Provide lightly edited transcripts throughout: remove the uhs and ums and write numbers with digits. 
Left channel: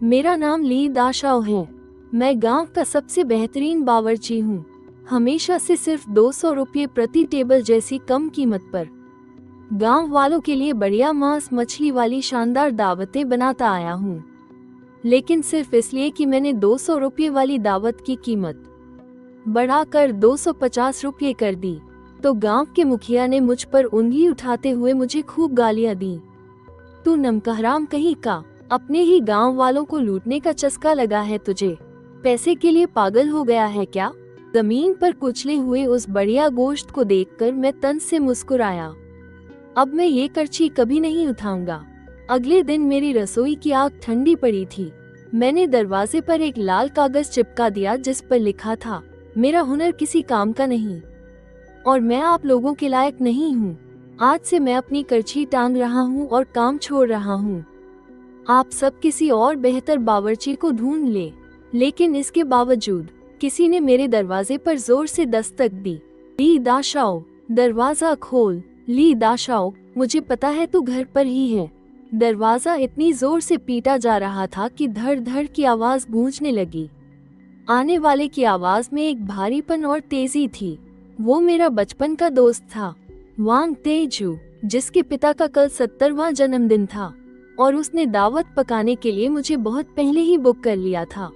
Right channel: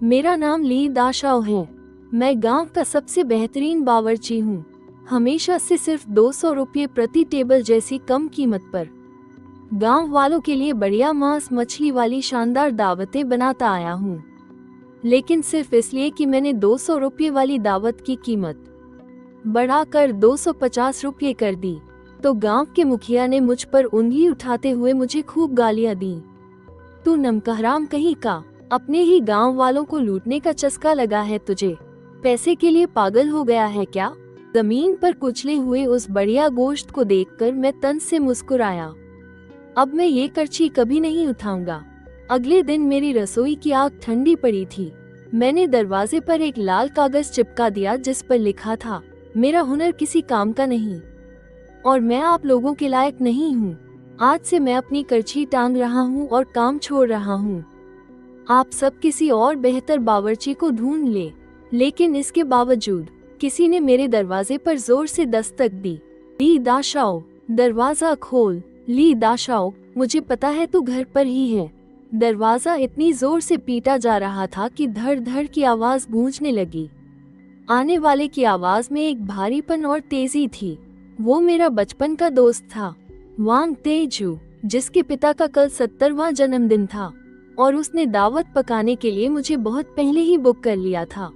मेरा नाम ली दाशाओ है। मैं गांव का सबसे बेहतरीन बावर्ची हूँ। हमेशा से सिर्फ 200 रुपये प्रति टेबल जैसी कम कीमत पर गांव वालों के लिए बढ़िया मांस मछली वाली शानदार दावतें बनाता आया हूँ। लेकिन सिर्फ इसलिए कि मैंने 200 रुपये वाली दावत की कीमत बढ़ाकर 250 रुपये कर दी, तो गांव के मुखिया ने मुझ पर उंगली उठाते हुए मुझे खूब गालियां दी। तू नमकहराम कहीं का, अपने ही गांव वालों को लूटने का चस्का लगा है तुझे। पैसे के लिए पागल हो गया है क्या? जमीन पर कुचले हुए उस बढ़िया गोश्त को देखकर मैं तन से मुस्कुराया। अब मैं ये करछी कभी नहीं उठाऊंगा। अगले दिन मेरी रसोई की आग ठंडी पड़ी थी। मैंने दरवाजे पर एक लाल कागज चिपका दिया जिस पर लिखा था, मेरा हुनर किसी काम का नहीं और मैं आप लोगों के लायक नहीं हूँ। आज से मैं अपनी करछी टांग रहा हूँ और काम छोड़ रहा हूँ। आप सब किसी और बेहतर बावर्ची को ढूंढ ले। लेकिन इसके बावजूद किसी ने मेरे दरवाजे पर जोर से दस्तक दी। ली दाशाओ, दरवाजा खोल। ली दाशाओ, मुझे पता है तू घर पर ही है। दरवाजा इतनी जोर से पीटा जा रहा था कि धड़ धड़ की आवाज गूंजने लगी। आने वाले की आवाज में एक भारीपन और तेजी थी। वो मेरा बचपन का दोस्त था, वांग तेजू, जिसके पिता का कल 70वां जन्मदिन था और उसने दावत पकाने के लिए मुझे बहुत पहले ही बुक कर लिया था।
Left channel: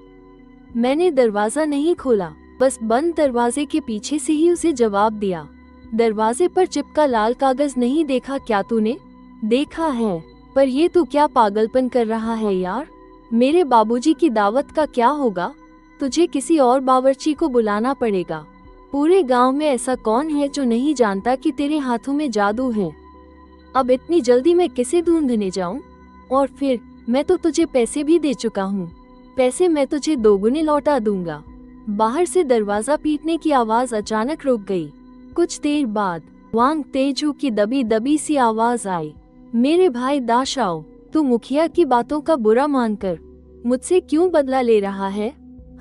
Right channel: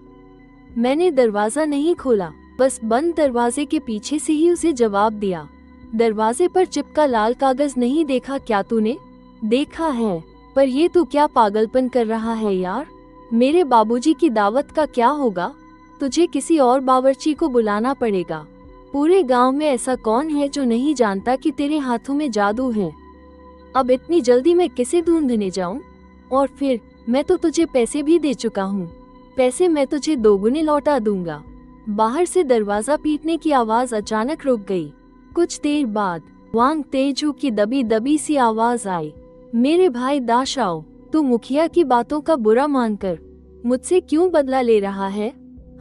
मैंने दरवाजा नहीं खोला, बस बंद दरवाजे के पीछे से ही उसे जवाब दिया। दरवाजे पर चिपका लाल कागज नहीं देखा क्या तूने? देखा है, पर ये तू क्या पागलपन कर रहा है यार? मेरे बाबूजी की दावत का क्या होगा? तुझे किसी और बावर्ची को बुलाना पड़ेगा। पूरे गांव में ऐसा कौन है जो नहीं जानता कि तेरे हाथों में जादू है? अब इतनी जल्दी मैं किसे ढूंढने जाऊं? और फिर मैं तो तुझे पैसे भी दे चुका हूँ। पैसे मैं तुझे दोगुने लौटा दूंगा। बाहर से दरवाजा पीटने की आवाज अचानक रुक गई। कुछ देर बाद वांग तेजू की दबी दबी सी आवाज आई, मेरे भाई दाशाओ, तू मुखिया की बातों का बुरा मानकर मुझसे क्यों बदला ले रहा है?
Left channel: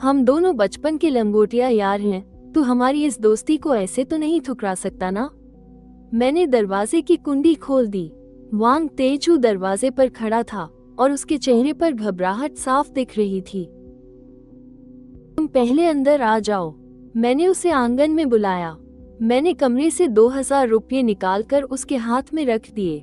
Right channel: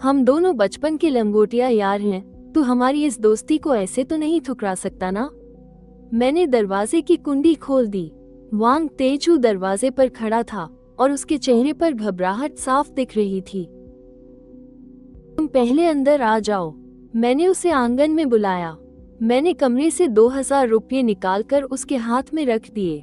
हम दोनों बचपन के लंगोटिया यार हैं। तू हमारी इस दोस्ती को ऐसे तो नहीं ठुकरा सकता ना? मैंने दरवाजे की कुंडी खोल दी। वांग तेजू दरवाजे पर खड़ा था और उसके चेहरे पर घबराहट साफ दिख रही थी। तुम पहले अंदर आ जाओ। मैंने उसे आंगन में बुलाया। मैंने कमरे से 2000 रुपये निकालकर उसके हाथ में रख दिए।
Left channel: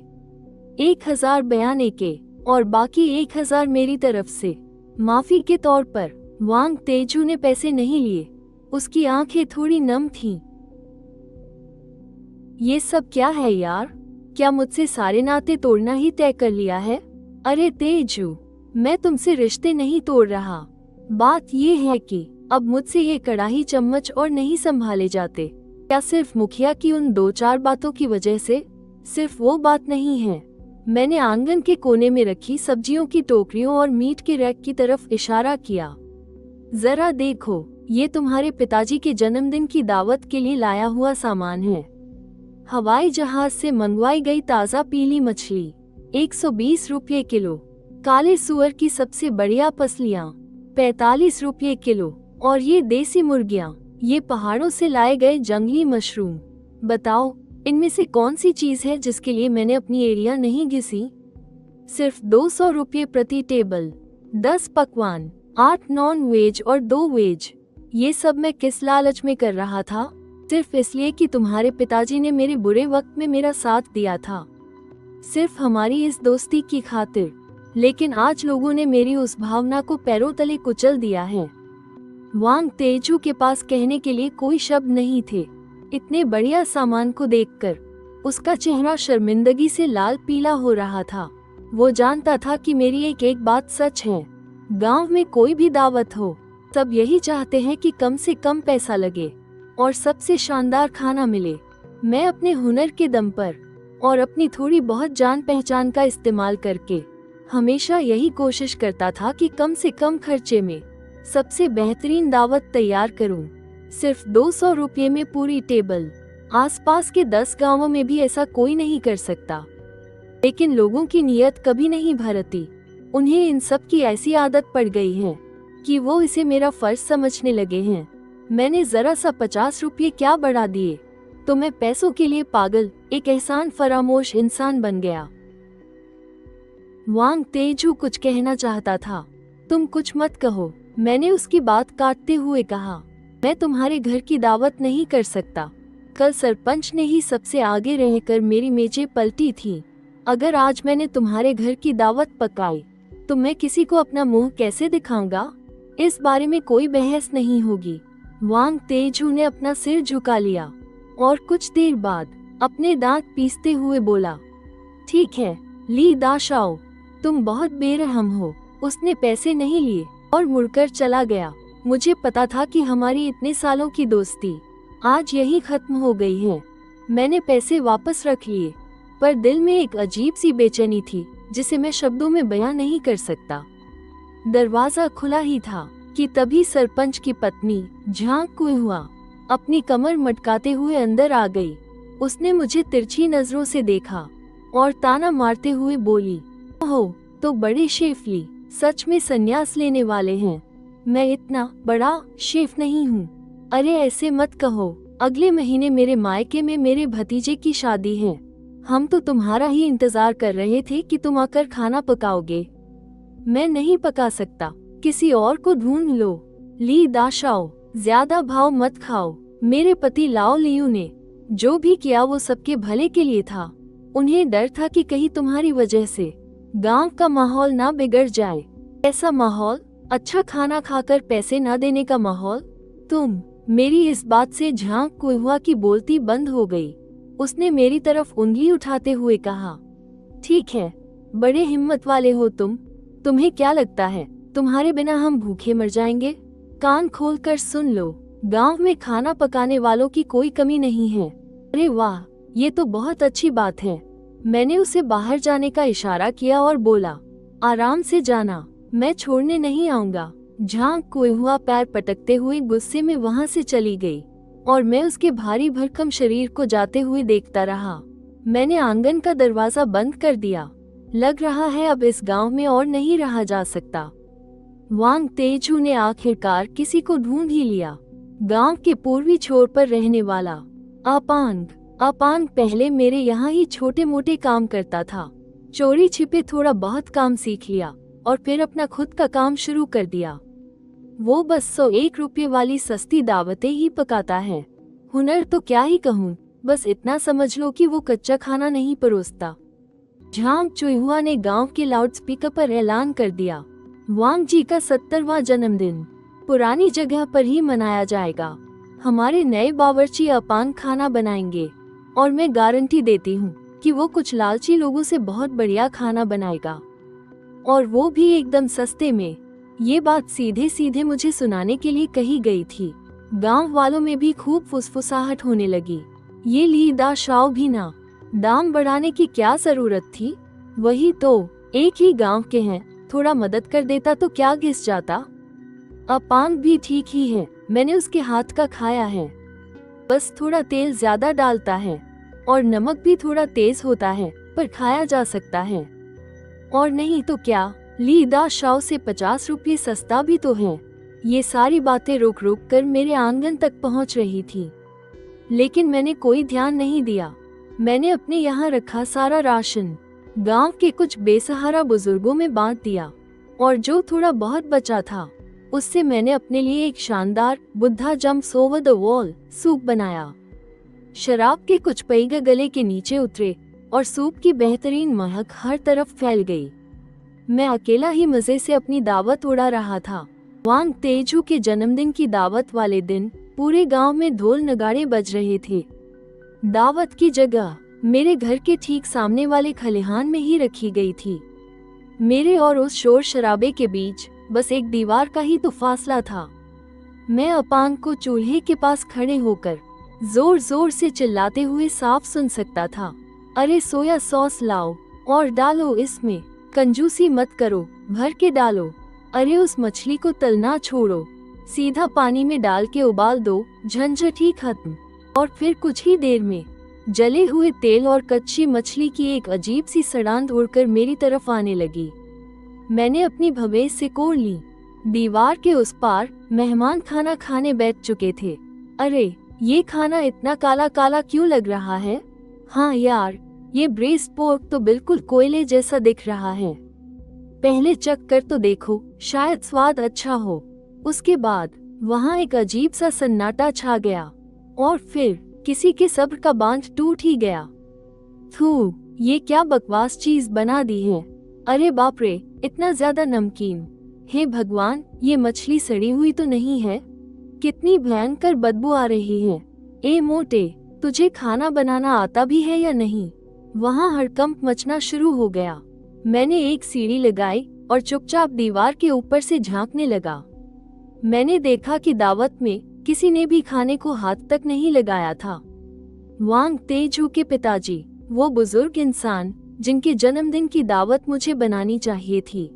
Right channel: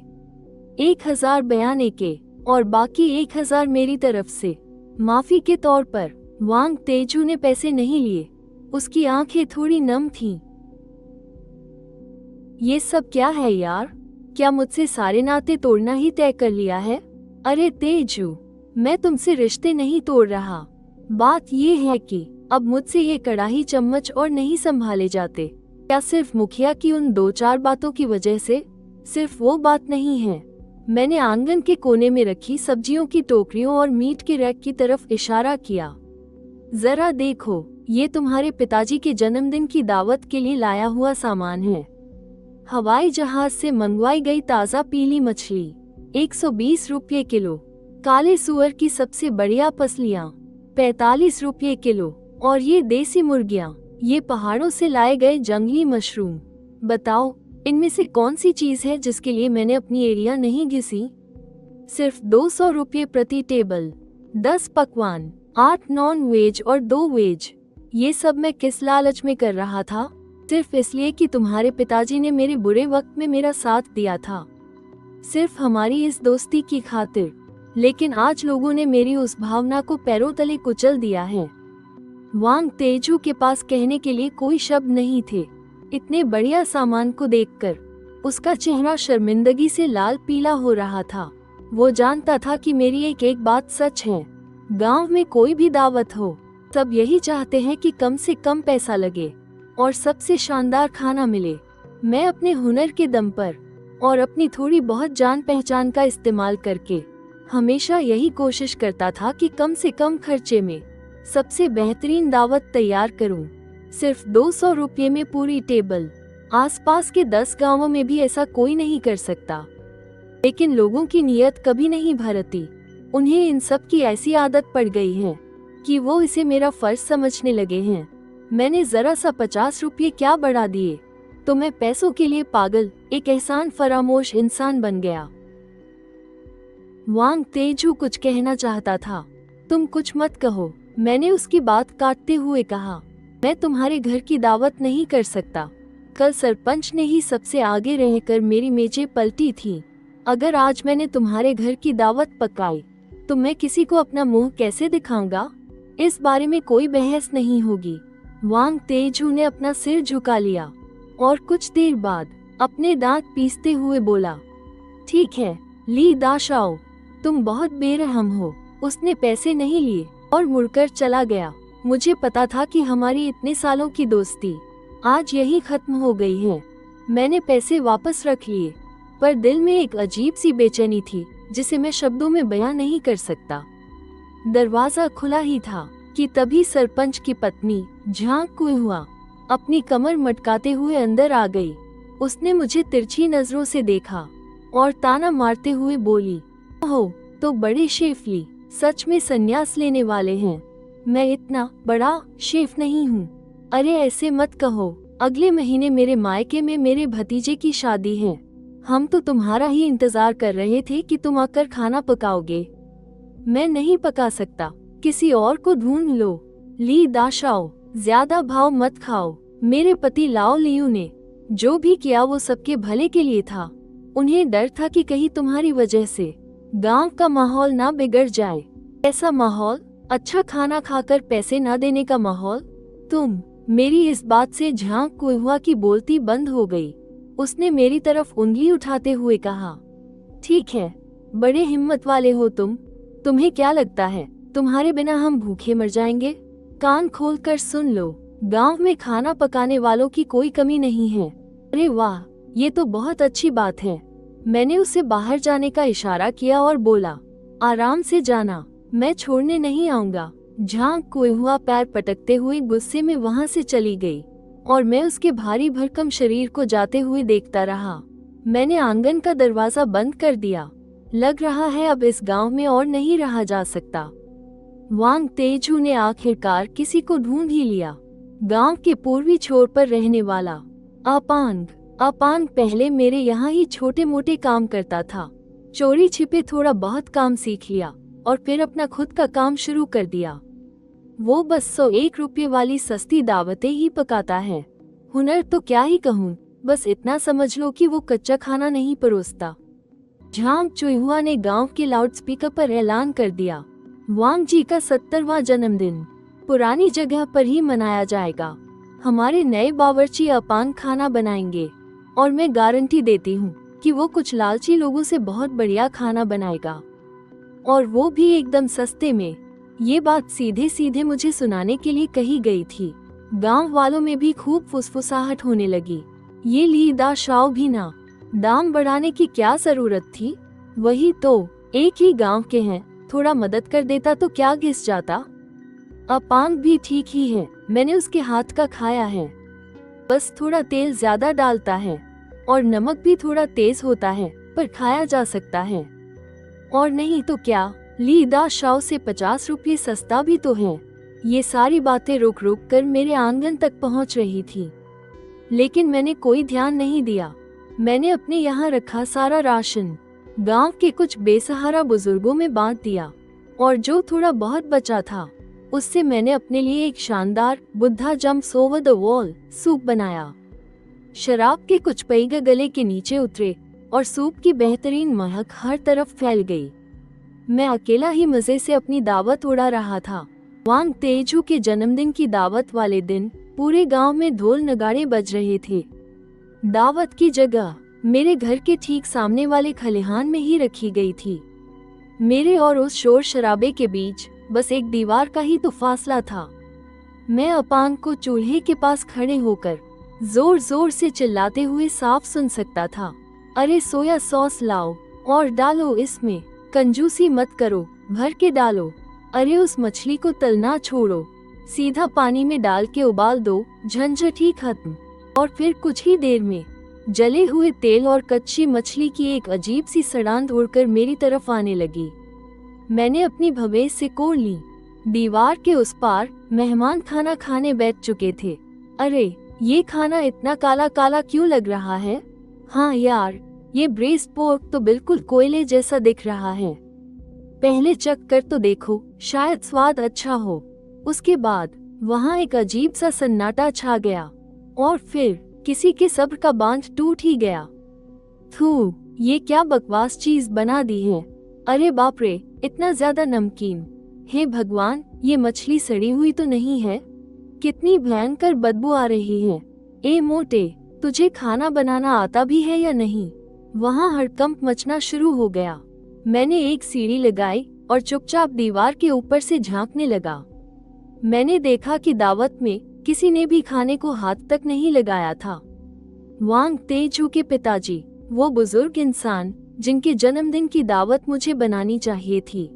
1000 बयाने के और बाकी 1000 मेरी तरफ से माफी के तौर पर। वांग तेजू ने पैसे नहीं लिए। उसकी आंखें थोड़ी नम थीं। ये सब क्या है यार? क्या मुझसे सारे नाते तोड़ना ही तय कर लिया है? अरे तेजू, मैं तुमसे रिश्ते नहीं तोड़ रहा। बात ये है कि अब मुझसे ये कड़ाही चम्मच और नहीं संभाले जाते। क्या सिर्फ मुखिया की उन 2-4 बातों की वजह से? सिर्फ वो बात नहीं है। मैंने आंगन के कोने में रखी सब्जियों की टोकरियों और मीट के रैक की तरफ इशारा किया। जरा देखो, ये तुम्हारे पिताजी के जन्मदिन की दावत के लिए लाया हुआ सामान है। हवाई जहाज से मंगवाई गई ताज़ा पीली मछली 120 रुपये किलो। काले सुअर की सबसे बढ़िया पसलियाँ 45 रुपये किलो। और ये देसी मुर्गियाँ, ये पहाड़ों से लाए गए जंगली मशरूम। बताओ, इनमें से कौन सी चीज है जिसके लिए मैंने अपनी एरिया नहीं घिसी? सिर्फ 200 रुपये प्रति टेबल, 10 पकवान, 8 नॉन वेज और 2 वेज। ये सब मैं किस लालच में कर रहा था? सिर्फ इसलिए कि तुम्हारे पिताजी ने मेरे बुरे वक्त में मेरा साथ दिया था। सिर्फ हमारी इस दोस्ती की खातिर। लेकिन आज लोगों ने मेरी उस भावना को पैरों तले कुचल दिया है। वांग तेजू के पास कहने के लिए कोई शब्द नहीं थे। इतने बढ़िया सामान को देखकर उसका चेहरा शर्मिंदगी से लाल पीला हो रहा था। वो जानता था कि मेरी एक एक बात सच है। गांव में कोई भी दावत हो, सब यही चाहते हैं कि कम से कम पैसा लगे और सबसे शानदार खाना मिले। मैं अपने हुनर के दम पर और अपनी थोड़ी बहुत जान पहचान का इस्तेमाल करके हमेशा यही कोशिश करता था कि कम से कम खर्चे में सबसे बेहतरीन दावत तैयार करूं। सिर्फ 200 रुपये में पूरी टेबल। आसपास के 10 गांवों में भी ऐसा कोई नहीं कर सकता। लेकिन लोगों की नीयत कभी नहीं भरती। उन्हें इन सब की ऐसी आदत पड़ गई है कि वो इसे मेरा फर्ज समझने लगे हैं। मैंने जरा सा 50 रुपये क्या बढ़ा दिए तो मैं पैसों के लिए पागल, एक एहसान फरामोश इंसान बन गया। वांग तेजू कुछ कहना चाहता था तुम कुछ मत कहो, मैंने उसकी बात काटते हुए कहा। मैं तुम्हारे घर की दावत नहीं कर सकता। कल सरपंच ने ही सबसे आगे रहकर मेरी मेजें पलटी थी। अगर आज मैंने तुम्हारे घर की दावत पकाई तो मैं किसी को अपना मुंह कैसे दिखाऊंगा? इस बारे में कोई बहस नहीं होगी। वांग तेजू ने अपना सिर झुका लिया और कुछ देर बाद अपने दांत पीसते हुए बोला, ठीक है ली दाशाओ, तुम बहुत बेरहम हो। उसने पैसे नहीं लिए और मुड़कर चला गया। मुझे पता था कि हमारी इतने सालों की दोस्ती आज यही खत्म हो गई है। मैंने पैसे वापस रख लिए, पर दिल में एक अजीब सी बेचैनी थी जिसे मैं शब्दों में बयां नहीं कर सकता। दरवाजा खुला ही था कि तभी सरपंच की पत्नी झांग कुइहुआ अपनी कमर मटकाते हुए अंदर आ गई। उसने मुझे तिरछी नजरों से देखा और ताना मारते हुए बोली, ओह तो बड़े शेफ ली सच में संन्यास लेने वाले हैं। मैं इतना बड़ा शेफ नहीं हूँ। अरे ऐसे मत कहो, अगले महीने मेरे मायके में मेरे भतीजे की शादी है। हम तो तुम्हारा ही इंतजार कर रहे थे कि तुम आकर खाना पकाओगे। मैं नहीं पका सकता, किसी और को ढूंढ लो। ली दाशाओ, ज्यादा भाव मत खाओ। मेरे पति लाओ लियू ने जो भी किया वो सबके भले के लिए था। उन्हें डर था कि कहीं तुम्हारी वजह से गांव का माहौल ना बिगड़ जाए। ऐसा माहौल, अच्छा खाना खाकर पैसे न देने का माहौल। तुम मेरी इस बात से झांग कुइहुआ की बोलती बंद हो गई। उसने मेरी तरफ उंगली उठाते हुए कहा, ठीक है, बड़े हिम्मत वाले हो तुम। तुम्हें क्या लगता है तुम्हारे बिना हम भूखे मर जाएंगे? कान खोलकर सुन लो, गांव में खाना पकाने वालों की कोई कमी नहीं है। अरे वाह, ये तो बहुत अच्छी बात है। मैंने उसे बाहर जाने का इशारा किया और बोला, आराम से जाना, मैं छोड़ने नहीं आऊंगा। झांग कुइहुआ पैर पटकते हुए गुस्से में वहाँ से चली गई और मैं उसके भारी भरकम शरीर को जाते हुए देखता रहा। मैंने आंगन का दरवाजा बंद कर दिया। लग रहा है अब इस गांव में और नहीं रहा जा सकता। वांग तेजू ने आखिरकार किसी को ढूंढ ही लिया। गांव के पूर्वी छोर पर रहने वाला अपांग पहले मेरे यहाँ ही छोटे मोटे काम करता था। चोरी छिपे थोड़ा बहुत काम सीख लिया और फिर अपना खुद का काम शुरू कर दिया। वो बस 101 रुपये वाली सस्ती दावतें ही पकाता है। हुनर तो क्या ही कहूँ, बस इतना समझ लो कि वो कच्चा खाना नहीं परोसता। झांग कुइहुआ ने गांव के लाउडस्पीकर पर ऐलान कर दिया, वांग जी का 70वां जन्मदिन पुरानी जगह पर ही मनाया जाएगा। हमारे नए बावर्ची अपान खाना बनाएंगे और मैं गारंटी देती हूँ कि वो कुछ लालची लोगों से बहुत बढ़िया खाना बनाएगा, और वो भी एकदम सस्ते में। ये बात सीधे सीधे मुझे सुनाने के लिए कही गई थी। गांव वालों में भी खूब फुसफुसाहट होने लगी। ये ली दाशाओ भी ना, दाम बढ़ाने की क्या जरूरत थी? वही तो, एक ही गांव के हैं, थोड़ा मदद कर देता तो क्या घिस जाता। अपांग भी ठीक ही है, मैंने उसके हाथ का खाया है। बस थोड़ा तेल ज्यादा डालता है और नमक भी थोड़ा तेज होता है, पर खाया जा सकता है। और नहीं तो क्या, ली दाशाओ से 50 रुपये सस्ता भी तो है। ये सारी बातें रुक रुक कर मेरे आंगन तक पहुंच रही थी, लेकिन मैंने कोई ध्यान नहीं दिया। मैंने अपने यहाँ रखा सारा राशन गांव के कुछ बेसहारा बुजुर्गों में बांट दिया, और जो थोड़ा बहुत बचा था उससे मैंने अपने लिए एक शानदार Buddha jumps over the wall soup बनाया। शराब के कुछ पैग गले के नीचे उतरे और सूप की बेहतरीन महक हर तरफ फैल गई। मैं अकेला ही मजे से अपनी दावत उड़ा रहा था। वांग तेजू के जन्मदिन की दावत वाले दिन पूरे गांव में ढोल नगाड़े बज रहे थे। दावत की जगह मेरे घर के ठीक सामने वाले खलिहान में ही रखी गई थी। मेरे और उस शोर शराबे के बीच बस एक दीवार का ही तो फासला था। मैं अपांग को चूल्हे के पास खड़े होकर जोर जोर से चिल्लाते हुए साफ सुन सकता था, अरे सोया सॉस लाओ और डालो इसमें, कंजूसी मत करो, भर के डालो। अरे उस मछली को तलना छोड़ो, सीधा पानी में डाल के उबाल दो, झंझट ही खत्म। और फिर कुछ ही देर में जले हुए तेल और कच्ची मछली की एक अजीब सी सड़ांध उड़कर मेरी तरफ आने लगी। मैंने अपनी भवेश से कोड़ ली। दीवार के उस पार मेहमान खाना खाने बैठ चुके थे। अरे ये खाना इतना काला काला क्यों लग रहा है? हाँ यार, ये ब्रेस्ट पोर्क तो बिल्कुल कोयले जैसा दिख रहा है। पहले चख कर तो देखो, शायद स्वाद अच्छा हो। उसके बाद वहाँ एक अजीब सा सन्नाटा छा गया और फिर किसी के सब्र का बांध टूट ही गया। थू, ये क्या बकवास चीज बना दी है। अरे बाप रे, इतना ज्यादा नमकीन। हे भगवान, ये मछली सड़ी हुई तो नहीं है? कितनी भयंकर बदबू आ रही है। ए मोटे, तुझे खाना बनाना आता भी है या नहीं? वहाँ हड़कंप मचना शुरू हो गया। मैंने एक सीढ़ी लगाई और चुपचाप दीवार के ऊपर से झांकने लगा। मैंने देखा कि दावत में किसी ने भी खाने को हाथ तक नहीं लगाया था। वांग तेजू के पिताजी, वो बुजुर्ग इंसान जिनके जन्मदिन की दावत मुझे बनानी चाहिए थी,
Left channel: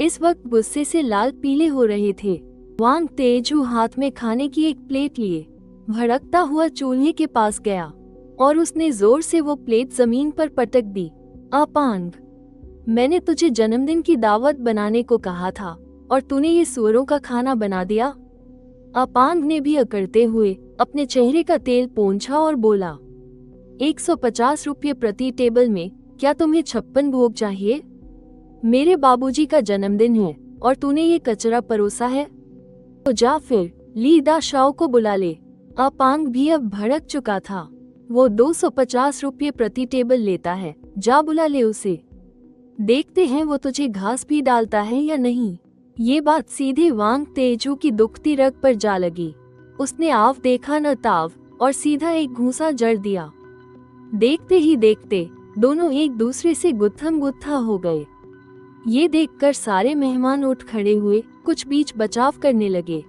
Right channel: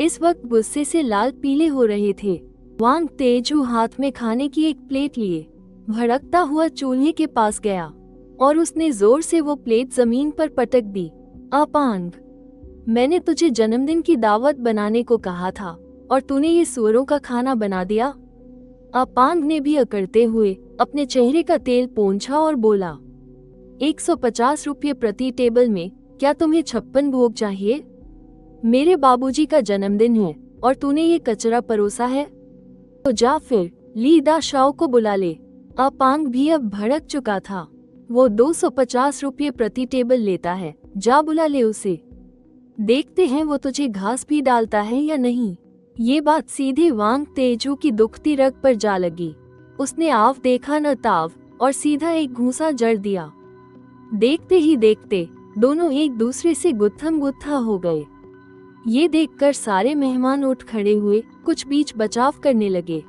इस वक्त गुस्से से लाल पीले हो रहे थे। वांग तेजू हाथ में खाने की एक प्लेट लिए भड़कता हुआ चूल्हे के पास गया और उसने जोर से वो प्लेट जमीन पर पटक दी। अपांग, मैंने तुझे जन्मदिन की दावत बनाने को कहा था और तूने ये सुअरों का खाना बना दिया। अपांग ने भी अकड़ते हुए अपने चेहरे का तेल पोंछा और बोला, 150 रुपये प्रति टेबल में क्या तुम्हें 56 भोग चाहिए? मेरे बाबूजी का जन्मदिन है और तूने ये कचरा परोसा है? तो जा फिर ली दा शाओ को बुला ले। अपांग भी अब भड़क चुका था। वो 250 रुपये प्रति टेबल लेता है, जा बुला ले उसे। देखते हैं वो तुझे घास भी डालता है या नहीं। ये बात सीधे वांग तेजू की दुखती रग पर जा लगी। उसने आव देखा न ताव और सीधा एक घूंसा जड़ दिया। देखते ही देखते दोनों एक दूसरे से गुत्थम गुत्था हो गए। ये देखकर सारे मेहमान उठ खड़े हुए, कुछ बीच बचाव करने लगे,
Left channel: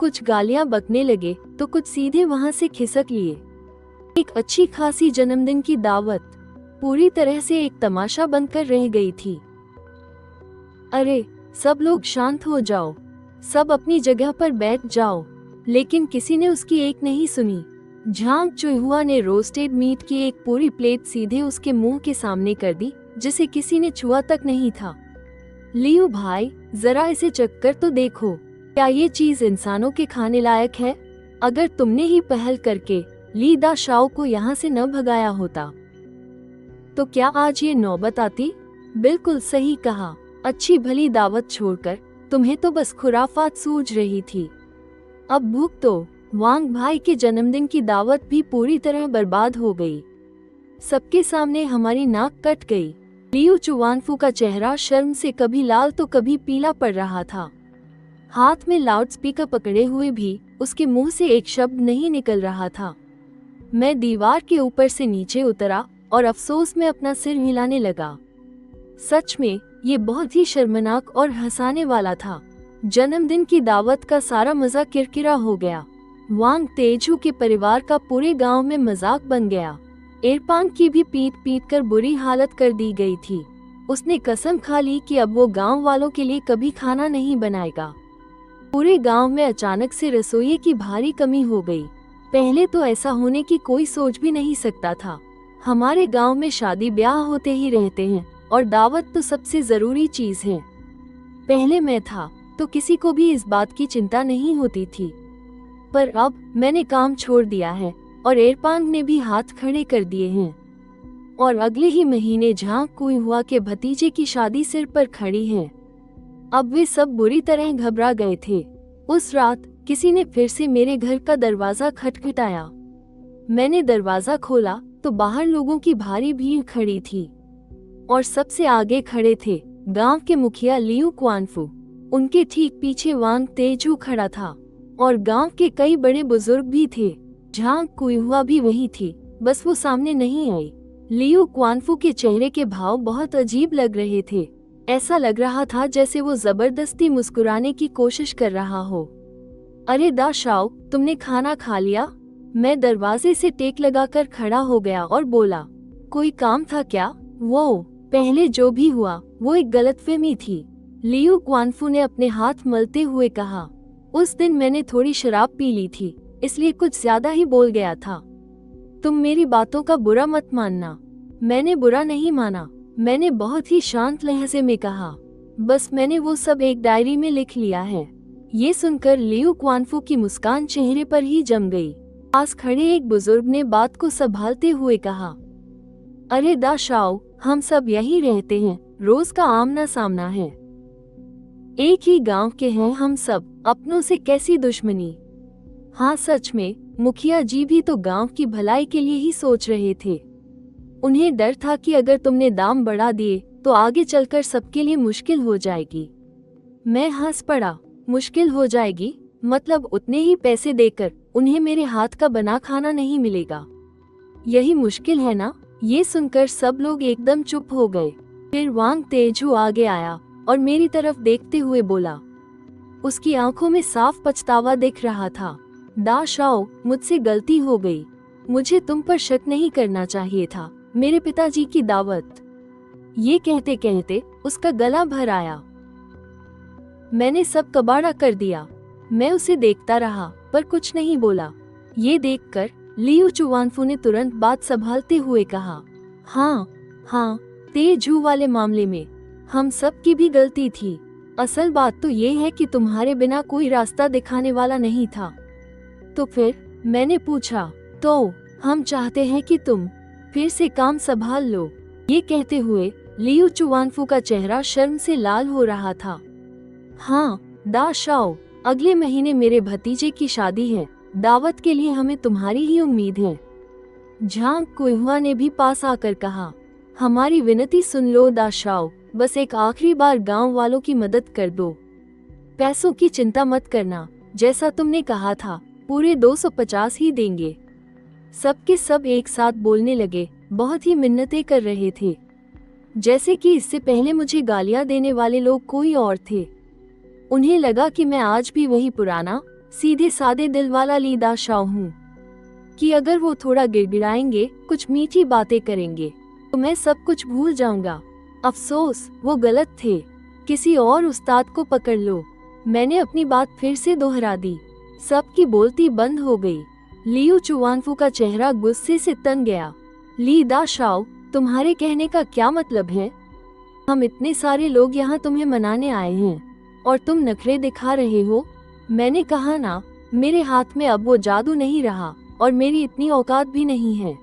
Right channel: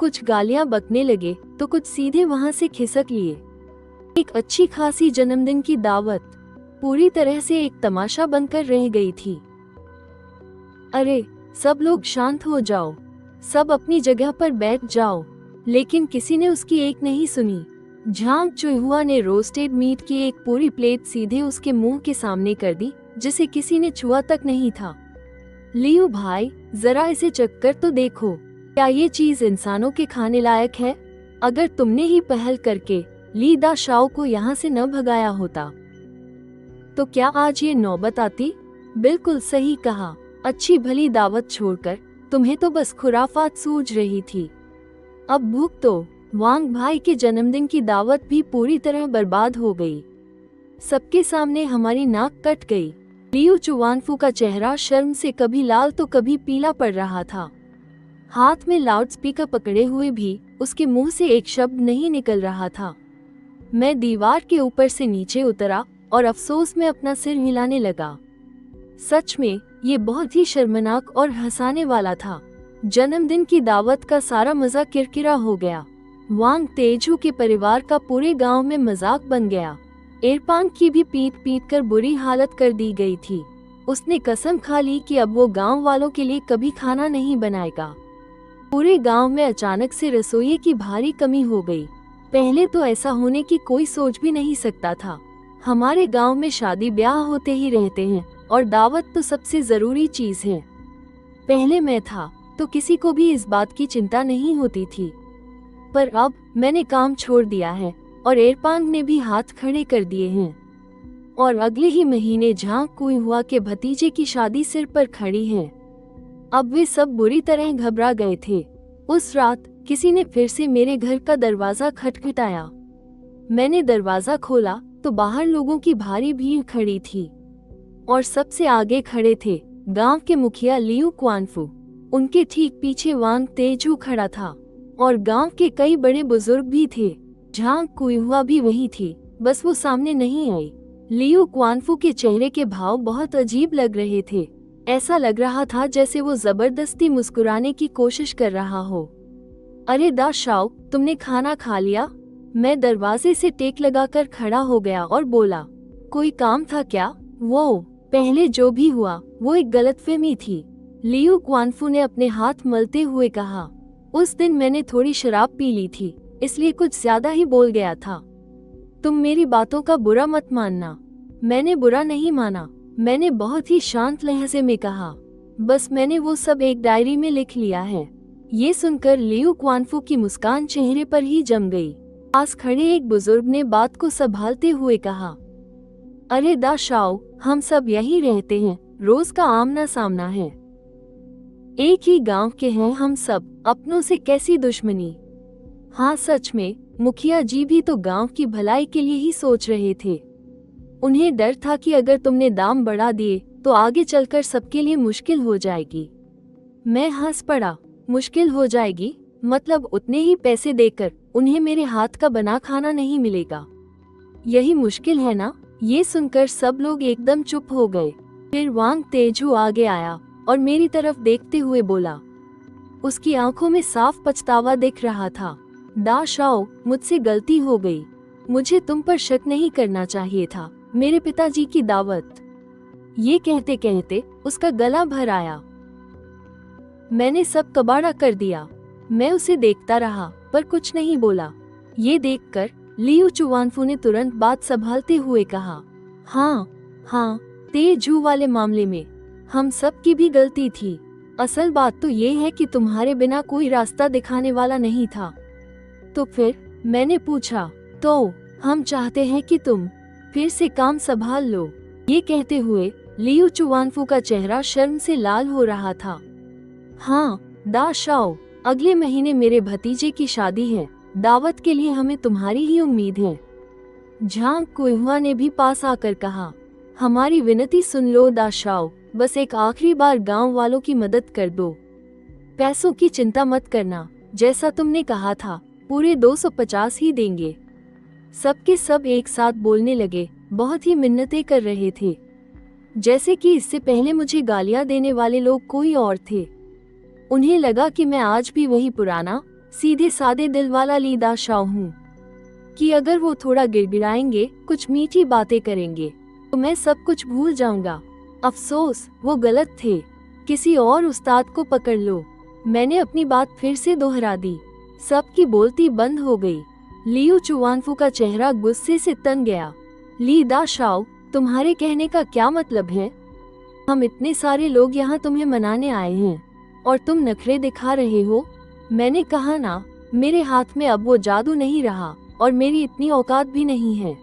कुछ गालियां बकने लगे तो कुछ सीधे वहां से खिसक लिए। एक अच्छी खासी जन्मदिन की दावत पूरी तरह से एक तमाशा बनकर रह गई थी। अरे, सब लोग शांत हो जाओ, सब अपनी जगह पर बैठ जाओ। लेकिन किसी ने उसकी एक नहीं सुनी। झांग चुहुआ ने रोस्टेड मीट की एक पूरी प्लेट सीधे उसके मुंह के सामने कर दी, जिसे किसी ने छुआ तक नहीं था। लियो भाई, जरा इसे चखकर तो देखो, क्या ये चीज इंसानों के खाने लायक है? अगर तुमने ही पहल करके ली दा शाओ को यहाँ से न भगाया होता तो क्या आज ये नौबत आती? बिल्कुल सही कहा। अच्छी भली दावत छोड़कर तुम्हें तो बस खुराफात सूझ रही थी। अब भूख तो वांग भाई के जन्मदिन की दावत भी पूरी तरह बर्बाद हो गई। सबके सामने हमारी नाक कट गई। लियो चुवांगफू का चेहरा शर्म से कभी लाल तो कभी पीला पड़ रहा था। हाथ में लाउडस्पीकर पकड़े हुए भी उसके मुंह से एक शब्द नहीं निकल रहा था। मैं दीवार के ऊपर से नीचे उतरा और अफसोस में अपना सिर हिलाने लगा। सच में ये बहुत ही शर्मनाक और हंसाने वाला था। जन्मदिन की दावत का सारा मजा किरकिरा हो गया। वांग तेजू के परिवार का पूरे गांव में मजाक बन गया। एरपांग की भी पीट पीट कर बुरी हालत कर दी गई थी। उसने कसम खा ली कि अब वो गांव वालों के लिए कभी खाना नहीं बनाएगा। पूरे गांव में अचानक से रसोई की भारी कमी हो गई। पहले तो ऐसा होने की कोई सोच भी नहीं सकता था। हमारे गांव में शादी ब्याह होते ही रहते हैं और दावत तो सबसे जरूरी चीज है। पहले मैं था तो किसी को भी इस बात की चिंता नहीं होती थी, पर अब मैंने काम छोड़ दिया है और एरपांग ने भी हाथ खड़े कर दिए हैं और अगले ही महीने झांग कुइहुआ के भतीजे की शादी सिर पर खड़ी है। अब वे सब बुरी तरह घबरा गए थे। उस रात किसी ने फिर से मेरे घर का दरवाजा खटखटाया। मैंने दरवाजा खोला तो बाहर लोगों की भारी भीड़ खड़ी थी और सबसे आगे खड़े थे गांव के मुखिया लियू क्वानफू। उनके ठीक पीछे वांग तेजू खड़ा था और गांव के कई बड़े बुजुर्ग भी थे। झांग कुइहुआ भी वही थी, बस वो सामने नहीं आई। लियू क्वानफू के चेहरे के भाव बहुत अजीब लग रहे थे। ऐसा लग रहा था जैसे वो जबरदस्ती मुस्कुराने की कोशिश कर रहा हो। अरे दा शाओ, तुमने खाना खा लिया? मैं दरवाजे से टेक लगाकर खड़ा हो गया और बोला, कोई काम था क्या? वो पहले जो भी हुआ वो एक गलतफहमी थी, लियो क्वानफू ने अपने हाथ मलते हुए कहा। उस दिन मैंने थोड़ी शराब पी ली थी, इसलिए कुछ ज्यादा ही बोल गया था। तुम मेरी बातों का बुरा मत मानना। मैंने बुरा नहीं माना, मैंने बहुत ही शांत लहजे में कहा, बस मैंने वो सब एक डायरी में लिख लिया है। ये सुनकर लियू क्वानफू की मुस्कान चेहरे पर ही जम गई। पास खड़े एक बुजुर्ग ने बात को संभालते हुए कहा, अरे दा शाओ, हम सब यही रहते हैं, रोज का आमना सामना है। एक ही गांव के हैं हम सब, अपनों से कैसी दुश्मनी। हाँ सच में, मुखिया जी भी तो गांव की भलाई के लिए ही सोच रहे थे। उन्हें डर था कि अगर तुमने दाम बढ़ा दिए तो आगे चलकर सबके लिए मुश्किल हो जाएगी। मैं हंस पड़ा। मुश्किल हो जाएगी मतलब उतने ही पैसे देकर उन्हें मेरे हाथ का बना खाना नहीं मिलेगा, यही मुश्किल है ना। ये सुनकर सब लोग एकदम चुप हो गए। फिर वांग तेजू आगे आया और मेरी तरफ देखते हुए बोला। उसकी आंखों में साफ पछतावा दिख रहा था। दा शाओ, मुझसे गलती हो गई। मुझे तुम पर शक नहीं करना चाहिए था। मेरे पिताजी की दावत। ये कहते कहते उसका गला भर आया। मैंने सब कबाड़ा कर दिया। मैं उसे देखता रहा पर कुछ नहीं बोला। ये देखकर लियू चुवानफू ने तुरंत बात संभालते हुए कहा, हाँ, तेजू वाले मामले में हम सब की भी गलती थी। असल बात तो ये है कि तुम्हारे बिना कोई रास्ता दिखाने वाला नहीं था। तो फिर मैंने पूछा, तो हम चाहते हैं कि तुम फिर से काम संभाल लो। ये कहते हुए लियू चुवानफू का चेहरा शर्म से लाल हो रहा था। हाँ दा शाओ, अगले महीने मेरे भतीजे की शादी है। दावत के लिए हमें तुम्हारी ही उम्मीद है। झांग कुइहुआ ने भी पास आकर कहा, हमारी विनती सुन लो दा शाओ, बस एक आखिरी बार गांव वालों की मदद कर दो। पैसों की चिंता मत करना, जैसा तुमने कहा था पूरे 250 ही देंगे। सबके सब एक साथ बोलने लगे, बहुत ही मिन्नतें कर रहे थे, जैसे कि इससे पहले मुझे गालियां देने वाले लोग कोई और थे। उन्हें लगा कि मैं आज भी वही पुराना सीधे सादे दिल वाला ली दा शाओ हूँ, कि अगर वो थोड़ा गिड़गिड़ाएंगे, कुछ मीठी बातें करेंगे तो मैं सब कुछ भूल जाऊंगा। अफसोस, वो गलत थे। किसी और उस्ताद को पकड़ लो। मैंने अपनी बात फिर से दोहरा दी। सबकी बोलती बंद हो गई। लियू चुवानफू का चेहरा गुस्से से तन गया। ली दा शाओ, तुम्हारे कहने का क्या मतलब है? हम इतने सारे लोग यहाँ तुम्हें मनाने आए हैं और तुम नखरे दिखा रहे हो। मैंने कहा ना, मेरे हाथ में अब वो जादू नहीं रहा और मेरी इतनी औकात भी नहीं है।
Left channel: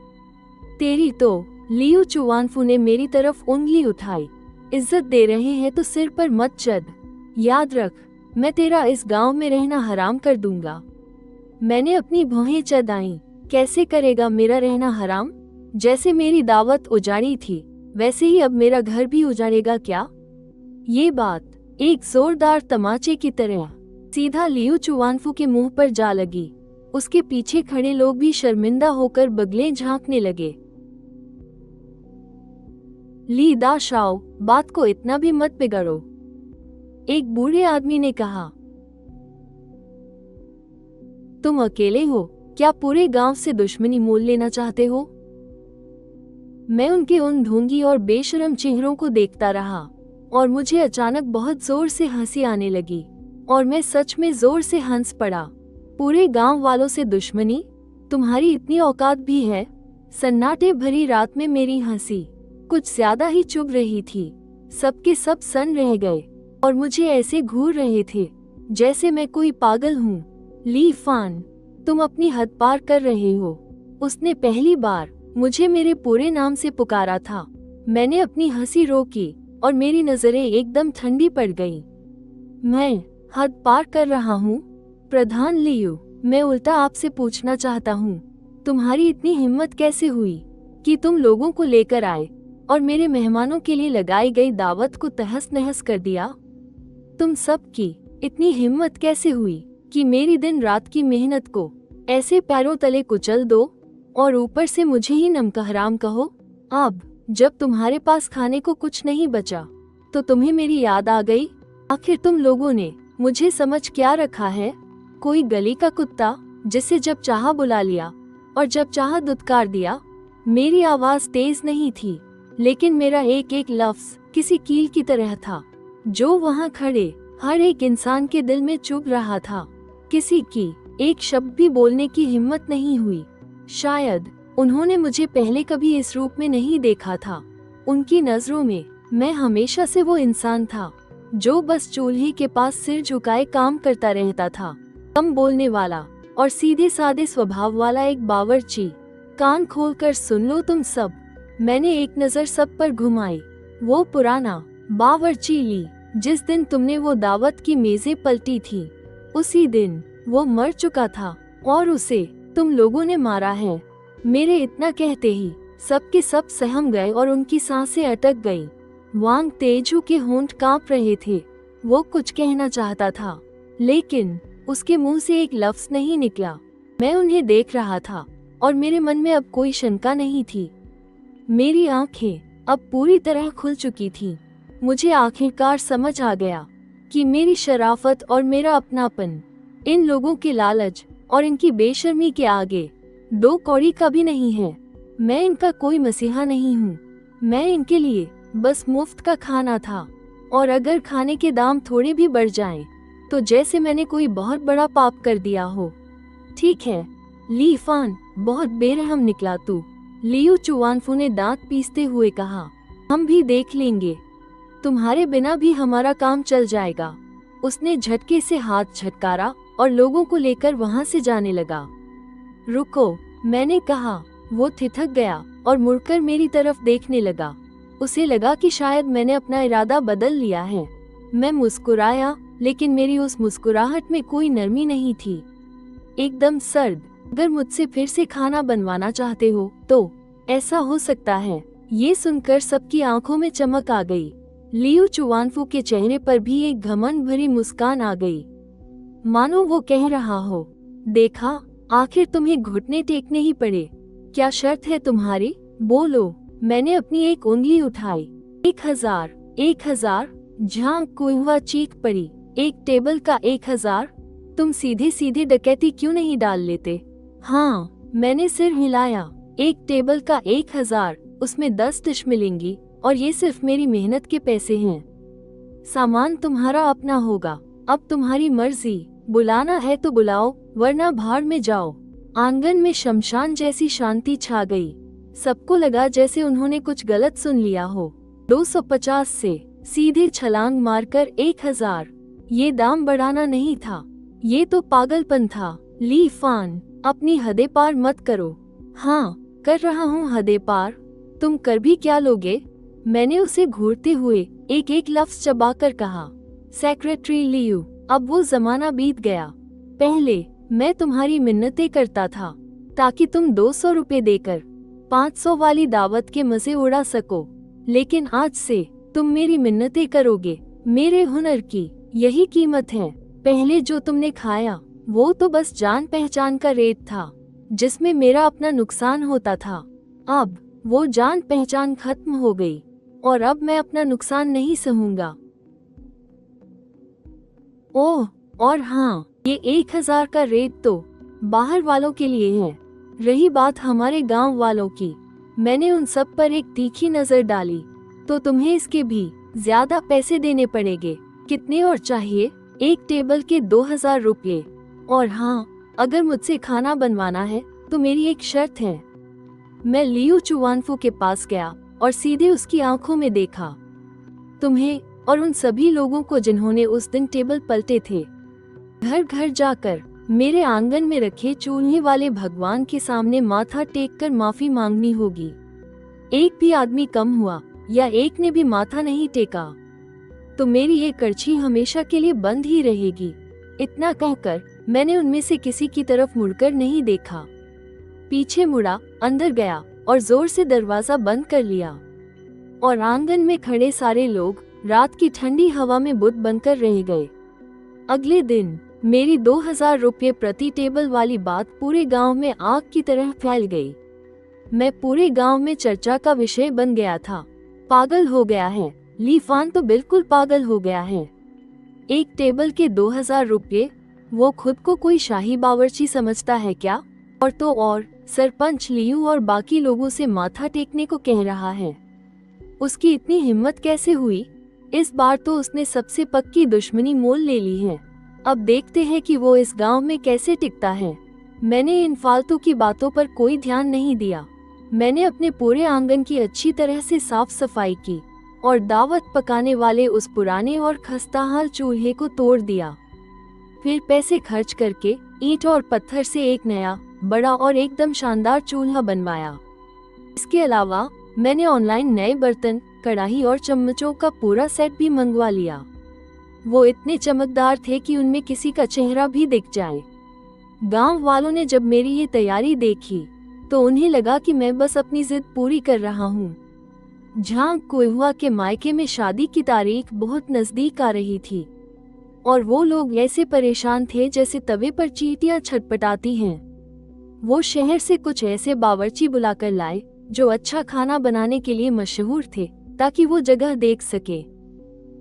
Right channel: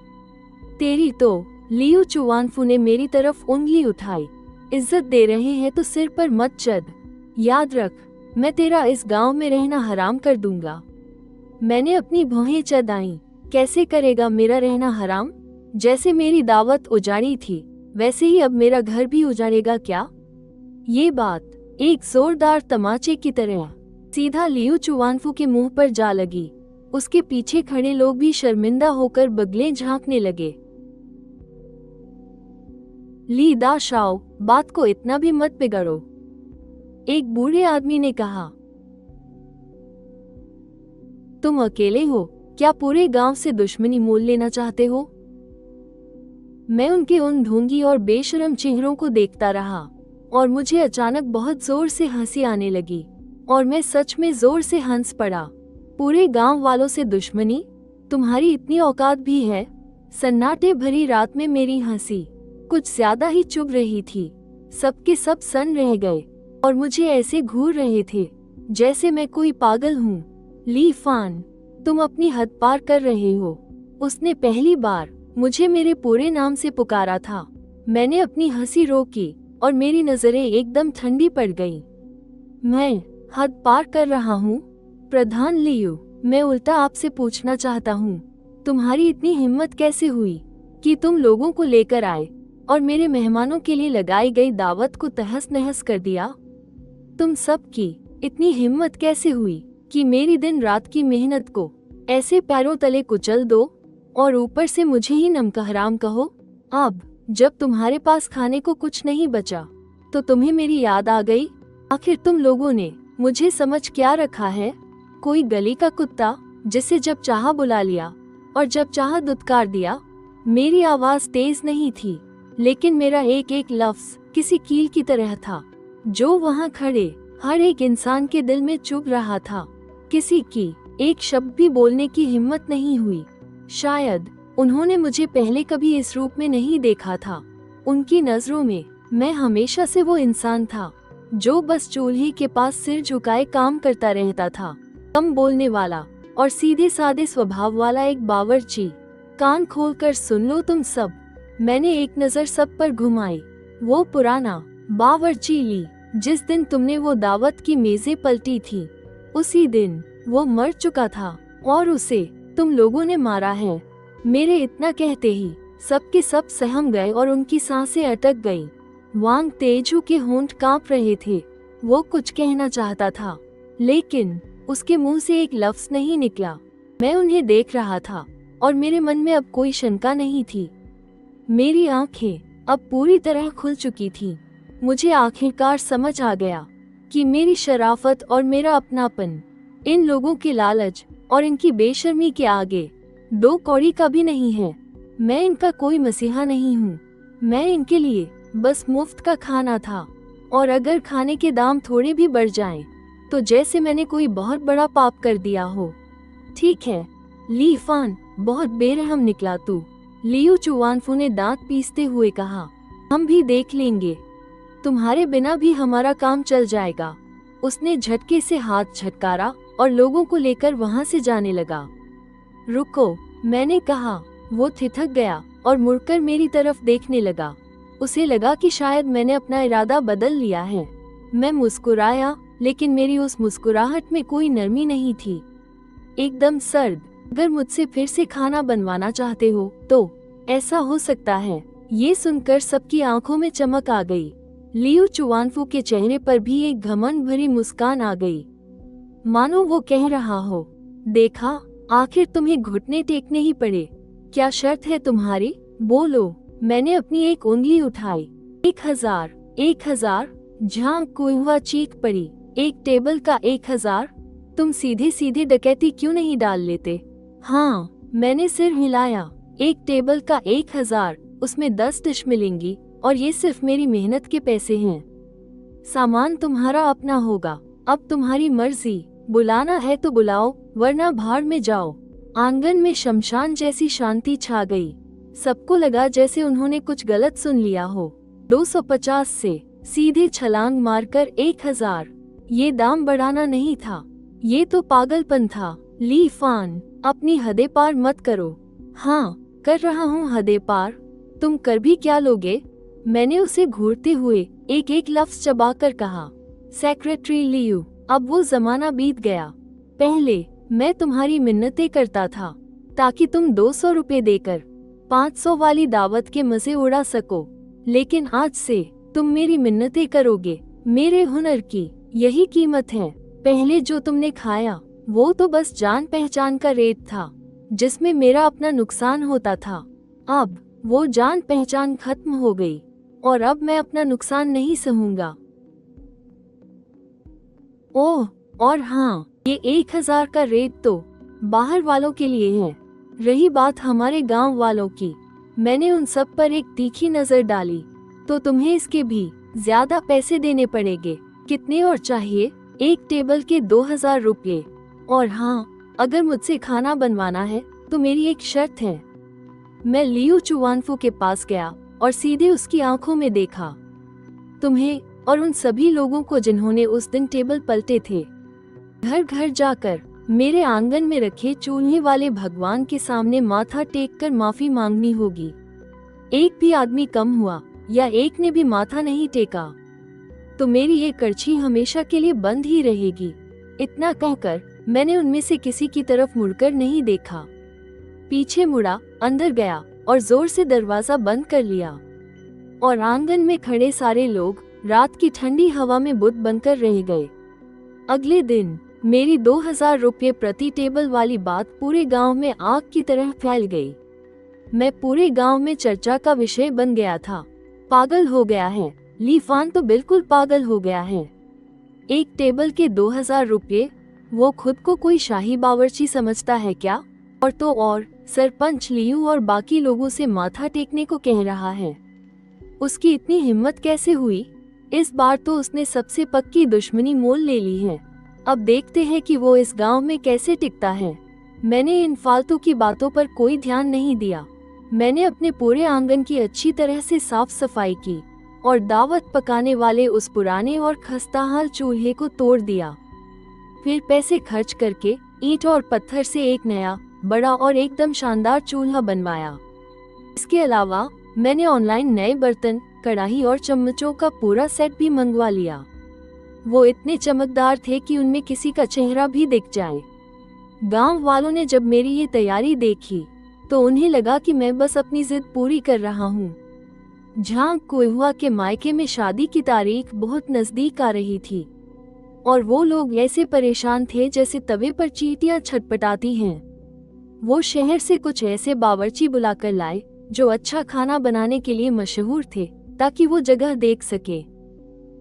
तेरी तो। लियू चुवानफू ने मेरी तरफ उंगली उठाई। इज्जत दे रहे हैं तो सिर पर मत चढ़। याद रख, मैं तेरा इस गांव में रहना हराम कर दूंगा। मैंने अपनी भौहें चढ़ाई। कैसे करेगा मेरा रहना हराम? जैसे मेरी दावत उजाड़ी थी, वैसे ही अब मेरा घर भी उजाड़ेगा क्या? ये बात एक जोरदार तमाचे की तरह सीधा लियू चुवानफू के मुंह पर जा लगी। उसके पीछे खड़े लोग भी शर्मिंदा होकर बगले झांकने लगे। ली दा शाओ, बात को इतना भी मत बिगड़ो, एक बूढ़े आदमी ने कहा। तुम अकेले हो क्या पूरे गांव से दुश्मनी मोल लेना चाहते हो? मैं उनके उन ढोंगी और बेशरम चेहरों को देखता रहा और मुझे अचानक बहुत जोर से हंसी आने लगी और मैं सच में जोर से हंस पड़ा। पूरे गांव वालों से दुश्मनी? तुम्हारी इतनी औकात भी है? सन्नाटे भरी रात में मेरी हंसी कुछ ज्यादा ही चुभ रही थी। सबके सब सन रह गए और मुझे ऐसे घूर रहे थे जैसे मैं कोई पागल हूँ। ली फान, तुम अपनी हद पार कर रहे हो। उसने पहली बार मुझे मेरे पूरे नाम से पुकारा था। मैंने अपनी हंसी रोकी और मेरी नजरें एकदम ठंडी पड़ गईं। मैं हद पार कर रहा हूँ? प्रधान लियू, मैं उल्टा आपसे पूछना चाहता हूँ, तुम्हारी इतनी हिम्मत कैसे हुई कि तुम लोगों को लेकर आए और मेरे मेहमानों के लिए लगाई गई दावत को तहस नहस कर दिया? तुम सब की इतनी हिम्मत कैसे हुई कि मेरी दिन रात की मेहनत को ऐसे पैरों तले कुचल दो और ऊपर से मुझे ही नमका हराम कहो? अब जब तुम्हारे पास खाने को कुछ नहीं बचा तो तुम्हें मेरी याद आ गई? आखिर तुम लोगों ने मुझे समझ क्या रखा है? कोई गली का कुत्ता जिसे जब चाहा बुला लिया और जब चाहा दुत्कार दिया? मेरी आवाज तेज नहीं थी, लेकिन मेरा एक एक लफ्ज किसी कील की तरह था जो वहाँ खड़े हर एक इंसान के दिल में चुभ रहा था। किसी की एक शब्द भी बोलने की हिम्मत नहीं हुई। शायद उन्होंने मुझे पहले कभी इस रूप में नहीं देखा था। उनकी नजरों में मैं हमेशा से वो इंसान था जो बस चूल्हे के पास सिर झुकाए काम करता रहता था, कम बोलने वाला और सीधे सादे स्वभाव वाला एक बावर्ची। कान खोलकर सुन लो तुम सब। मैंने एक नजर सब पर घुमाई वो पुराना बावर्ची ली जिस दिन तुमने वो दावत की मेजें पलटी थी, उसी दिन वो मर चुका था और उसे तुम लोगों ने मारा है। मेरे इतना कहते ही सबके सब सहम गए और उनकी सांसें अटक गई। वांग तेजू के होंठ कांप रहे थे। वो कुछ कहना चाहता था, लेकिन उसके मुंह से एक लफ्ज नहीं निकला। मैं उन्हें देख रहा था और मेरे मन में अब कोई शंका नहीं थी। मेरी आंखें अब पूरी तरह खुल चुकी थी। मुझे आखिरकार समझ आ गया कि मेरी शराफत और मेरा अपनापन इन लोगों के लालच और इनकी बेशर्मी के आगे दो कौड़ी का भी नहीं है। मैं इनका कोई मसीहा नहीं हूँ। मैं इनके लिए बस मुफ्त का खाना था, और अगर खाने के दाम थोड़े भी बढ़ जाएं, तो जैसे मैंने कोई बहुत बड़ा पाप कर दिया हो। ठीक है, ली फान, बहुत बेरहम निकला तू। लियू चुवानफू ने दांत पीसते हुए कहा, हम भी देख लेंगे। तुम्हारे बिना भी हमारा काम चल जाएगा। उसने झटके से हाथ झटकारा और लोगों को लेकर वहां से जाने लगा। रुको, मैंने कहा। वो ठिठक गया और मुड़कर मेरी तरफ देखने लगा। उसे लगा कि शायद मैंने अपना इरादा बदल लिया है। मैं मुस्कुराया, लेकिन मेरी उस मुस्कुराहट में कोई नरमी नहीं थी, एकदम सर्द। अगर मुझसे फिर से खाना बनवाना चाहते हो तो ऐसा हो सकता है। ये सुनकर सबकी आंखों में चमक आ गई। लियो चुवानफू के चेहरे पर भी एक घमंड भरी मुस्कान आ गई, मानो वो कह रहा हो, देखा, आखिर तुम्हें घुटने टेकने ही पड़े। क्या शर्त है तुम्हारी? बोलो। मैंने अपनी एक उंगली उठाई। 1000। 1000? जहाँ कोयवा चीख पड़ी। एक टेबल का 1000? तुम सीधी सीधी डकैती क्यों नहीं डाल लेते? हाँ, मैंने सिर हिलाया। एक टेबल का 1000, उसमें 10 डिश मिलेंगी और ये सिर्फ मेरी मेहनत के पैसे हैं। सामान तुम्हारा अपना होगा। अब तुम्हारी मर्जी, बुलाना है तो बुलाओ, वरना भाड़ में जाओ। आंगन में शमशान जैसी शांति छा गई। सबको लगा जैसे उन्होंने कुछ गलत सुन लिया हो। 250 से सीधे छलांग मारकर 1000। ये दाम बढ़ाना नहीं था, ये तो पागलपन था। ली फान, अपनी हदें पार मत करो। हाँ, कर रहा हूँ हदें पार। तुम कर भी क्या लोगे? मैंने उसे घूरते हुए एक एक लफ्ज चबाकर कहा। सेक्रेटरी लियो, अब वो जमाना बीत गया। पहले मैं तुम्हारी मिन्नतें करता था ताकि तुम 200 रुपए देकर 500 वाली दावत के मजे उड़ा सको, लेकिन आज से तुम मेरी मिन्नतें करोगे। मेरे हुनर की यही कीमत है। पहले जो तुमने खाया वो तो बस जान पहचान का रेट था, जिसमें मेरा अपना नुकसान होता था। अब वो जान पहचान खत्म हो गई और अब मैं अपना नुकसान नहीं सहूंगा। ओह, और हाँ, ये 1000 का रेट तो बाहर वालों के लिए है। रही बात हमारे गांव वालों की, मैंने उन सब पर एक तीखी नजर डाली। तो तुम्हें इसके भी ज्यादा पैसे देने पड़ेंगे। कितने और चाहिए? एक टेबल के 2000 रुपये। और हाँ, अगर मुझसे खाना बनवाना है तो मेरी एक शर्त है। मैं लियू चुवानफू के पास गया और सीधे उसकी आंखों में देखा। तुम्हें और उन सभी लोगों को जिन्होंने उस दिन टेबल पलटे थे, घर घर जाकर मेरे आंगन में रखे चूल्हे वाले भगवान के सामने माथा टेक कर माफी मांगनी होगी। एक भी आदमी कम हुआ या एक ने भी माथा नहीं टेका तो मेरी ये करछी हमेशा के लिए बंद ही रहेगी। इतना कहकर मैंने उनमें से किसी की तरफ मुड़कर नहीं देखा। पीछे मुड़ा, अंदर गया और जोर से दरवाजा बंद कर लिया। और आंगन में खड़े सारे लोग रात की ठंडी हवा में बुत बनकर रह गए। अगले दिन मेरी 2000 रुपये प्रति टेबल वाली बात पूरे गांव में आग की तरह फैल गई। मैं पूरे गांव में चर्चा का विषय बन गया था। पागल हो गया है, ली फान तो बिल्कुल पागल हो गया है। एक टेबल के 2000 रुपये, वो खुद को कोई शाही बावर्ची समझता है क्या? और तो और सरपंच लियू और बाकी लोगों से माथा टेकने को कह रहा है। उसकी इतनी हिम्मत कैसे हुई? इस बार तो उसने सबसे पक्की दुश्मनी मोल ले ली है। अब देखते हैं कि वो इस गांव में कैसे टिकता है। मैंने इन फालतू की बातों पर कोई ध्यान नहीं दिया। मैंने अपने पूरे आंगन की अच्छी तरह से साफ सफाई की और दावत पकाने वाले उस पुराने और खस्ताहाल चूल्हे को तोड़ दिया। फिर पैसे खर्च करके ईंट और पत्थर से एक नया, बड़ा और एकदम शानदार चूल्हा बनवाया। इसके अलावा मैंने ऑनलाइन नए बर्तन, कढ़ाई और चम्मचों का पूरा सेट भी मंगवा लिया। वो इतने चमकदार थे कि उनमें किसी का चेहरा भी दिख जाए। गांव वालों ने जब मेरी ये तैयारी देखी तो उन्हें लगा कि मैं बस अपनी जिद पूरी कर रहा हूँ। झांग कुहुआ के मायके में शादी की तारीख बहुत नजदीक आ रही थी और वो लोग ऐसे परेशान थे जैसे तवे पर चींटियां छटपटाती हैं। वो शहर से कुछ ऐसे बावर्ची बुलाकर लाए जो अच्छा खाना बनाने के लिए मशहूर थे, ताकि वो जगह देख सके।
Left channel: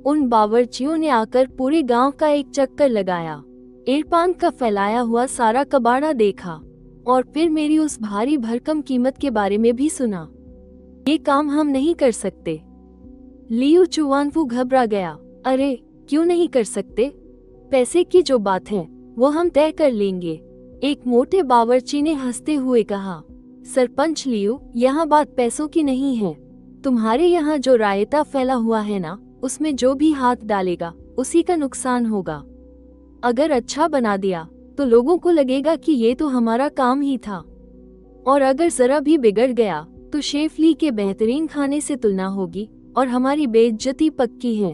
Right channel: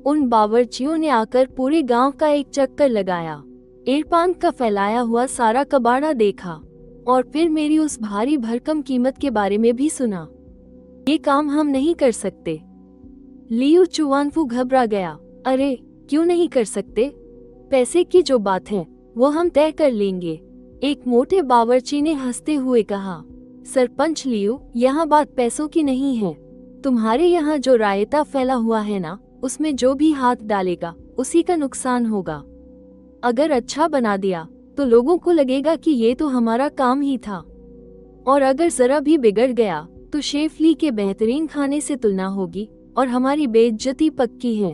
उन बावर्चियों ने आकर पूरे गांव का एक चक्कर लगाया, इरफान का फैलाया हुआ सारा कबाड़ा देखा और फिर मेरी उस भारी भरकम कीमत के बारे में भी सुना। ये काम हम नहीं कर सकते। लियो चुवानफू घबरा गया। अरे क्यों नहीं कर सकते? पैसे की जो बात है वो हम तय कर लेंगे, एक मोटे बावर्ची ने हंसते हुए कहा। सरपंच लियो, यहाँ बात पैसों की नहीं है। तुम्हारे यहाँ जो रायता फैला हुआ है ना, उसमें जो भी हाथ डालेगा उसी का नुकसान होगा। अगर अच्छा बना दिया तो लोगों को लगेगा कि ये तो हमारा काम ही था, और अगर जरा भी बिगड़ गया तो शेफ ली के बेहतरीन खाने से तुलना होगी और हमारी बेइज्जती पक्की है।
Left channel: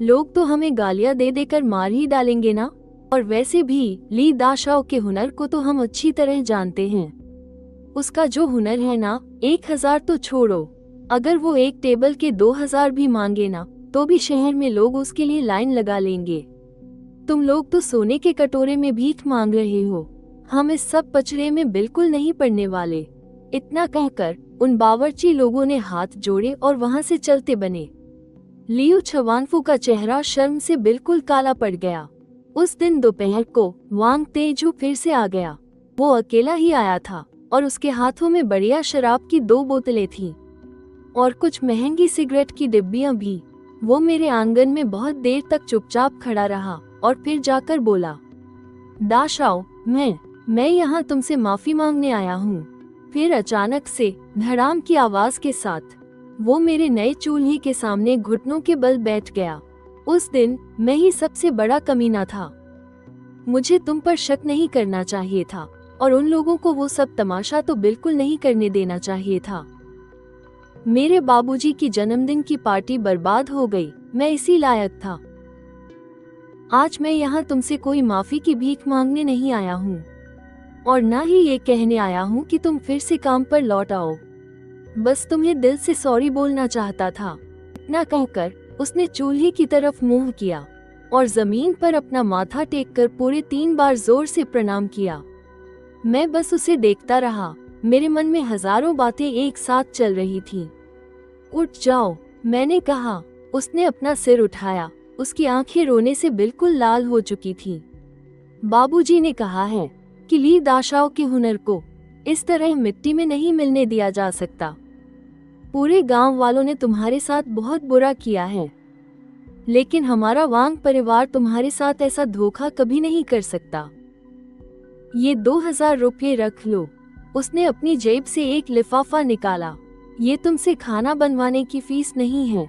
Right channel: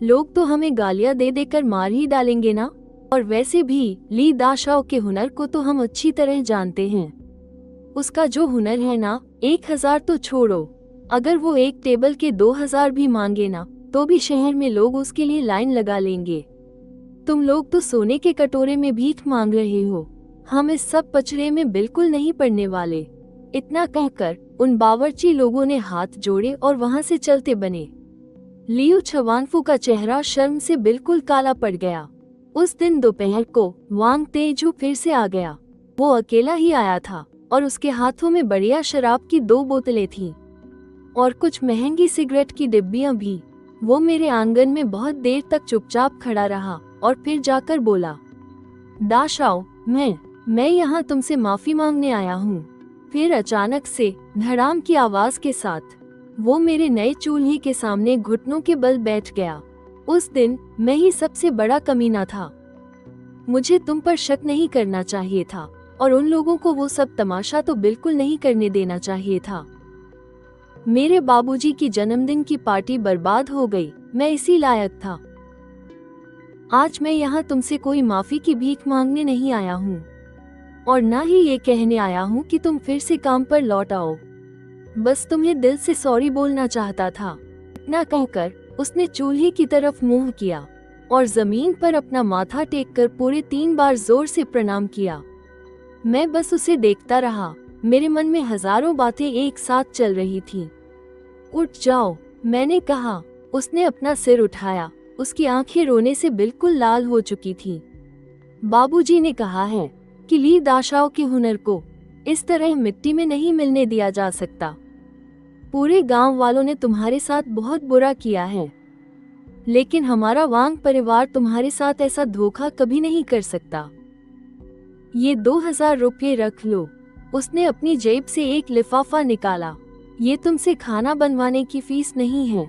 लोग तो हमें गालियां दे देकर मार ही डालेंगे ना, और वैसे भी ली दाशाओ के हुनर को तो हम अच्छी तरह जानते हैं। उसका जो हुनर है ना, 1000 तो छोड़ो, अगर वो एक टेबल के 2000 भी मांगे ना तो भी शहर में लोग उसके लिए लाइन लगा लेंगे। तुम लोग तो सोने के कटोरे में भीख मांग रहे हो, हम इस सब पचड़े में बिल्कुल नहीं पड़ने वाले। इतना कहकर उन बावर्ची लोगों ने हाथ जोड़े और वहाँ से चलते बने। लियो चुवानफू का चेहरा शर्म से बिल्कुल काला पड़ गया। उस दिन दोपहर को वांग तेजू फिर से आ गया। वो अकेला ही आया था और उसके हाथों में बढ़िया शराब की 2 बोतलें थी और कुछ महंगी सिगरेट की डिब्बियां भी। वो मेरे आंगन में बहुत देर तक चुपचाप खड़ा रहा और फिर जाकर बोला, दाशाओ, मैं यहाँ तुमसे माफी मांगने आया हूँ। फिर अचानक से धड़ाम की आवाज के साथ वो मेरे नए चूल्हे के सामने घुटनों के बल बैठ गया। उस दिन मैं ही सबसे बड़ा कमीना था। मुझे तुम पर शक नहीं करना चाहिए था और उन लोगों को वो सब तमाशा तो बिल्कुल नहीं करने देना चाहिए था। मेरे बाबूजी की जन्मदिन की पार्टी बर्बाद हो गई, मैं इसी लायक था। आज मैं यहाँ तुमसे कोई माफी की भीख मांगने नहीं आया हूँ और ना ही ये कहने आया हूँ कि तुम फिर से काम पर लौट आओ। बस तुम्हें दिल से सॉरी बोलना चाहता था। इतना कहकर उसने चूल्हे की तरफ मुंह किया और जमीन पर अपना माथा टेककर पूरे 3 बार जोर से प्रणाम किया। मैं बस उसे देखता रहा। मेरे मन में हजारों बातें एक साथ चल रही थी। उठ जाओ, मैंने कहा। उसने अपना सिर उठाया। उसकी आंखें रोने से बिल्कुल लाल हो चुकी थी। बाबूजी ने कहा है कि ली दाशाओ के हुनर को इस तरह मिट्टी में नहीं मिलने दिया जा सकता। पूरे गांव वालों ने तुम्हारे साथ बहुत बुरा किया है, लेकिन हमारा वांग परिवार तुम्हारे साथ ऐसा धोखा कभी नहीं कर सकता। ये 2000 रुपये रख लो। उसने अपनी जेब से एक लिफाफा निकाला। ये तुमसे खाना बनवाने की फीस नहीं है।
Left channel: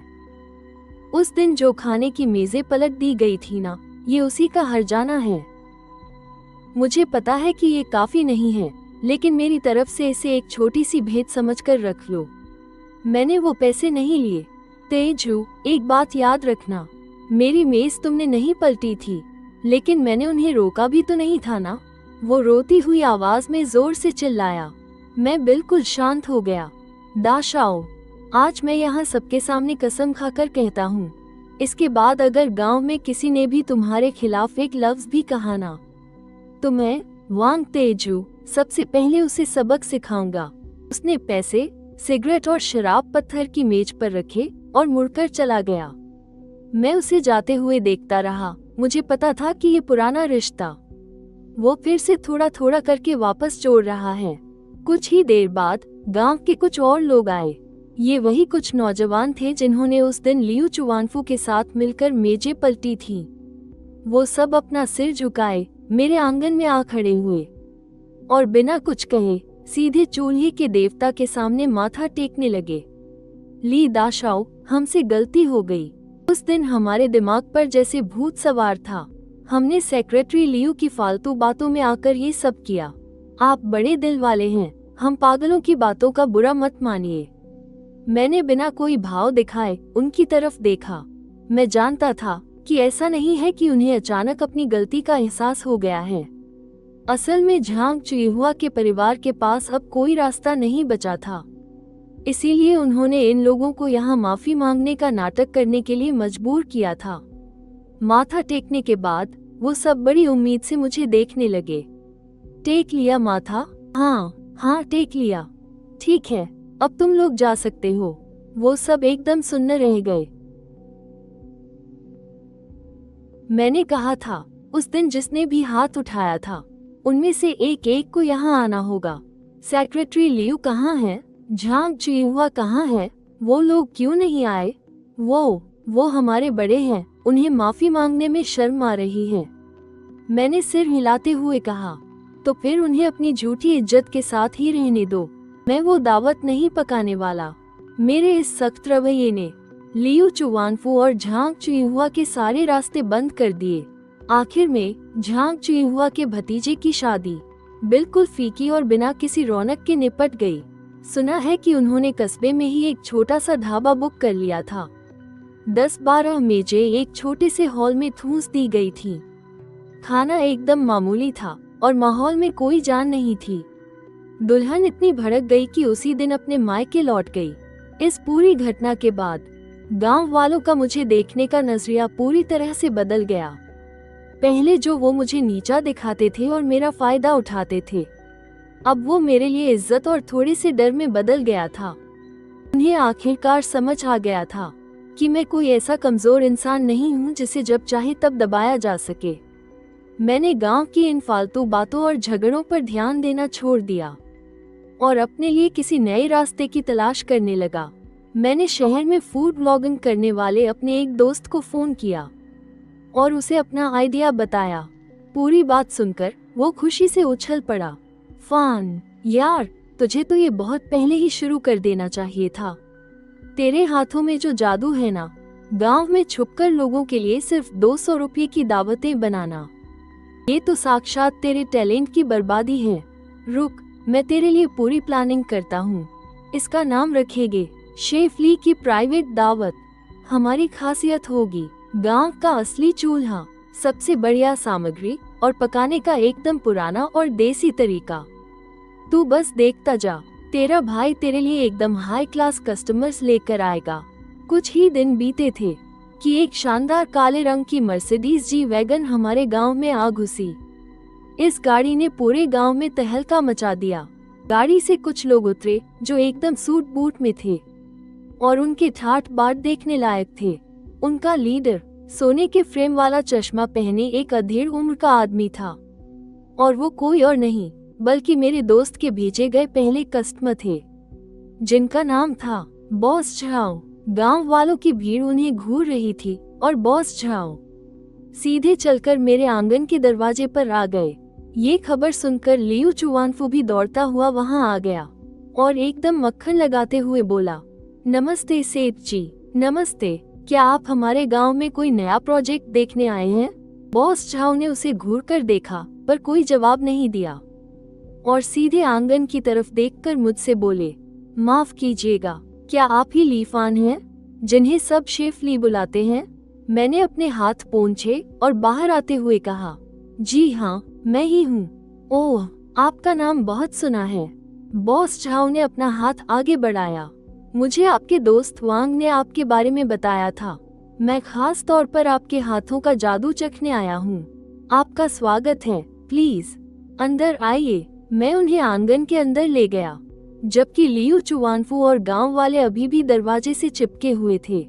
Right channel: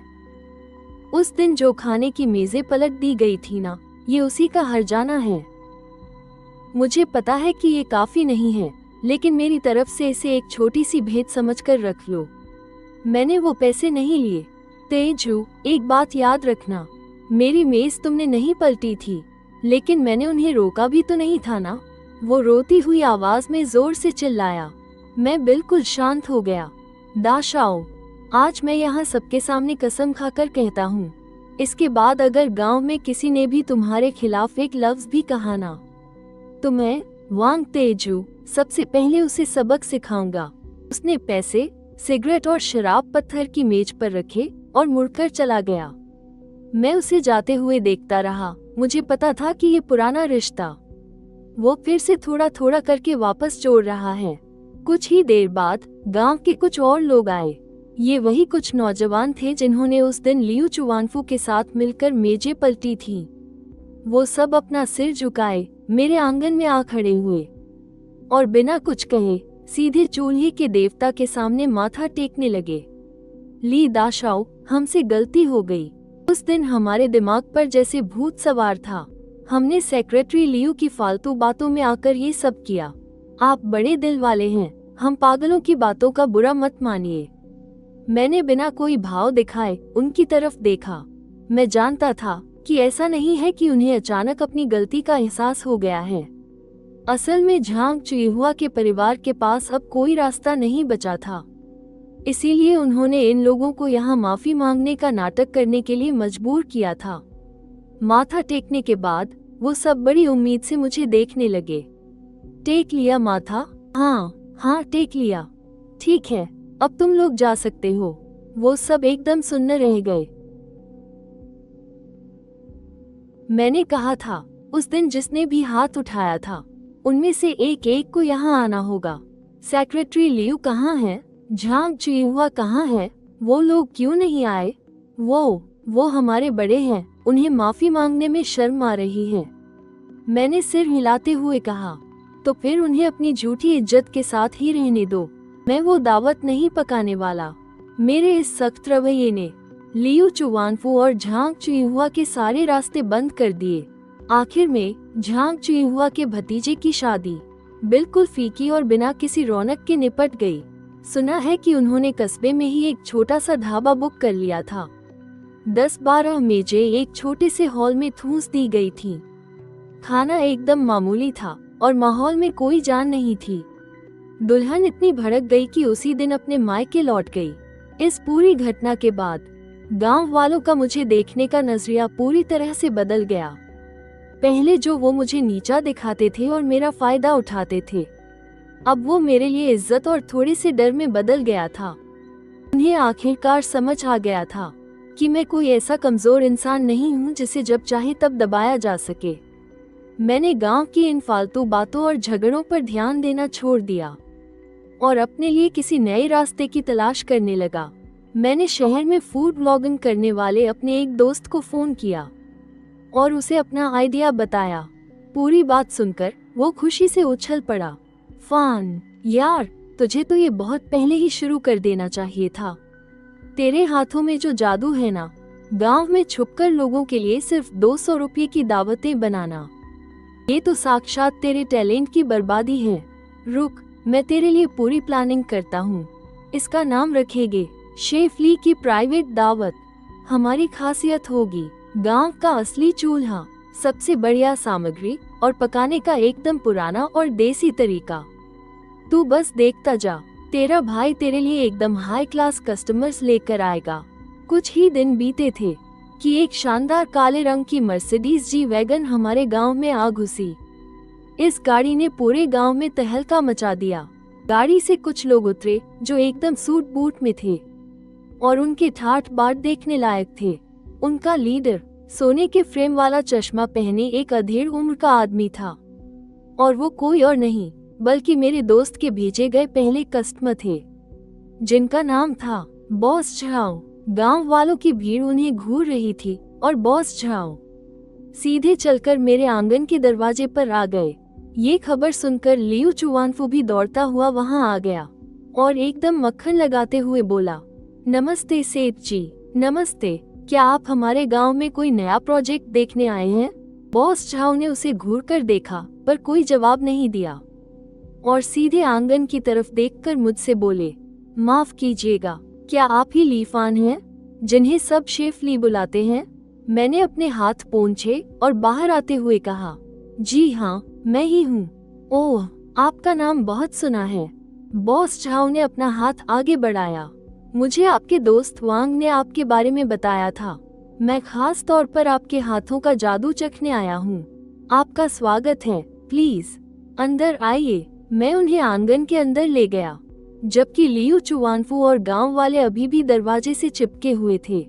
उस दिन जो खाने की मेजें पलट दी गई थी ना, ये उसी का हर्जाना है। मुझे पता है कि ये काफी नहीं है, लेकिन मेरी तरफ से इसे एक छोटी सी भेंट समझकर रख लो। मैंने वो पैसे नहीं लिए। तेजू, एक बात याद रखना, मेरी मेज तुमने नहीं पलटी थी, लेकिन मैंने उन्हें रोका भी तो नहीं था ना। वो रोती हुई आवाज में जोर से चिल्लाया। मैं बिल्कुल शांत हो गया। दाशाओ, आज मैं यहाँ सबके सामने कसम खाकर कहता हूँ, इसके बाद अगर गांव में किसी ने भी तुम्हारे खिलाफ एक लफ्ज भी कहा ना, तो मैं वांग तेजू सबसे पहले उसे सबक सिखाऊंगा। उसने पैसे, सिगरेट और शराब पत्थर की मेज पर रखे और मुड़कर चला गया। मैं उसे जाते हुए देखता रहा। मुझे पता था कि ये पुराना रिश्ता वो फिर से थोड़ा थोड़ा करके वापस जोड़ रहा है। कुछ ही देर बाद गांव के कुछ और लोग आए। ये वही कुछ नौजवान थे जिन्होंने उस दिन लियो चुवानफू के साथ मिलकर मेजें पलटी थी। वो सब अपना सिर झुकाए मेरे आंगन में आ खड़े हुए और बिना कुछ कहे सीधे चूल्हे के देवता के सामने माथा टेकने लगे। ली दाशाओ, हमसे गलती हो गई। उस दिन हमारे दिमाग पर जैसे भूत सवार था। हमने सेक्रेटरी लियो की फालतू बातों में आकर ये सब किया। आप बड़े दिल वाले हैं, हम पागलों की बातों का बुरा मत मानिए। मैंने बिना कोई भाव दिखाए उनकी तरफ देखा। मैं जानता था कि ऐसा नहीं है कि उन्हें अचानक अपनी गलती का एहसास हो गया है। असल में झांग चिहुआ के परिवार के पास अब कोई रास्ता नहीं बचा था, इसीलिए उन्होंने इन लोगों को यहाँ माफी मांगने का नाटक करने के लिए मजबूर किया था। माथा टेकने के बाद वो सब बड़ी उम्मीद से मुझे देखने लगे। टेक लिया माथा? हाँ टेक लिया। ठीक है, अब तुम लोग जा सकते हो। वो सब एकदम सुन्न रह गए। मैंने कहा था उस दिन जिसने भी हाथ उठाया था उनमें से एक एक को यहाँ आना होगा। सेक्रेटरी लियू कहाँ है? झांग चिहुआ कहाँ है? वो लोग क्यों नहीं आए? वो हमारे बड़े हैं, उन्हें माफी मांगने में शर्म आ रही है। मैंने सिर हिलाते हुए कहा, तो फिर उन्हें अपनी झूठी इज्जत के साथ ही रहने दो। मैं वो दावत नहीं पकाने वाला। मेरे इस सख्त रवैये ने लियू चुवानफू और झांग चिहुआ के सारे रास्ते बंद कर दिए। आखिर में झांग चिहुआ के भतीजे की शादी बिल्कुल फीकी और बिना किसी रौनक के निपट गई। सुना है कि उन्होंने कस्बे में ही एक छोटा सा ढाबा बुक कर लिया था। 10-12 मेजें एक छोटे से हॉल में ठूंस दी गई थी। खाना एकदम मामूली था और माहौल में कोई जान नहीं थी। दुल्हन इतनी भड़क गई कि उसी दिन अपने मायके लौट गई। इस पूरी घटना के बाद गांव वालों का मुझे देखने का नजरिया पूरी तरह से बदल गया। पहले जो वो मुझे नीचा दिखाते थे और मेरा फायदा उठाते थे, अब वो मेरे लिए इज्जत और थोड़ी सी डर में बदल गया था। उन्हें आखिरकार समझ आ गया था कि मैं कोई ऐसा कमजोर इंसान नहीं हूँ जिसे जब चाहे तब दबाया जा सके। मैंने गांव की इन फालतू बातों और झगड़ों पर ध्यान देना छोड़ दिया और अपने लिए किसी नए रास्ते की तलाश करने लगा। मैंने शहर में फूड ब्लॉगिंग करने वाले अपने एक दोस्त को फोन किया और उसे अपना आइडिया बताया। पूरी बात सुनकर वो खुशी से उछल पड़ा। फान यार, तुझे तो ये बहुत पहले ही शुरू कर देना चाहिए था। तेरे हाथों में जो जादू है ना, गांव में छुपकर लोगों के लिए सिर्फ 200 रुपये की दावतें बनाना, ये तो साक्षात तेरे टैलेंट की बर्बादी है। रुक, मैं तेरे लिए पूरी प्लानिंग करता हूँ। इसका नाम रखेंगे शेफली की प्राइवेट दावत। हमारी खासियत होगी गांव का असली चूल्हा, सबसे बढ़िया सामग्री और पकाने का एकदम पुराना और देसी तरीका। तू बस देखता जा, तेरा भाई तेरे लिए एकदम हाई क्लास कस्टमर्स लेकर आएगा। कुछ ही दिन बीते थे कि एक शानदार काले रंग की मर्सिडीज जी वैगन हमारे गांव में आ घुसी। इस गाड़ी ने पूरे गांव में तहलका मचा दिया। गाड़ी से कुछ लोग उतरे जो एकदम सूट बूट में थे और उनके ठाठ बाट देखने लायक थे। उनका लीडर सोने के फ्रेम वाला चश्मा पहने एक अधेड़ उम्र का आदमी था और वो कोई और नहीं बल्कि मेरे दोस्त के भेजे गए पहले कस्टमर थे, जिनका नाम था बॉस झाओ। गांव वालों की भीड़ उन्हें घूर रही थी और बॉस झाओ सीधे चलकर मेरे आंगन के दरवाजे पर आ गए। ये खबर सुनकर लियू चुवानफू भी दौड़ता हुआ वहां आ गया और एकदम मक्खन लगाते हुए बोला, नमस्ते सेठ जी। नमस्ते, क्या आप हमारे गांव में कोई नया प्रोजेक्ट देखने आए हैं? बॉस झाओ ने उसे घूरकर देखा पर कोई जवाब नहीं दिया और सीधे आंगन की तरफ देखकर मुझसे बोले, माफ कीजिएगा, क्या आप ही लीफान हैं जिन्हें सब शेफ ली बुलाते हैं? मैंने अपने हाथ पोंछे और बाहर आते हुए कहा, जी हाँ, मैं ही हूँ। ओह, आपका नाम बहुत सुना है। बॉस झाओ ने अपना हाथ आगे बढ़ाया। मुझे आपके दोस्त वांग ने आपके बारे में बताया था। मैं खास तौर पर आपके हाथों का जादू चखने आया हूँ। आपका स्वागत है, प्लीज अंदर आइए। मैं उन्हें आंगन के अंदर ले गया, जबकि लियू चुवानफू और गांव वाले अभी भी दरवाजे से चिपके हुए थे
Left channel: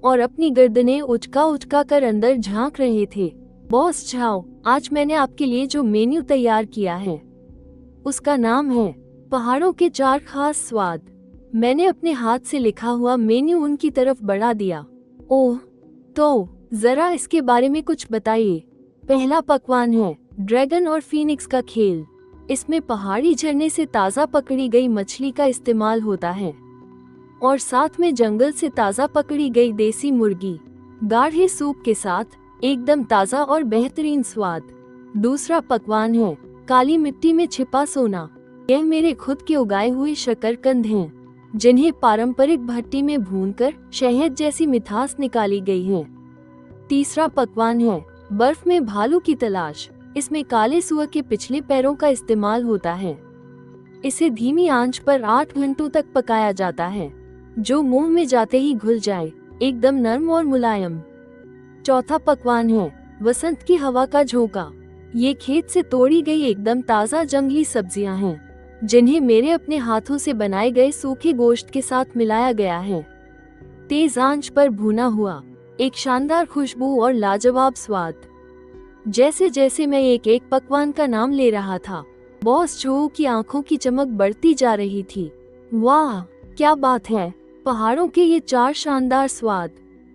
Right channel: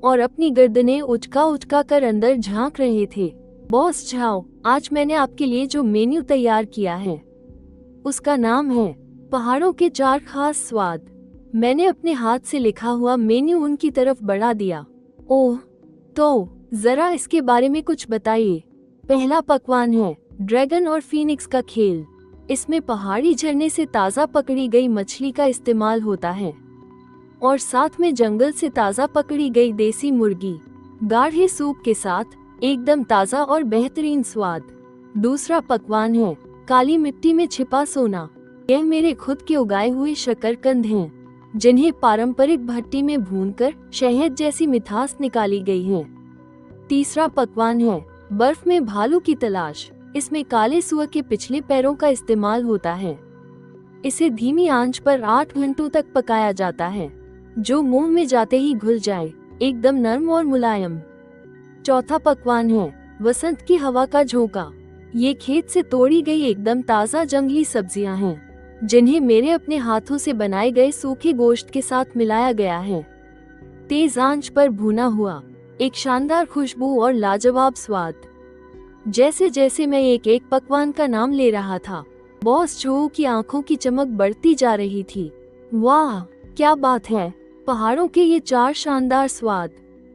और अपनी गर्दनें उठका कर अंदर झांक रहे थे। बॉस झाओ, आज मैंने आपके लिए जो मेन्यू तैयार किया है उसका नाम है पहाड़ों के 4 खास स्वाद। मैंने अपने हाथ से लिखा हुआ मेन्यू उनकी तरफ बढ़ा दिया। ओह, तो जरा इसके बारे में कुछ बताइए। पहला पकवान है ड्रैगन और फीनिक्स का खेल। इसमें पहाड़ी झरने से ताज़ा पकड़ी गई मछली का इस्तेमाल होता है और साथ में जंगल से ताज़ा पकड़ी गई देसी मुर्गी गाढ़े सूप के साथ एकदम ताज़ा और बेहतरीन स्वाद। दूसरा पकवान है काली मिट्टी में छिपा सोना। यह मेरे खुद के उगाए हुए शकरकंद हैं। जिन्हें पारंपरिक भट्टी में भूनकर शहद जैसी मिठास निकाली गई है। तीसरा पकवान है बर्फ में भालू की तलाश। इसमें काली सुअर के पिछले पैरों का इस्तेमाल होता है। इसे धीमी आंच पर 8 घंटों तक पकाया जाता है, जो मुंह में जाते ही घुल जाए, एकदम नरम और मुलायम। चौथा पकवान है वसंत की हवा का झोंका। ये खेत से तोड़ी गई एकदम ताज़ा जंगली सब्जियां हैं, जिन्हें मेरे अपने हाथों से बनाए गए सूखे गोश्त के साथ मिलाया गया है। तेज आंच पर भुना हुआ, एक शानदार खुशबू और लाजवाब स्वाद। जैसे जैसे मैं एक एक पकवान का नाम ले रहा था, बॉस जो की आंखों की चमक बढ़ती जा रही थी। वाह, क्या बात है! पहाड़ों के ये 4 शानदार स्वाद,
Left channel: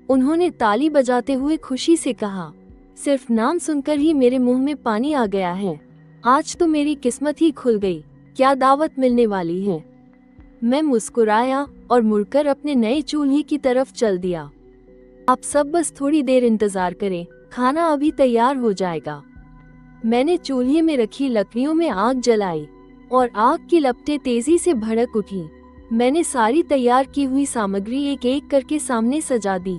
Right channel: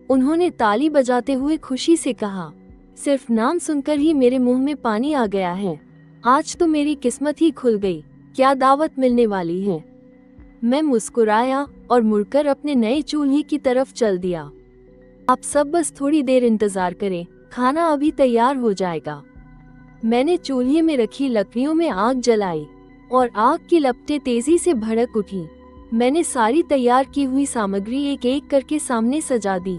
उन्होंने ताली बजाते हुए खुशी से कहा। सिर्फ नाम सुनकर ही मेरे मुंह में पानी आ गया है। आज तो मेरी किस्मत ही खुल गई, क्या दावत मिलने वाली है। मैं मुस्कुराया और मुड़कर अपने नए चूल्हे की तरफ चल दिया। आप सब बस थोड़ी देर इंतजार करें, खाना अभी तैयार हो जाएगा। मैंने चूल्हे में रखी लकड़ियों में आग जलाई और आग की लपटें तेजी से भड़क उठी। मैंने सारी तैयार की हुई सामग्री एक एक करके सामने सजा दी।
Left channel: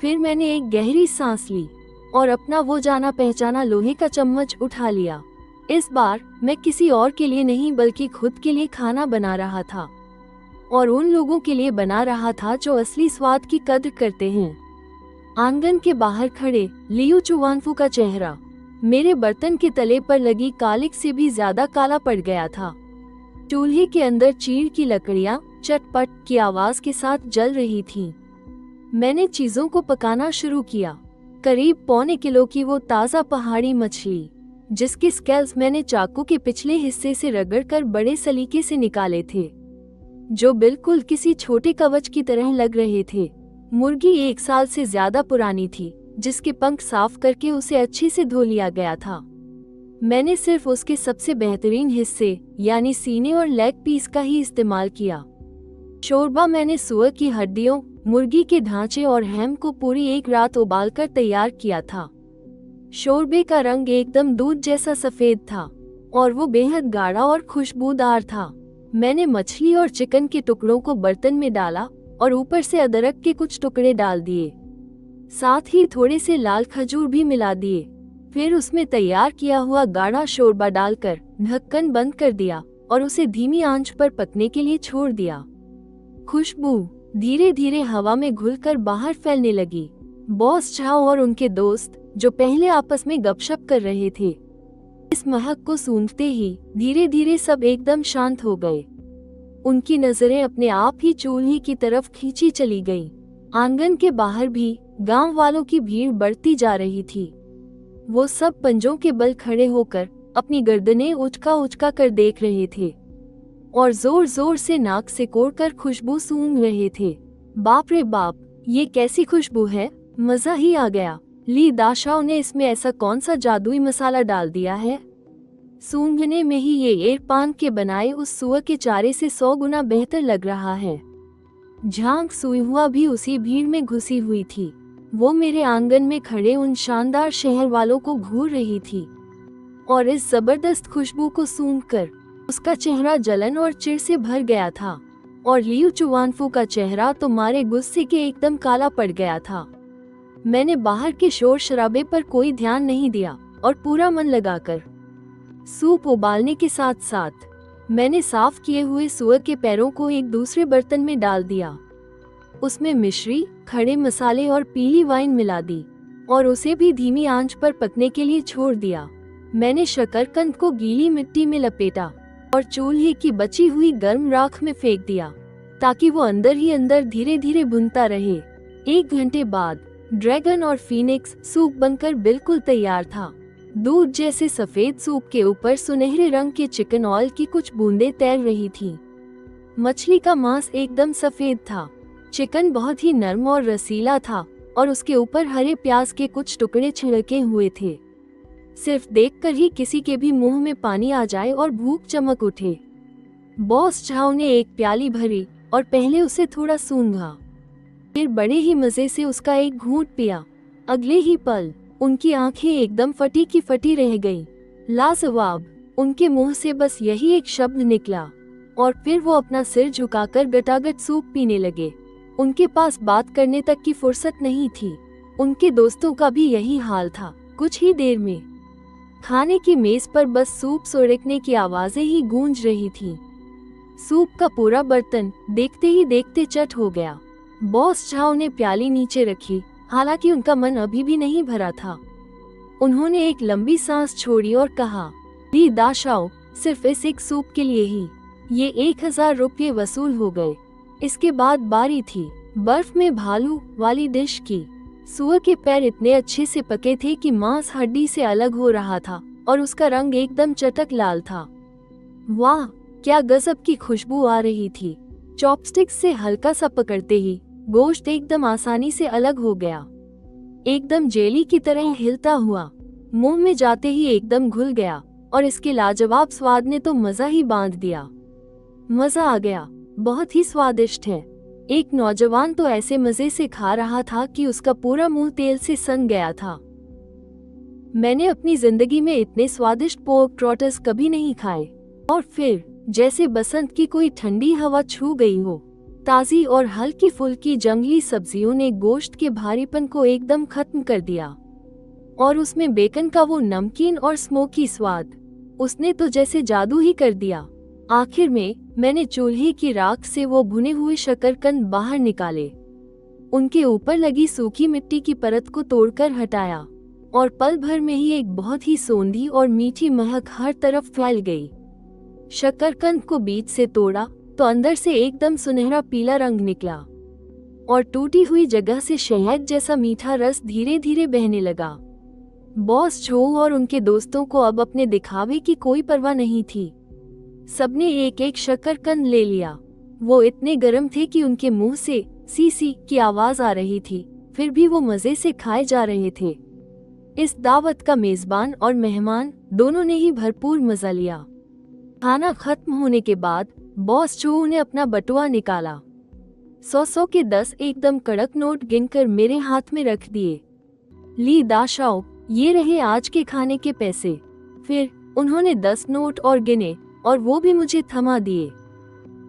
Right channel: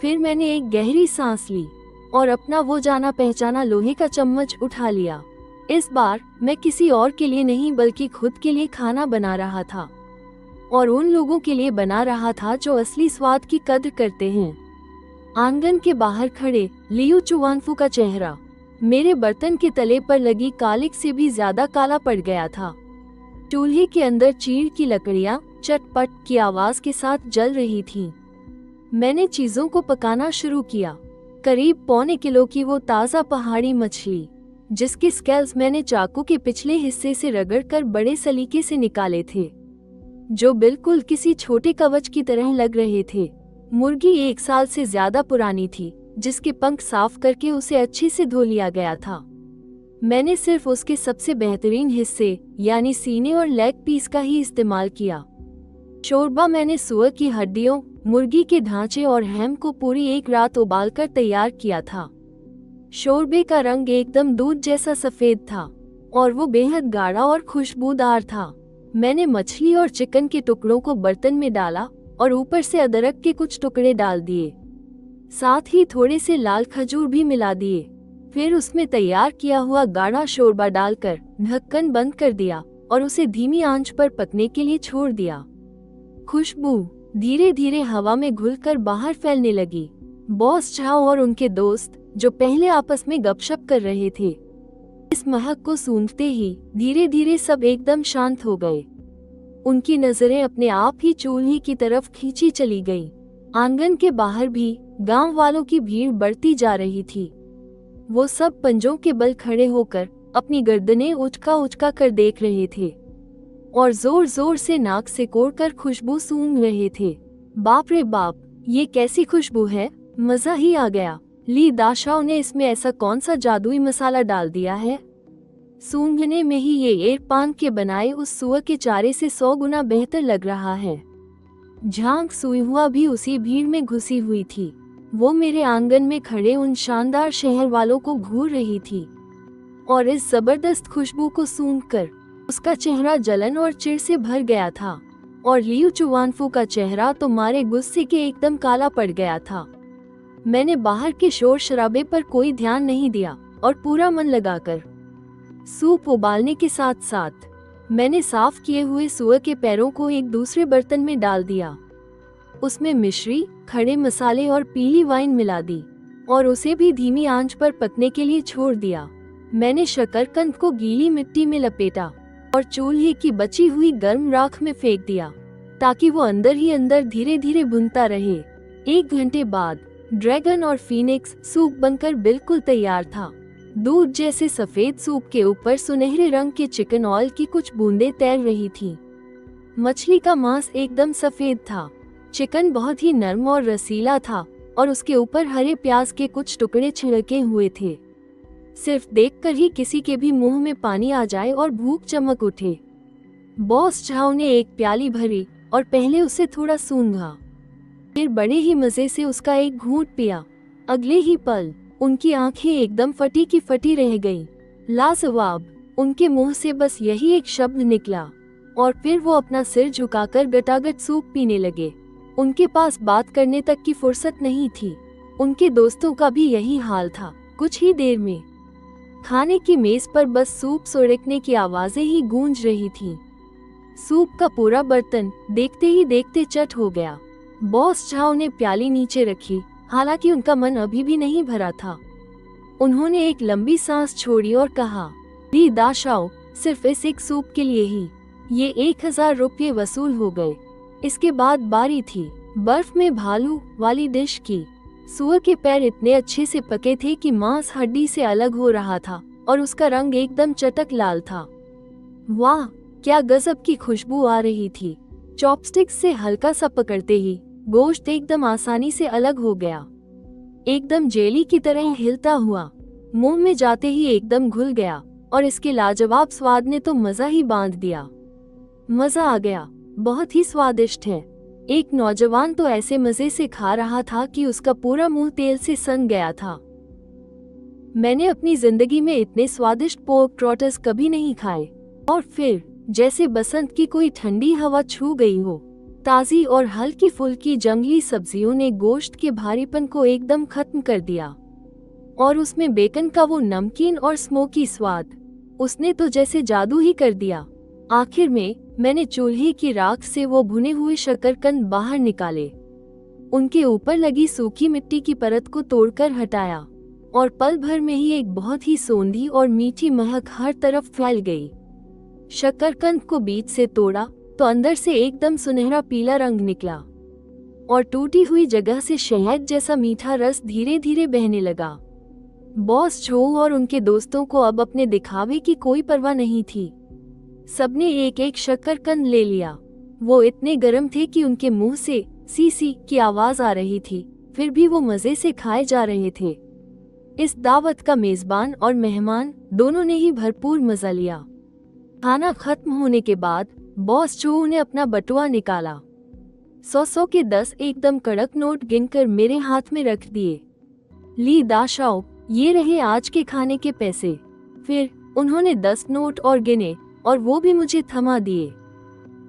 फिर मैंने एक गहरी सांस ली और अपना वो जाना पहचाना लोहे का चम्मच उठा लिया। इस बार मैं किसी और के लिए नहीं बल्कि खुद के लिए खाना बना रहा था, और उन लोगों के लिए बना रहा था जो असली स्वाद की कद्र करते हैं। आंगन के बाहर खड़े लियू चुवानफू का चेहरा मेरे बर्तन के तले पर लगी कालिक से भी ज्यादा काला पड़ गया था। चूल्हे के अंदर चीड़ की लकड़ियां चटपट की आवाज के साथ जल रही थी। मैंने चीजों को पकाना शुरू किया। करीब 1.25 किलो की वो ताज़ा पहाड़ी मछली, जिसके स्केल्स मैंने चाकू के पिछले हिस्से से रगड़कर बड़े सलीके से निकाले थे, जो बिल्कुल किसी छोटे कवच की तरह लग रहे थे। मुर्गी 1 साल से ज्यादा पुरानी थी, जिसके पंख साफ करके उसे अच्छे से धो लिया गया था। मैंने सिर्फ उसके सबसे बेहतरीन हिस्से यानी सीने और लेग पीस का ही इस्तेमाल किया। शोरबा मैंने सुअर की हड्डियों, मुर्गी के ढांचे और हैम को पूरी 1 रात उबालकर तैयार किया था। शोरबे का रंग एकदम दूध जैसा सफेद था और वो बेहद गाढ़ा और खुशबूदार था। मैंने मछली और चिकन के टुकड़ों को बर्तन में डाला और ऊपर से अदरक के कुछ टुकड़े डाल दिए। साथ ही थोड़े से लाल खजूर भी मिला दिए। फिर उसमें तैयार किया हुआ गाढ़ा शोरबा डालकर ढक्कन बंद कर दिया और उसे धीमी आंच पर पकने के लिए छोड़ दिया। खुशबू धीरे धीरे हवा में घुलकर बाहर फैलने लगी। बॉस चाओ और उनके दोस्त, जो पहले आपस में गपशप कर रहे थे, इस महक को सूंघते ही धीरे धीरे सब एकदम शांत हो गए। उनकी नजरें अपने आप ही चूल्हे की तरफ खींची चली गई। आंगन के बाहर भी गांव वालों की भीड़ बढ़ती जा रही थी। वो सब पंजों के बल खड़े होकर अपनी गर्दनें उचका कर देख रहे थे और जोर जोर से नाक से कोड़कर खुशबू सूंघ रहे थे। बाप रे बाप, ये कैसी खुशबू है! मजा ही आ गया। ली दाशाओ ने इसमें ऐसा कौन सा जादुई मसाला डाल दिया है? सूंघने में ही ये एरपान के बनाए उस सुअर के चारे से 100 गुना बेहतर लग रहा है। झांग सुईहुआ भी उसी भीड़ में घुसी हुई थी। वो मेरे आंगन में खड़े उन शानदार शहर वालों को घूर रही थी और इस जबरदस्त खुशबू को सूंघकर उसका चेहरा जलन और चिढ़ से भर गया था और लियू चुवानफू का चेहरा तो मारे गुस्से के एकदम काला पड़ गया था। मैंने बाहर के शोर शराबे पर कोई ध्यान नहीं दिया और पूरा मन लगाकर सूप उबालने के साथ साथ मैंने साफ किए हुए सुअर के पैरों को एक दूसरे बर्तन में डाल दिया। उसमें मिश्री, खड़े मसाले और पीली वाइन मिला दी और उसे भी धीमी आंच पर पकने के लिए छोड़ दिया। मैंने शकरकंद को गीली मिट्टी में लपेटा और चूल्हे की बची हुई गर्म राख में फेंक दिया ताकि वो अंदर ही अंदर धीरे धीरे भुनता रहे। 1 घंटे बाद ड्रैगन और फीनिक्स सूप बनकर बिल्कुल तैयार था। दूध जैसे सफेद सूप के ऊपर सुनहरे रंग के चिकन ऑयल की कुछ बूंदें तैर रही थी। मछली का मांस एकदम सफेद था। चिकन बहुत ही नरम और रसीला था और उसके ऊपर हरे प्याज के कुछ टुकड़े छिड़के हुए थे। सिर्फ देखकर ही किसी के भी मुंह में पानी आ जाए और भूख चमक उठे। बॉस चाओ ने एक प्याली भरी और पहले उसे थोड़ा सूंघा, फिर बड़े ही मजे से उसका एक घूंट पिया। अगले ही पल उनकी आंखें एकदम फटी की फटी रह गईं। लाजवाब! उनके मुंह से बस यही एक शब्द निकला, और फिर वो अपना सिर झुकाकर गटागट सूप पीने लगे। उनके पास बात करने तक की फुर्सत नहीं थी। उनके दोस्तों का भी यही हाल था। कुछ ही देर में खाने की मेज पर बस सूप सुड़कने की आवाजें ही गूंज रही थी। सूप का पूरा बर्तन देखते ही देखते चट हो गया। बॉस चाओ ने प्याली नीचे रखी, हालांकि उनका मन अभी भी नहीं भरा था। उन्होंने एक लंबी सांस छोड़ी और कहा, ली दाशाओ, सिर्फ इस एक सूप के लिए ही ये 1000 रुपये वसूल हो गए। इसके बाद बारी थी बर्फ में भालू वाली डिश की। सुअर के पैर इतने अच्छे से पके थे कि मांस हड्डी से अलग हो रहा था और उसका रंग एकदम चटक लाल था। वाह, क्या गजब की खुशबू आ रही थी। चॉपस्टिक से हल्का सा पकड़ते ही गोश्त एकदम आसानी से अलग हो गया, एकदम जेली की तरह हिलता हुआ मुंह में जाते ही एकदम घुल गया और इसके लाजवाब स्वाद ने तो मजा ही बांध दिया। मजा आ गया, बहुत ही स्वादिष्ट है। एक नौजवान तो ऐसे मजे से खा रहा था कि उसका पूरा मुंह तेल से सन गया था। मैंने अपनी जिंदगी में इतने स्वादिष्ट पोर्क ट्रॉटर्स कभी नहीं खाए। और फिर जैसे बसंत की कोई ठंडी हवा छू गई हो, ताजी और हल्की फुल्की जंगली सब्जियों ने गोश्त के भारीपन को एकदम खत्म कर दिया और उसमें बेकन का वो नमकीन और स्मोकी स्वाद, उसने तो जैसे जादू ही कर दिया। आखिर में मैंने चूल्हे की राख से वो भुने हुए शकरकंद बाहर निकाले, उनके ऊपर लगी सूखी मिट्टी की परत को तोड़कर हटाया और पल भर में ही एक बहुत ही सोंधी और मीठी महक हर तरफ फैल गई। शकरकंद को बीच से तोड़ा तो अंदर से एकदम सुनहरा पीला रंग निकला और टूटी हुई जगह से शहद जैसा मीठा रस धीरे धीरे बहने लगा। बॉस जो और उनके दोस्तों को अब अपने दिखावे की कोई परवाह नहीं थी। सबने एक एक शकरकंद ले लिया। वो इतने गर्म थे कि उनके मुंह से सी सी की आवाज आ रही थी, फिर भी वो मजे से खाए जा रहे थे। इस दावत का मेजबान और मेहमान दोनों ने ही भरपूर मजा लिया। खाना खत्म होने के बाद बॉस चू ने अपना बटुआ निकाला। 100 के 10 एकदम कड़क नोट गिनकर मेरे हाथ में रख दिए। ली दाशाओ, ये रहे आज के खाने के पैसे। फिर उन्होंने 10 नोट और गिने और वो भी मुझे थमा दिए।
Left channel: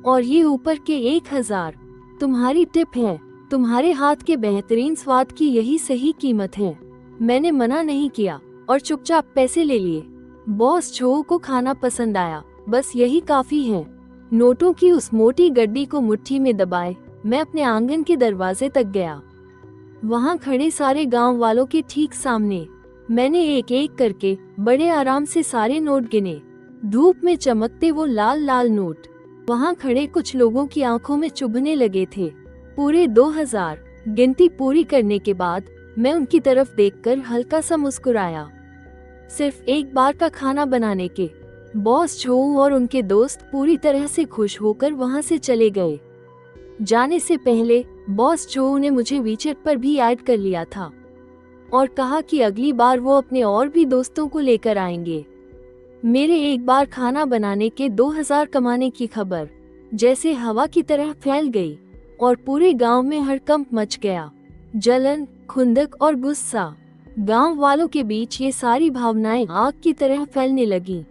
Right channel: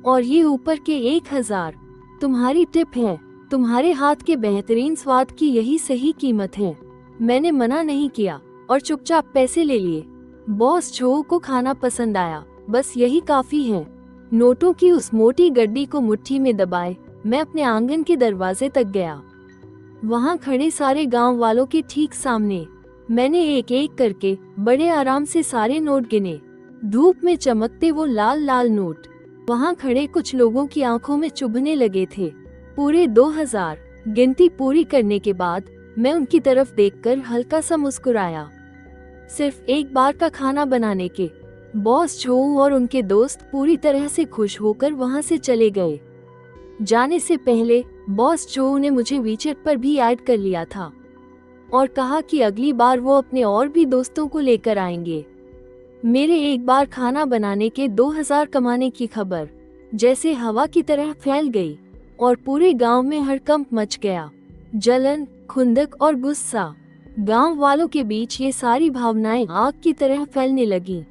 और ये ऊपर के 1000 तुम्हारी टिप है। तुम्हारे हाथ के बेहतरीन स्वाद की यही सही कीमत है। मैंने मना नहीं किया और चुपचाप पैसे ले लिए। बॉस चो को खाना पसंद आया, बस यही काफी है। नोटों की उस मोटी गड्डी को मुट्ठी में दबाए मैं अपने आंगन के दरवाजे तक गया। वहाँ खड़े सारे गांव वालों के ठीक सामने मैंने एक एक करके बड़े आराम से सारे नोट गिने। धूप में चमकते वो लाल लाल नोट वहाँ खड़े कुछ लोगों की आंखों में चुभने लगे थे। पूरे 2000 गिनती पूरी करने के बाद मैं उनकी तरफ देखकर हल्का सा मुस्कुराया। सिर्फ एक बार का खाना बनाने के बॉस चो और उनके दोस्त पूरी तरह से खुश होकर वहाँ से चले गए। जाने से पहले बॉस चो ने मुझे वीचेट पर भी ऐड कर लिया था और कहा कि अगली बार वो अपने और भी दोस्तों को लेकर आएंगे। मेरे एक बार खाना बनाने के 2000 कमाने की खबर जैसे हवा की तरह फैल गई और पूरे गांव में हड़कंप मच गया। जलन, खुंदक और गुस्सा, गांव वालों के बीच ये सारी भावनाएं आग की तरह फैलने लगी।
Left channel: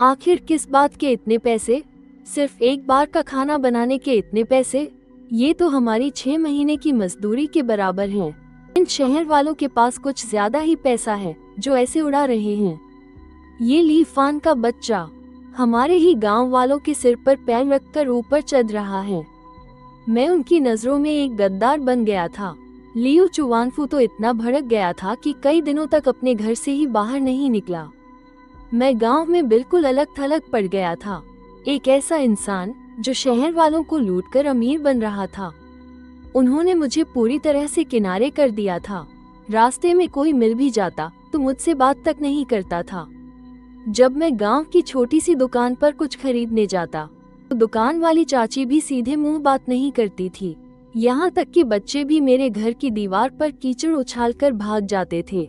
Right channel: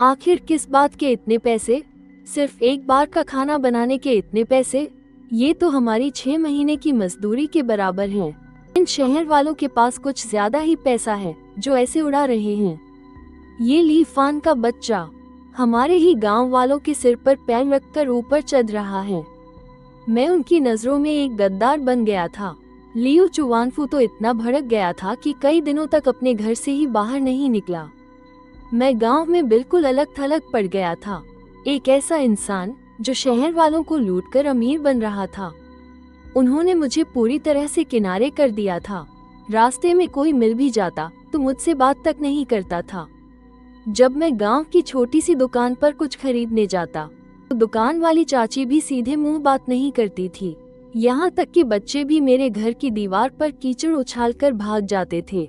आखिर किस बात के इतने पैसे? सिर्फ एक बार का खाना बनाने के इतने पैसे? ये तो हमारी 6 महीने की मजदूरी के बराबर है। इन शहर वालों के पास कुछ ज्यादा ही पैसा है जो ऐसे उड़ा रहे हैं। ये लीफान का बच्चा हमारे ही गांव वालों के सिर पर पैर रखकर ऊपर चढ़ रहा है। मैं उनकी नजरों में एक गद्दार बन गया था। लियो चुवानफू तो इतना भड़क गया था कि कई दिनों तक अपने घर से ही बाहर नहीं निकला। मैं गांव में बिल्कुल अलग थलग पड़ गया था, एक ऐसा इंसान जो शहर वालों को लूटकर अमीर बन रहा था। उन्होंने मुझे पूरी तरह से किनारे कर दिया था। रास्ते में कोई मिल भी जाता तो मुझसे बात तक नहीं करता था। जब मैं गांव की छोटी सी दुकान पर कुछ खरीदने जाता तो दुकान वाली चाची भी सीधे मुंह बात नहीं करती थी। यहाँ तक कि बच्चे भी मेरे घर की दीवार पर कीचड़ उछालकर भाग जाते थे।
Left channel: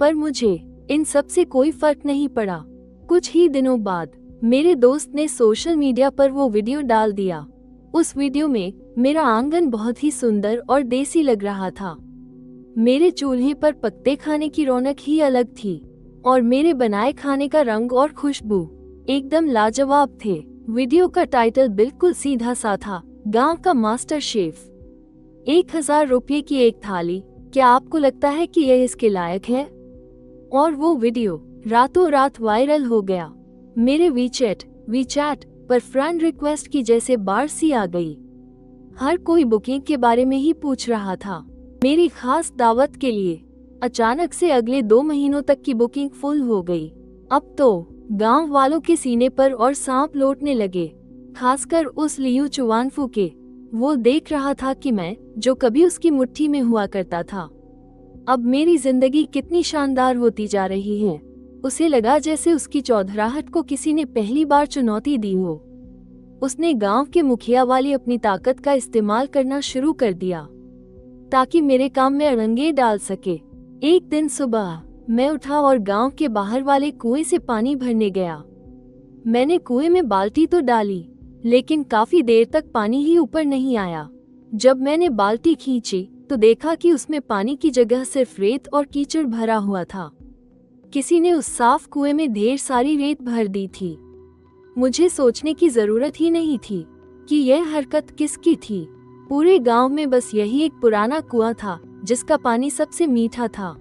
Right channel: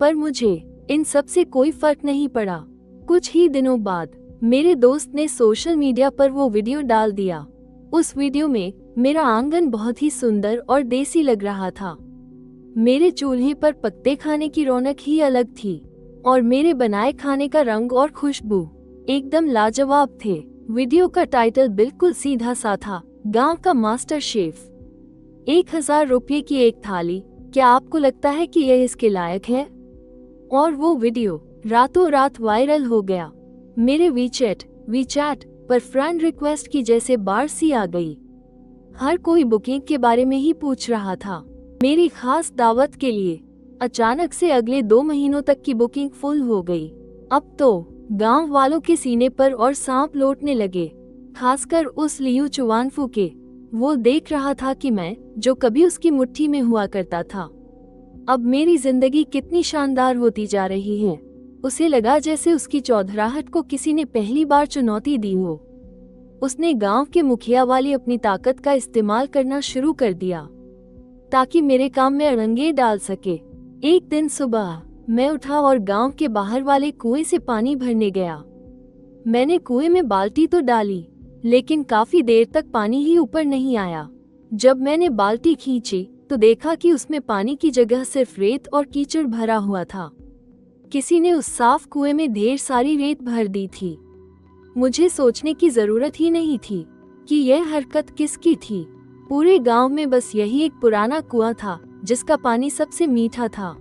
पर मुझे इन सब से कोई फर्क नहीं पड़ा। कुछ ही दिनों बाद मेरे दोस्त ने सोशल मीडिया पर वो वीडियो डाल दिया। उस वीडियो में मेरा आंगन बहुत ही सुंदर और देसी लग रहा था। मेरे चूल्हे पर पत्ते खाने की रौनक ही अलग थी और मेरे बनाए खाने का रंग और खुशबू एकदम लाजवाब थे। वीडियो का टाइटल बिल्कुल सीधा सा था, गांव का मास्टर शेफ। 1000 रुपये की एक थाली, क्या आपको लगता है कि यह इसके लायक है? और वो वीडियो रातों रात वायरल हो गया। मेरे वीचैट पर फ्रेंड रिक्वेस्ट की जैसे बाढ़ सी आ गई। हर कोई बुकिंग के बारे में ही पूछ रहा था। मेरी खास दावत के लिए अचानक से अगले 2 महीनों तक की बुकिंग फुल हो गई। अब तो गांव वालों के सीने पर और सांप लौटने लगे, खासकर उस लियू चुवानफू के। वो देख रहा था कि मैं जो कभी उसकी मुट्ठी में हुआ करता था, अब मेरी जिंदगी कितनी शानदार होती जा रही है। उसे लगा जैसे उसकी चौधराहट को किसी ने पहली बार चुनौती दी हो। उसने गांव के मुखिया वाली अपनी ताकत का इस्तेमाल करना शुरू कर दिया ताकि मेरे काम में अड़ंगे डाल सके। एक दिन सुबह मैं उठा और गांव के बाहर वाले कुएं से पानी भरने गया। मैंने कुएं में बाल्टी तो डाली, लेकिन काफी देर तक पानी ही ऊपर नहीं आया। जब मैंने बाल्टी खींची तो देखा कि उसमें पानी की जगह सिर्फ रेत और कीचड़ भरा हुआ था। किसी ने उस साफ कुएं में ढेर सारी रेत भर दी थी। मुझे सोचने की जरूरत ही नहीं थी कि यह हरकत किसकी थी। पूरे गांव में बस यही एक पुराना कुआं था जिसका पानी सबसे मीठा था।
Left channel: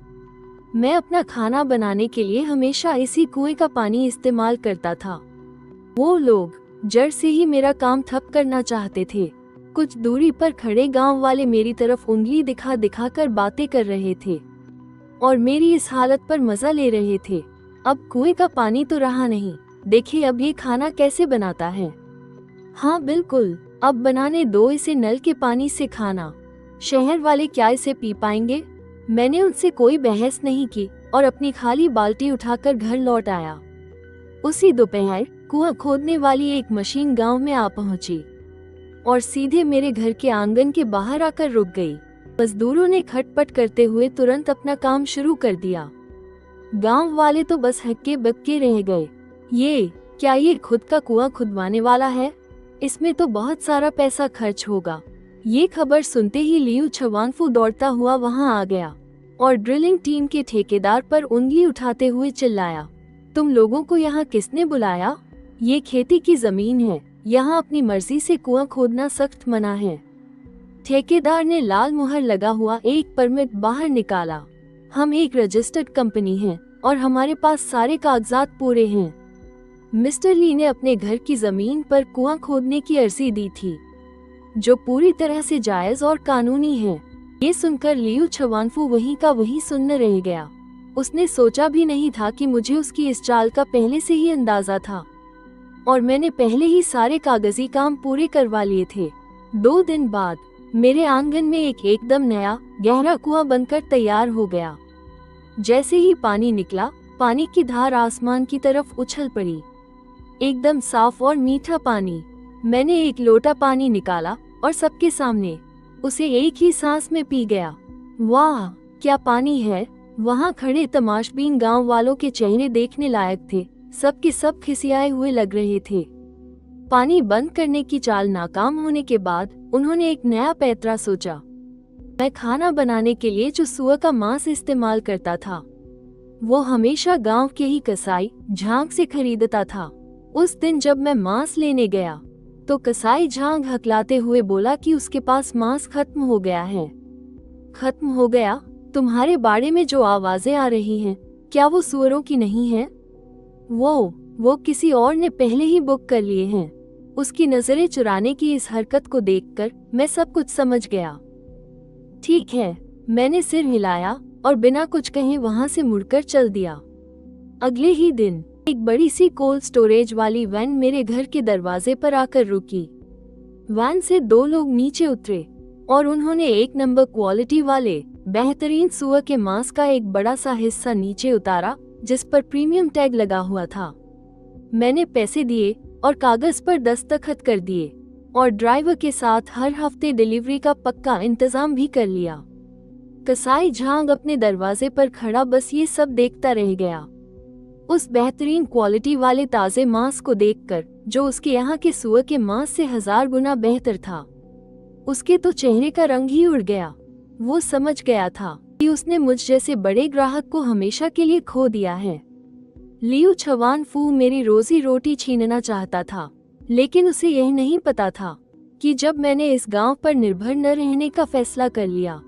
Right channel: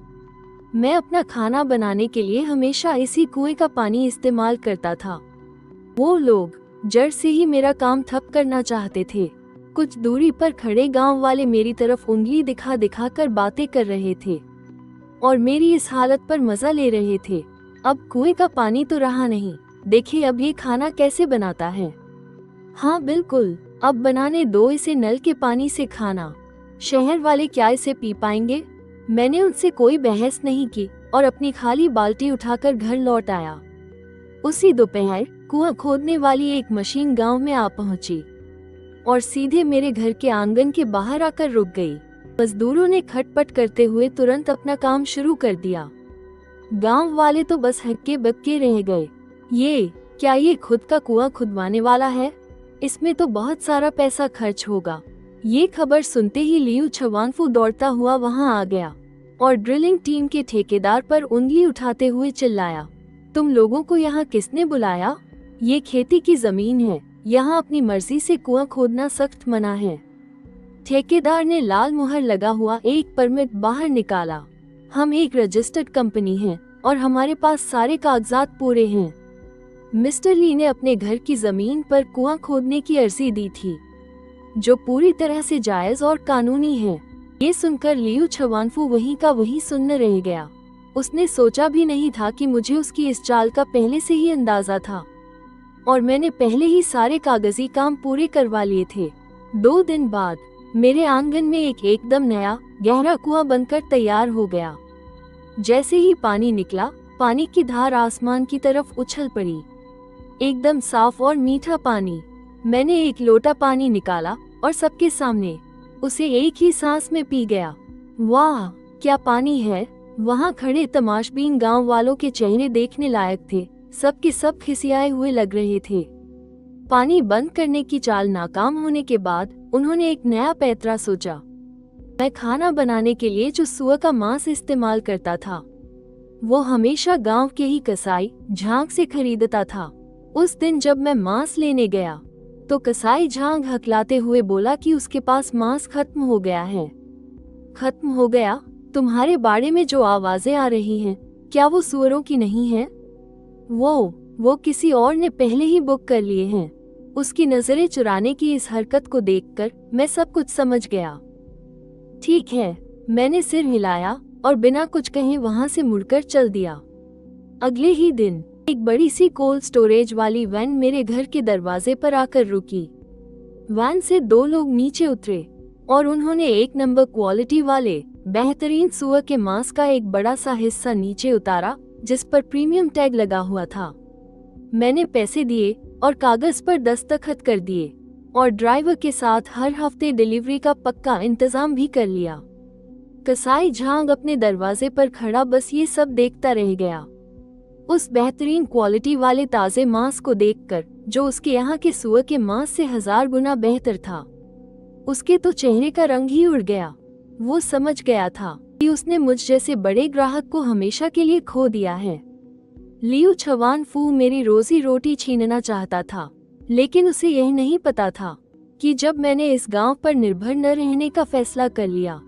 मैं अपना खाना बनाने के लिए हमेशा इसी कुएं का पानी इस्तेमाल करता था। वो लोग जड़ से ही मेरा काम ठप करना चाहते थे। कुछ दूरी पर खड़े गांव वाले मेरी तरफ उंगली दिखा दिखा कर बातें कर रहे थे और मेरी इस हालत पर मजा ले रहे थे। अब कुएं का पानी तो रहा नहीं, देखिए अब ये खाना कैसे बनाता है। हाँ बिल्कुल, अब बनाने दो इसे नल के पानी से खाना। शहर वाले क्या इसे पी पाएंगे? मैंने उनसे कोई बहस नहीं की और अपनी खाली बाल्टी उठाकर घर लौट आया। उसी दोपहर कुआं खोदने वाली एक मशीन गांव में आ पहुंची और सीधे मेरे घर के आंगन के बाहर आकर रुक गई। मजदूरों ने खटपट करते हुए तुरंत अपना काम शुरू कर दिया। गांव वाले तो बस हक्के बक्के रह गए। ये खुद का कुआं खुदवाने वाला है? इसमें तो बहुत सारा पैसा खर्च होगा। ये खबर सुनते ही लियू चुवानफू दौड़ता हुआ वहां आ गया और ड्रिलिंग टीम के ठेकेदार पर उंगली उठाते हुए चिल्लाया, तुम लोगों को यहाँ किसने बुलाया? ये खेती की जमीन है, यहाँ अपनी मर्जी से कुआं खोदना सख्त मना है। ठेकेदार ने लाल मुहर लगा हुआ एक परमिट बाहर निकाला। हम एक रजिस्टर्ड कंपनी हैं और हमारे पास सारे कागजात पूरे हैं। मिस्टर ली ने अपने घर की जमीन पर कुआं खोदने की अर्जी दी थी, जो पूरी तरह से जायज और कानूनी है। ये सुनकर लियू चुवानफू वही का वही सुनने रह गया। उसने सोचा भी नहीं था कि मुझे उसकी इस चाल का पहले से ही अंदाजा था और मैंने पहले ही सारे कागजी काम पूरे करवा लिए थे। 2 दिन बाद मेरे आंगन में एक एकदम नया गहरा कुआं बनकर तैयार हो गया। जैसे ही पानी निकला, पानी की धार आसमान की तरफ उछल पड़ी। एकदम साफ और मीठा पानी। मैंने एक लोटा पानी निकाला और सबके सामने उसे एक ही सांस में पी गया। वाह, क्या पानी है! वहाँ खड़े तमाशबीन गांव वालों के चेहरे देखने लायक थे। सब के सब खिसियाए हुए लग रहे थे। पानी बंद करने की चाल नाकाम होने के बाद उन्होंने एक नया पैतरा सोचा। मैं खाना बनाने के लिए जो सुअर का मांस इस्तेमाल करता था, वो हमेशा गांव के ही कसाई झांग से खरीदता था। उस दिन जब मैं मांस लेने गया तो कसाई झांग हकलाते हुए बोला कि उसके पास मांस खत्म हो गया है। खत्म हो गया? तुम्हारे बाड़े में जो आवाजें आ रही हैं, क्या वो सुअरों की नहीं है? वो किसी और ने पहले ही बुक कर लिए हैं। उसकी नजरें चुराने की इस हरकत को देखकर मैं सब कुछ समझ गया। ठीक है, मैंने सिर हिलाया और बिना कुछ कहे वहां से मुड़कर चल दिया। अगले ही दिन एक बड़ी सी कोल्ड स्टोरेज वाली वैन मेरे घर के दरवाजे पर आकर रुकी। वैन से 2 लोग नीचे उतरे और उन्होंने 1 नंबर क्वालिटी वाले बेहतरीन सुअर के मांस का एक बड़ा सा हिस्सा नीचे उतारा, जिस पर प्रीमियम टैग लगा हुआ था। मैंने पैसे दिए और कागज पर दस्तखत कर दिए और ड्राइवर के साथ हर हफ्ते डिलीवरी का पक्का इंतजाम भी कर लिया। कसाई झांग अपने दरवाजे पर खड़ा बस ये सब देखता रह गया। उस बेहतरीन क्वालिटी वाले ताजे मांस को देखकर, जो उसके यहाँ के सुअर के मांस से 1000 गुना बेहतर था, उसके तो चेहरे का रंग ही उड़ गया। वो समझ गया था कि उसने मुझ जैसे बड़े ग्राहक को हमेशा के लिए खो दिया है। लियू चुवानफू मेरी रोजी रोटी छीनना चाहता था। लेकिन उसे यह नहीं पता था कि जब मैंने इस गांव पर निर्भर न रहने का फैसला कर लिया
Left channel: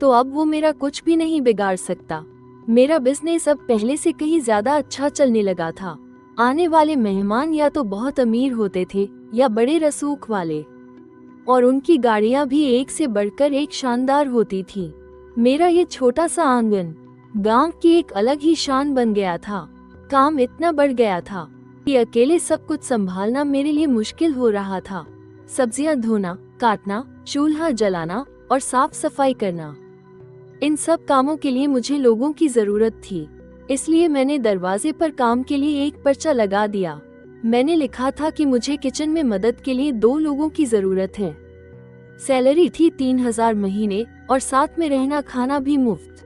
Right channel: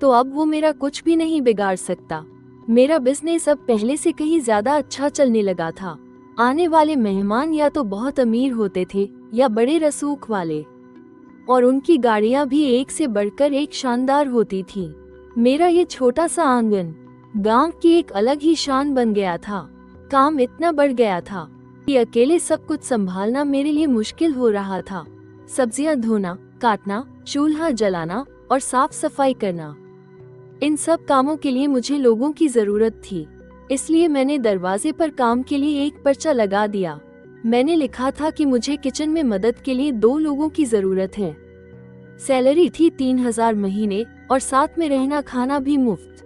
तो अब वो मेरा कुछ भी नहीं बिगाड़ सकता। मेरा बिजनेस अब पहले से कहीं ज्यादा अच्छा चलने लगा था। आने वाले मेहमान या तो बहुत अमीर होते थे या बड़े रसूख वाले, और उनकी गाड़ियां भी एक से बढ़कर एक शानदार होती थी। मेरा ये छोटा सा आंगन गांव की एक अलग ही शान बन गया था। काम इतना बढ़ गया था कि अकेले सब कुछ संभालना मेरे लिए मुश्किल हो रहा था। सब्जियां धोना, काटना, चूल्हा जलाना और साफ सफाई करना, इन सब कामों के लिए मुझे लोगों की जरूरत थी। इसलिए मैंने दरवाजे पर काम के लिए एक पर्चा लगा दिया। मैंने लिखा था कि मुझे किचन में मदद के लिए 2 लोगों की जरूरत है। सैलरी थी 3000 महीने और साथ में रहना खाना भी मुफ्त।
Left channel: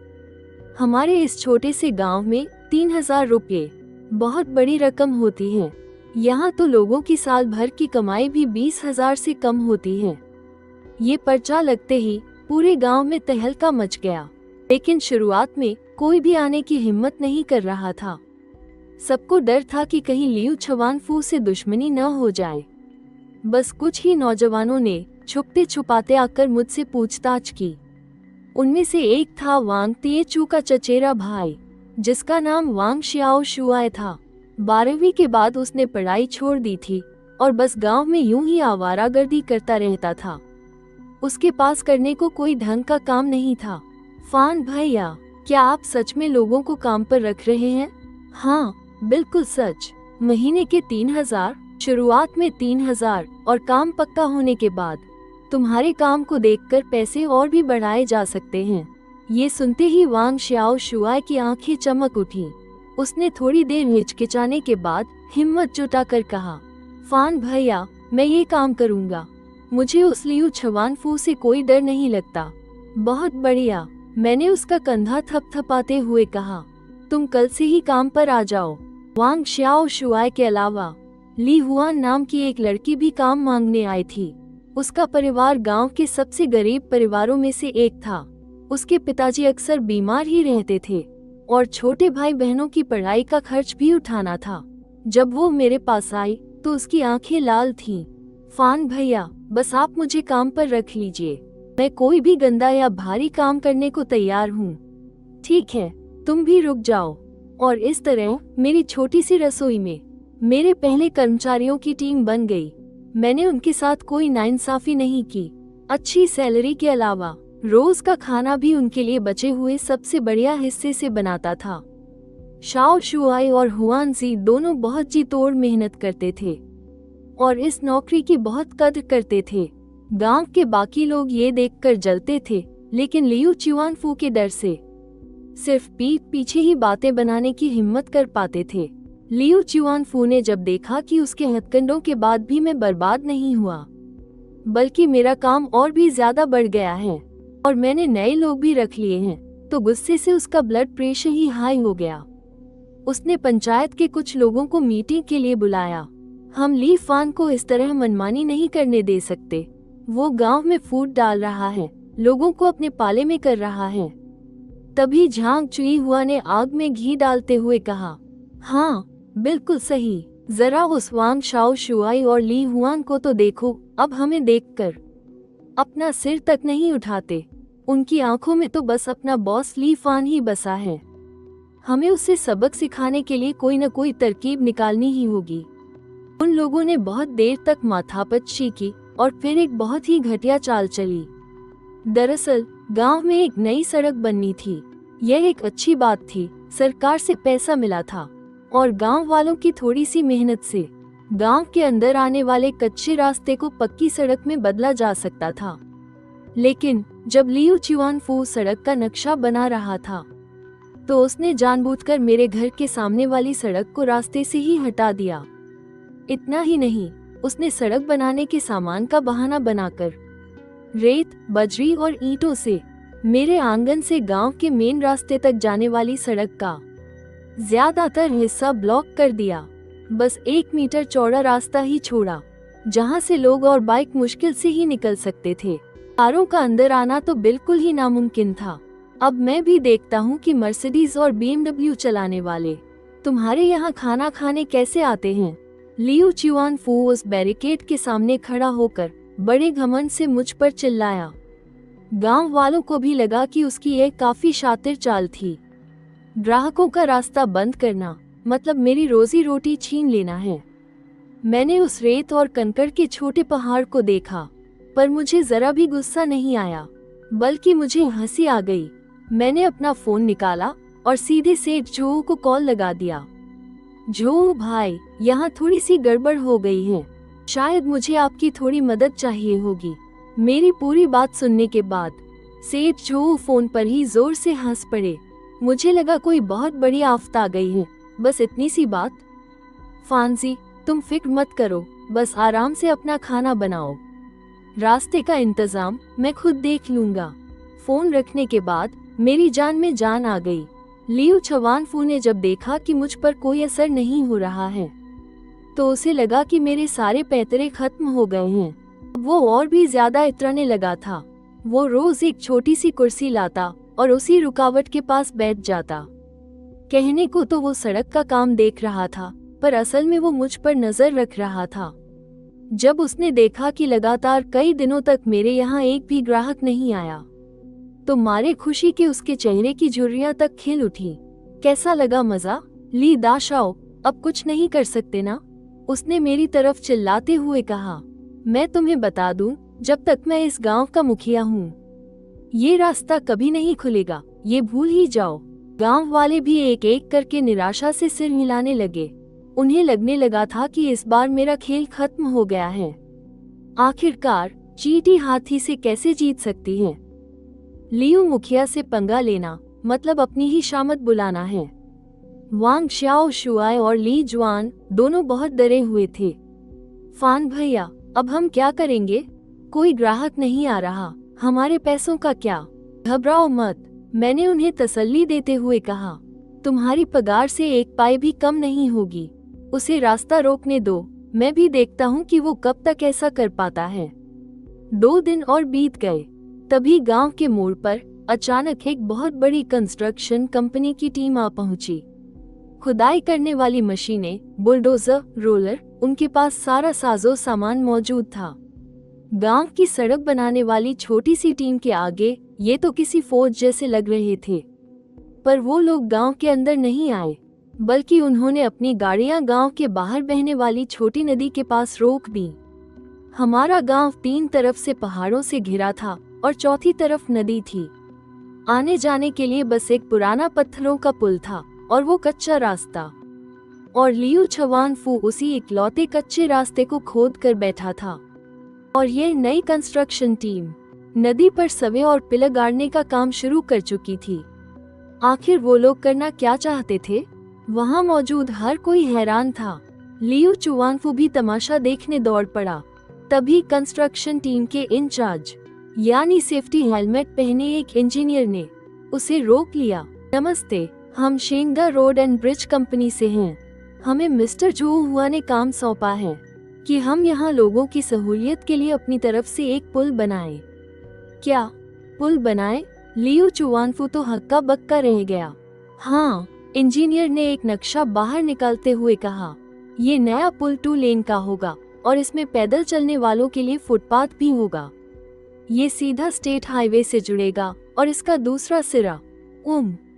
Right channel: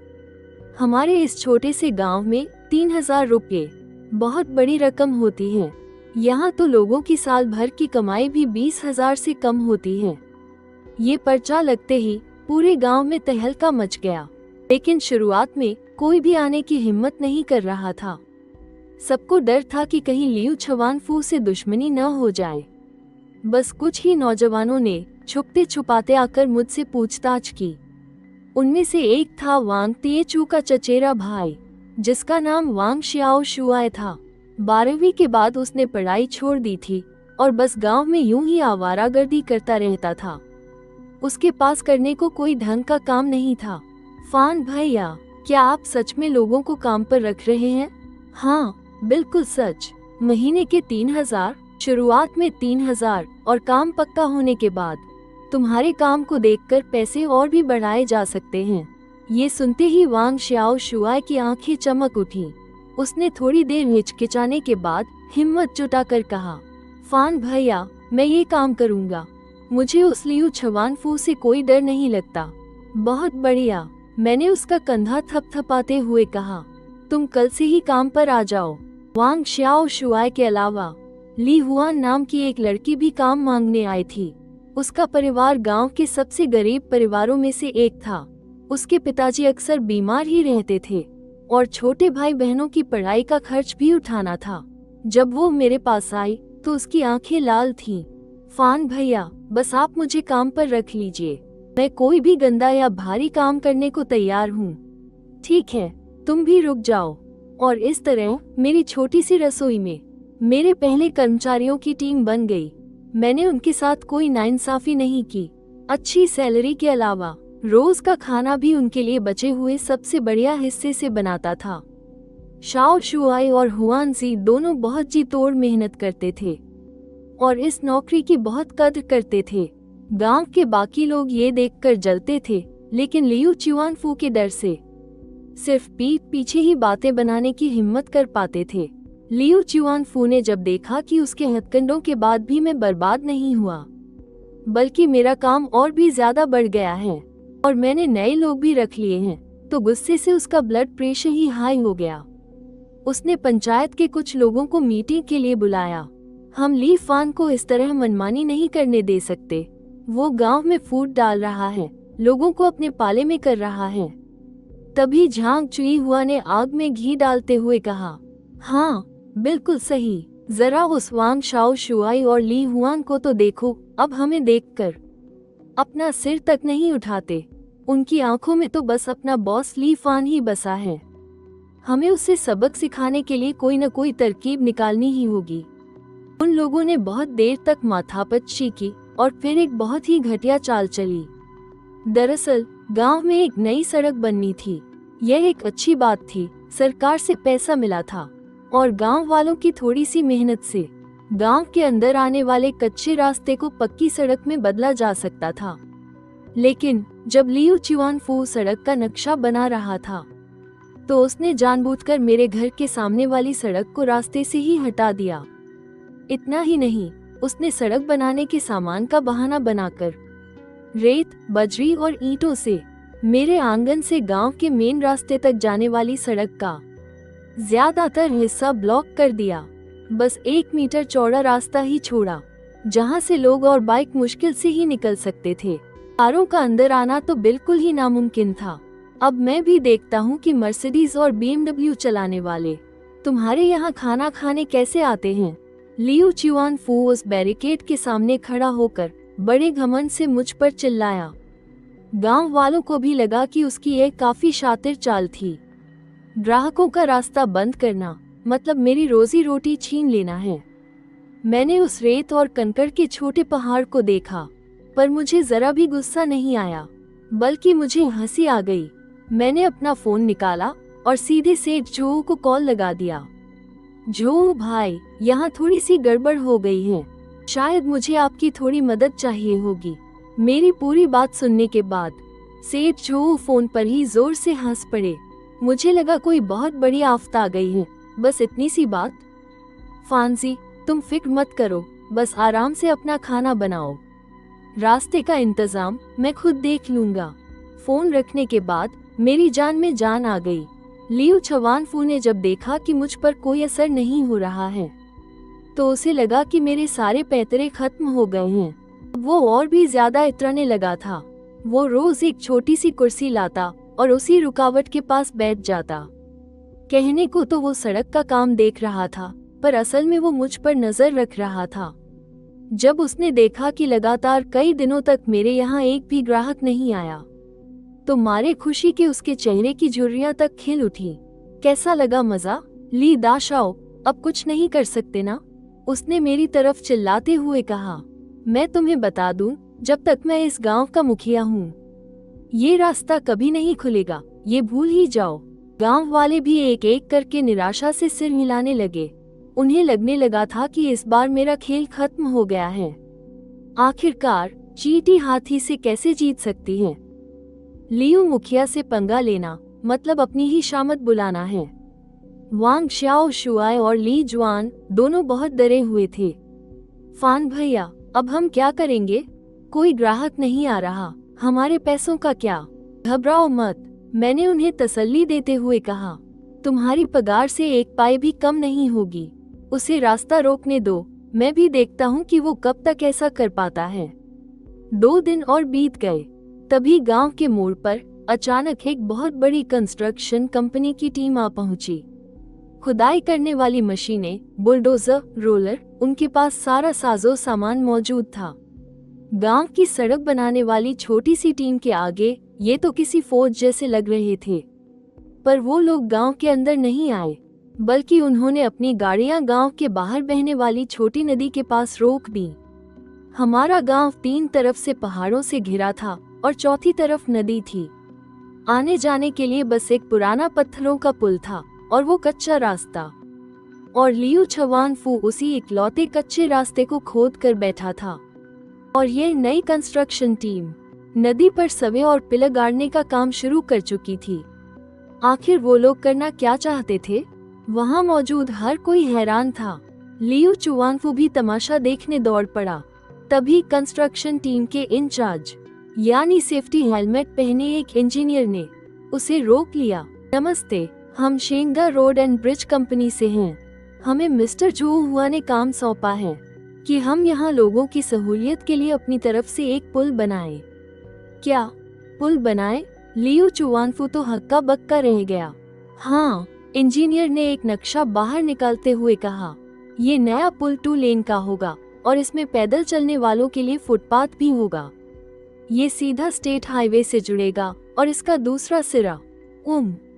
हमारे इस छोटे से गांव में 3000 रुपये बहुत बड़ी रकम होती है। यहाँ तो लोगों की साल भर की कमाई भी 20,000 से कम होती है। ये पर्चा लगते ही पूरे गांव में तहलका मच गया, लेकिन शुरुआत में कोई भी आने की हिम्मत नहीं कर रहा था। सबको डर था कि कहीं लियू छवानफू से दुश्मनी न हो जाए। बस कुछ ही नौजवानों ने छुपते छुपाते आकर मुझसे पूछताछ की। उनमें से एक था वांग तिएचू का चचेरा भाई, जिसका नाम वांग श्याओ शुआई था। 12वीं के बाद उसने पढ़ाई छोड़ दी थी और बस गांव में यूं ही आवारागर्दी करता रहता था। उसके पास करने को कोई ढंग का काम नहीं था। फान भैया, क्या आप सच में लोगों को काम पर रख रहे हैं? हाँ, बिल्कुल सच। महीने के 3000, शुरुआत में 3000 और काम पक्का होने के बाद तुम्हारे काम को देखकर पैसे और भी बढ़ाए जा सकते हैं। ये सुनते ही वांग श्याओ शुआई की आंखें चमक उठी। उसने थोड़ी देर हिचकिचाने के बाद हिम्मत जुटाकर कहा, फान भैया, मैं ये काम करूँगा। मुझे उस लियू छवानफू से कोई डर नहीं लगता। बहुत बढ़िया, मैंने उसका कंधा थपथपाते हुए कहा। तुम कल से ही काम पर आ जाओ। वांग श्याओ शुआई के अलावा ली हुआन नाम की एक लड़की भी काम मांगने आई थी। उसका परिवार गांव के सबसे गरीब परिवारों में से एक था। उसके पिताजी अक्सर बीमार ही रहते थे और छोटे भाई बहनों की पढ़ाई का खर्च भी उठाना था। जब वो मेरे पास आई तो उसकी आंखें लाल थीं। फान भैया, बस आप मुझे काम पर रख लीजिए। मैं कोई भी गंदा या भारी काम करने को तैयार हूँ। ठीक है, तुम भी रुक जाओ। और इस तरह मेरी छोटी सी रसोई में मेरे पहले कर्मचारियों की टीम बन गई। मैंने उनके साथ कोई नाइंसाफी नहीं की। अच्छी सैलरी के अलावा रोज का खाना भी उनके लिए बचे हुए सबसे बढ़िया हिस्से से बनाता था। शाओ शुआई और हुआन सी दोनों बहुत जी तोड़ मेहनत करते थे और इस नौकरी की बहुत कद्र करते थे। गांव के बाकी लोग ये देखकर जलते थे, लेकिन लियू चिवानफू के डर से सिर्फ पीठ पीछे ही बातें बनाने की हिम्मत कर पाते थे। लियू चिवानफू ने जब देखा कि उसके हथकंडों के बाद भी मैं बर्बाद नहीं हुआ, बल्कि मेरा काम और भी ज्यादा बढ़ गया है और मैंने नए लोग भी रख लिए हैं, तो गुस्से से उसका ब्लड प्रेशर ही हाई हो गया। उसने पंचायत के कुछ लोगों को मीटिंग के लिए बुलाया। हम ली फान को इस तरह मनमानी नहीं करने दे सकते। वो गांव में फूट डाल रहा है, लोगों को अपने पाले में कर रहा है। तभी झांग चुई हुआ ने आग में घी डालते हुए कहा, हाँ बिल्कुल सही। जरा उस वांग शाओ शुआई और ली हुआन को तो देखो। अब हमें देखकर अपना सिर तक नहीं उठाते। उनकी आंखों में तो बस अपना बॉस ली फान ही बसा है। हमें उसे सबक सिखाने के लिए कोई न कोई तरकीब निकालनी ही होगी। उन लोगों ने बहुत देर तक माथापच्ची की और फिर एक बहुत ही घटिया चाल चली। दरअसल गांव में एक नई सड़क बननी थी। यह एक अच्छी बात थी। सरकार से पैसा मिला था और गांव वालों की थोड़ी सी मेहनत से गांव के अंदर आने वाले कच्चे रास्ते को पक्की सड़क में बदला जा सकता था। लेकिन जब लियू चिवानफू सड़क का नक्शा बना रहा था तो उसने जानबूझकर मेरे घर के सामने वाली सड़क को रास्ते से ही हटा दिया। इतना ही नहीं, उसने सड़क बनाने के सामान का बहाना बनाकर रेत, बजरी और ईंटों से मेरे आंगन से गांव के मेन रास्ते तक जाने वाली सड़क का ज्यादातर हिस्सा ब्लॉक कर दिया। बस 1 मीटर चौड़ा रास्ता ही छोड़ा, जहां से लोग और बाइक मुश्किल से ही निकल सकते थे। कारों का अंदर आना तो बिल्कुल ही नामुमकिन था। अब मैं भी देखता हूँ कि मर्सिडीज और BMW चलाने वाले तुम्हारे यहाँ खाना खाने कैसे आते हैं। लियू चुआनफू उस बैरिकेड के सामने खड़ा होकर बड़े घमंड से मुझ पर चिल्लाया। गांव वालों को भी लगा कि उसकी एक काफी शातिर चाल थी। ग्राहकों का रास्ता बंद करना मतलब मेरी रोजी रोटी छीन लेना है। मैंने उस रेत और कंकड़ के छोटे पहाड़ को देखा, पर मुझे जरा भी गुस्सा नहीं आया, बल्कि मुझे हंसी आ गई। मैंने अपना फोन निकाला और सीधे सेठ जो को कॉल लगा दिया। जो भाई, यहाँ थोड़ी सी गड़बड़ हो गई है, शायद मुझे आपकी थोड़ी मदद चाहिए होगी। मेरी पूरी बात सुनने के बाद सेठ जो फोन पर ही जोर से हंस पड़े। मुझे लगा कोई बहुत बड़ी आफत आ गई है। बस इतनी सी बात? फांसी, तुम फिक्र मत करो, बस आराम से अपना खाना बनाओ, रास्ते का इंतजाम मैं खुद देख लूंगा। फोन रखने के बाद मेरी जान में जान आ गई। लियू चुआनफू ने जब देखा कि मुझ पर कोई असर नहीं हो रहा है, तो उसे लगा कि मेरे सारे पैतरे खत्म हो गए हैं। वो और भी ज्यादा इतराने लगा था। वो रोज एक छोटी सी कुर्सी लाता और उसी रुकावट के पास बैठ जाता। कहने को तो वो सड़क का काम देख रहा था, पर असल में वो मुझ पर नजर रख रहा था। जब उसने देखा कि लगातार कई दिनों तक मेरे यहाँ एक भी ग्राहक नहीं आया, तो मारे खुशी के उसके चेहरे की झुर्रियां तक खिल उठी। कैसा लगा मजा? ली दाशाओ, अब कुछ नहीं कर सकते ना? उसने मेरी तरफ चिल्लाते हुए कहा। मैं तुम्हें बता दूं, जब तक मैं इस गांव का मुखिया हूँ, ये रास्ता कभी नहीं खुलेगा, ये भूल ही जाओ। गांव वाले भी एक एक करके निराशा से सिर हिलाने लगे। उन्हें लगने लगा था कि इस बार मेरा खेल खत्म हो गया है। आखिरकार चींटी हाथी से कैसे जीत सकती है? लियू मुखिया से पंगा लेना मतलब अपनी ही शामत बुलाना है। वांग शाओ शुआई और ली जुआन दोनों बहुत डरे हुए थे। फान भैया, अब हम क्या करेंगे? कोई ग्राहक नहीं आ रहा, हमारे पैसों का क्या? घबराओ मत, मैंने उन्हें तसल्ली देते हुए कहा। तुम्हारी पगार से एक पाई भी कम नहीं होगी। उसे रास्ता रोकने दो, मैं भी देखता हूँ कि वो कब तक ऐसा कर पाता है। 2 दिन और बीत गए। तभी गांव के मोड़ पर अचानक एक बहुत बड़ी कंस्ट्रक्शन कंपनी की टीम आ पहुंची। खुदाई करने वाली मशीनें, बुलडोजर, रोलर, उनके पास सारा साजो सामान मौजूद था। गांव की सड़क बनाने वाली छोटी सी टीम के आगे ये तो किसी फौज जैसे लग रहे थे। पर वो लोग गांव के अंदर नहीं आए, बल्कि उन्होंने अपनी गाड़ियां गांव के बाहर बहने वाली छोटी नदी के पास रोक दी। हमारा गांव 3 तरफ से पहाड़ों से घिरा था और चौथी तरफ नदी थी। आने जाने के लिए बस एक पुराना पत्थरों का पुल था और वो कच्चा रास्ता। और लियू चुआनफू उसी इकलौते कच्चे रास्ते को खोद कर बैठा था। और ये नई कंस्ट्रक्शन टीम नदी पर सवे और पिलर गाड़ने का काम शुरू कर चुकी थी। आखिर वो लोग करना क्या चाहते थे? वहाँ मौजूद हर कोई हैरान था। लियू चुआनफू भी तमाशा देखने दौड़ पड़ा। तभी कंस्ट्रक्शन टीम के इंचार्ज यानी सेफ्टी हेलमेट पहने एक इंजीनियर ने उसे रोक लिया। नमस्ते, हम शेंगा रोड एंड ब्रिज कंपनी से हैं। हमें मिस्टर जो हुआ ने काम सौंपा है कि हम यहाँ लोगों की सहूलियत के लिए अपनी तरफ से एक पुल बनाएं। क्या पुल बनाएं? लियू चुआनफू तो हक्का बक्का रह गया। हाँ, इंजीनियर ने एक नक्शा बाहर निकालते हुए कहा। ये नया पुल 2 लेन का होगा और इसमें पैदल चलने वालों के लिए फुटपाथ भी होगा। ये सीधा स्टेट हाईवे से जुड़ेगा और इसका दूसरा सिरा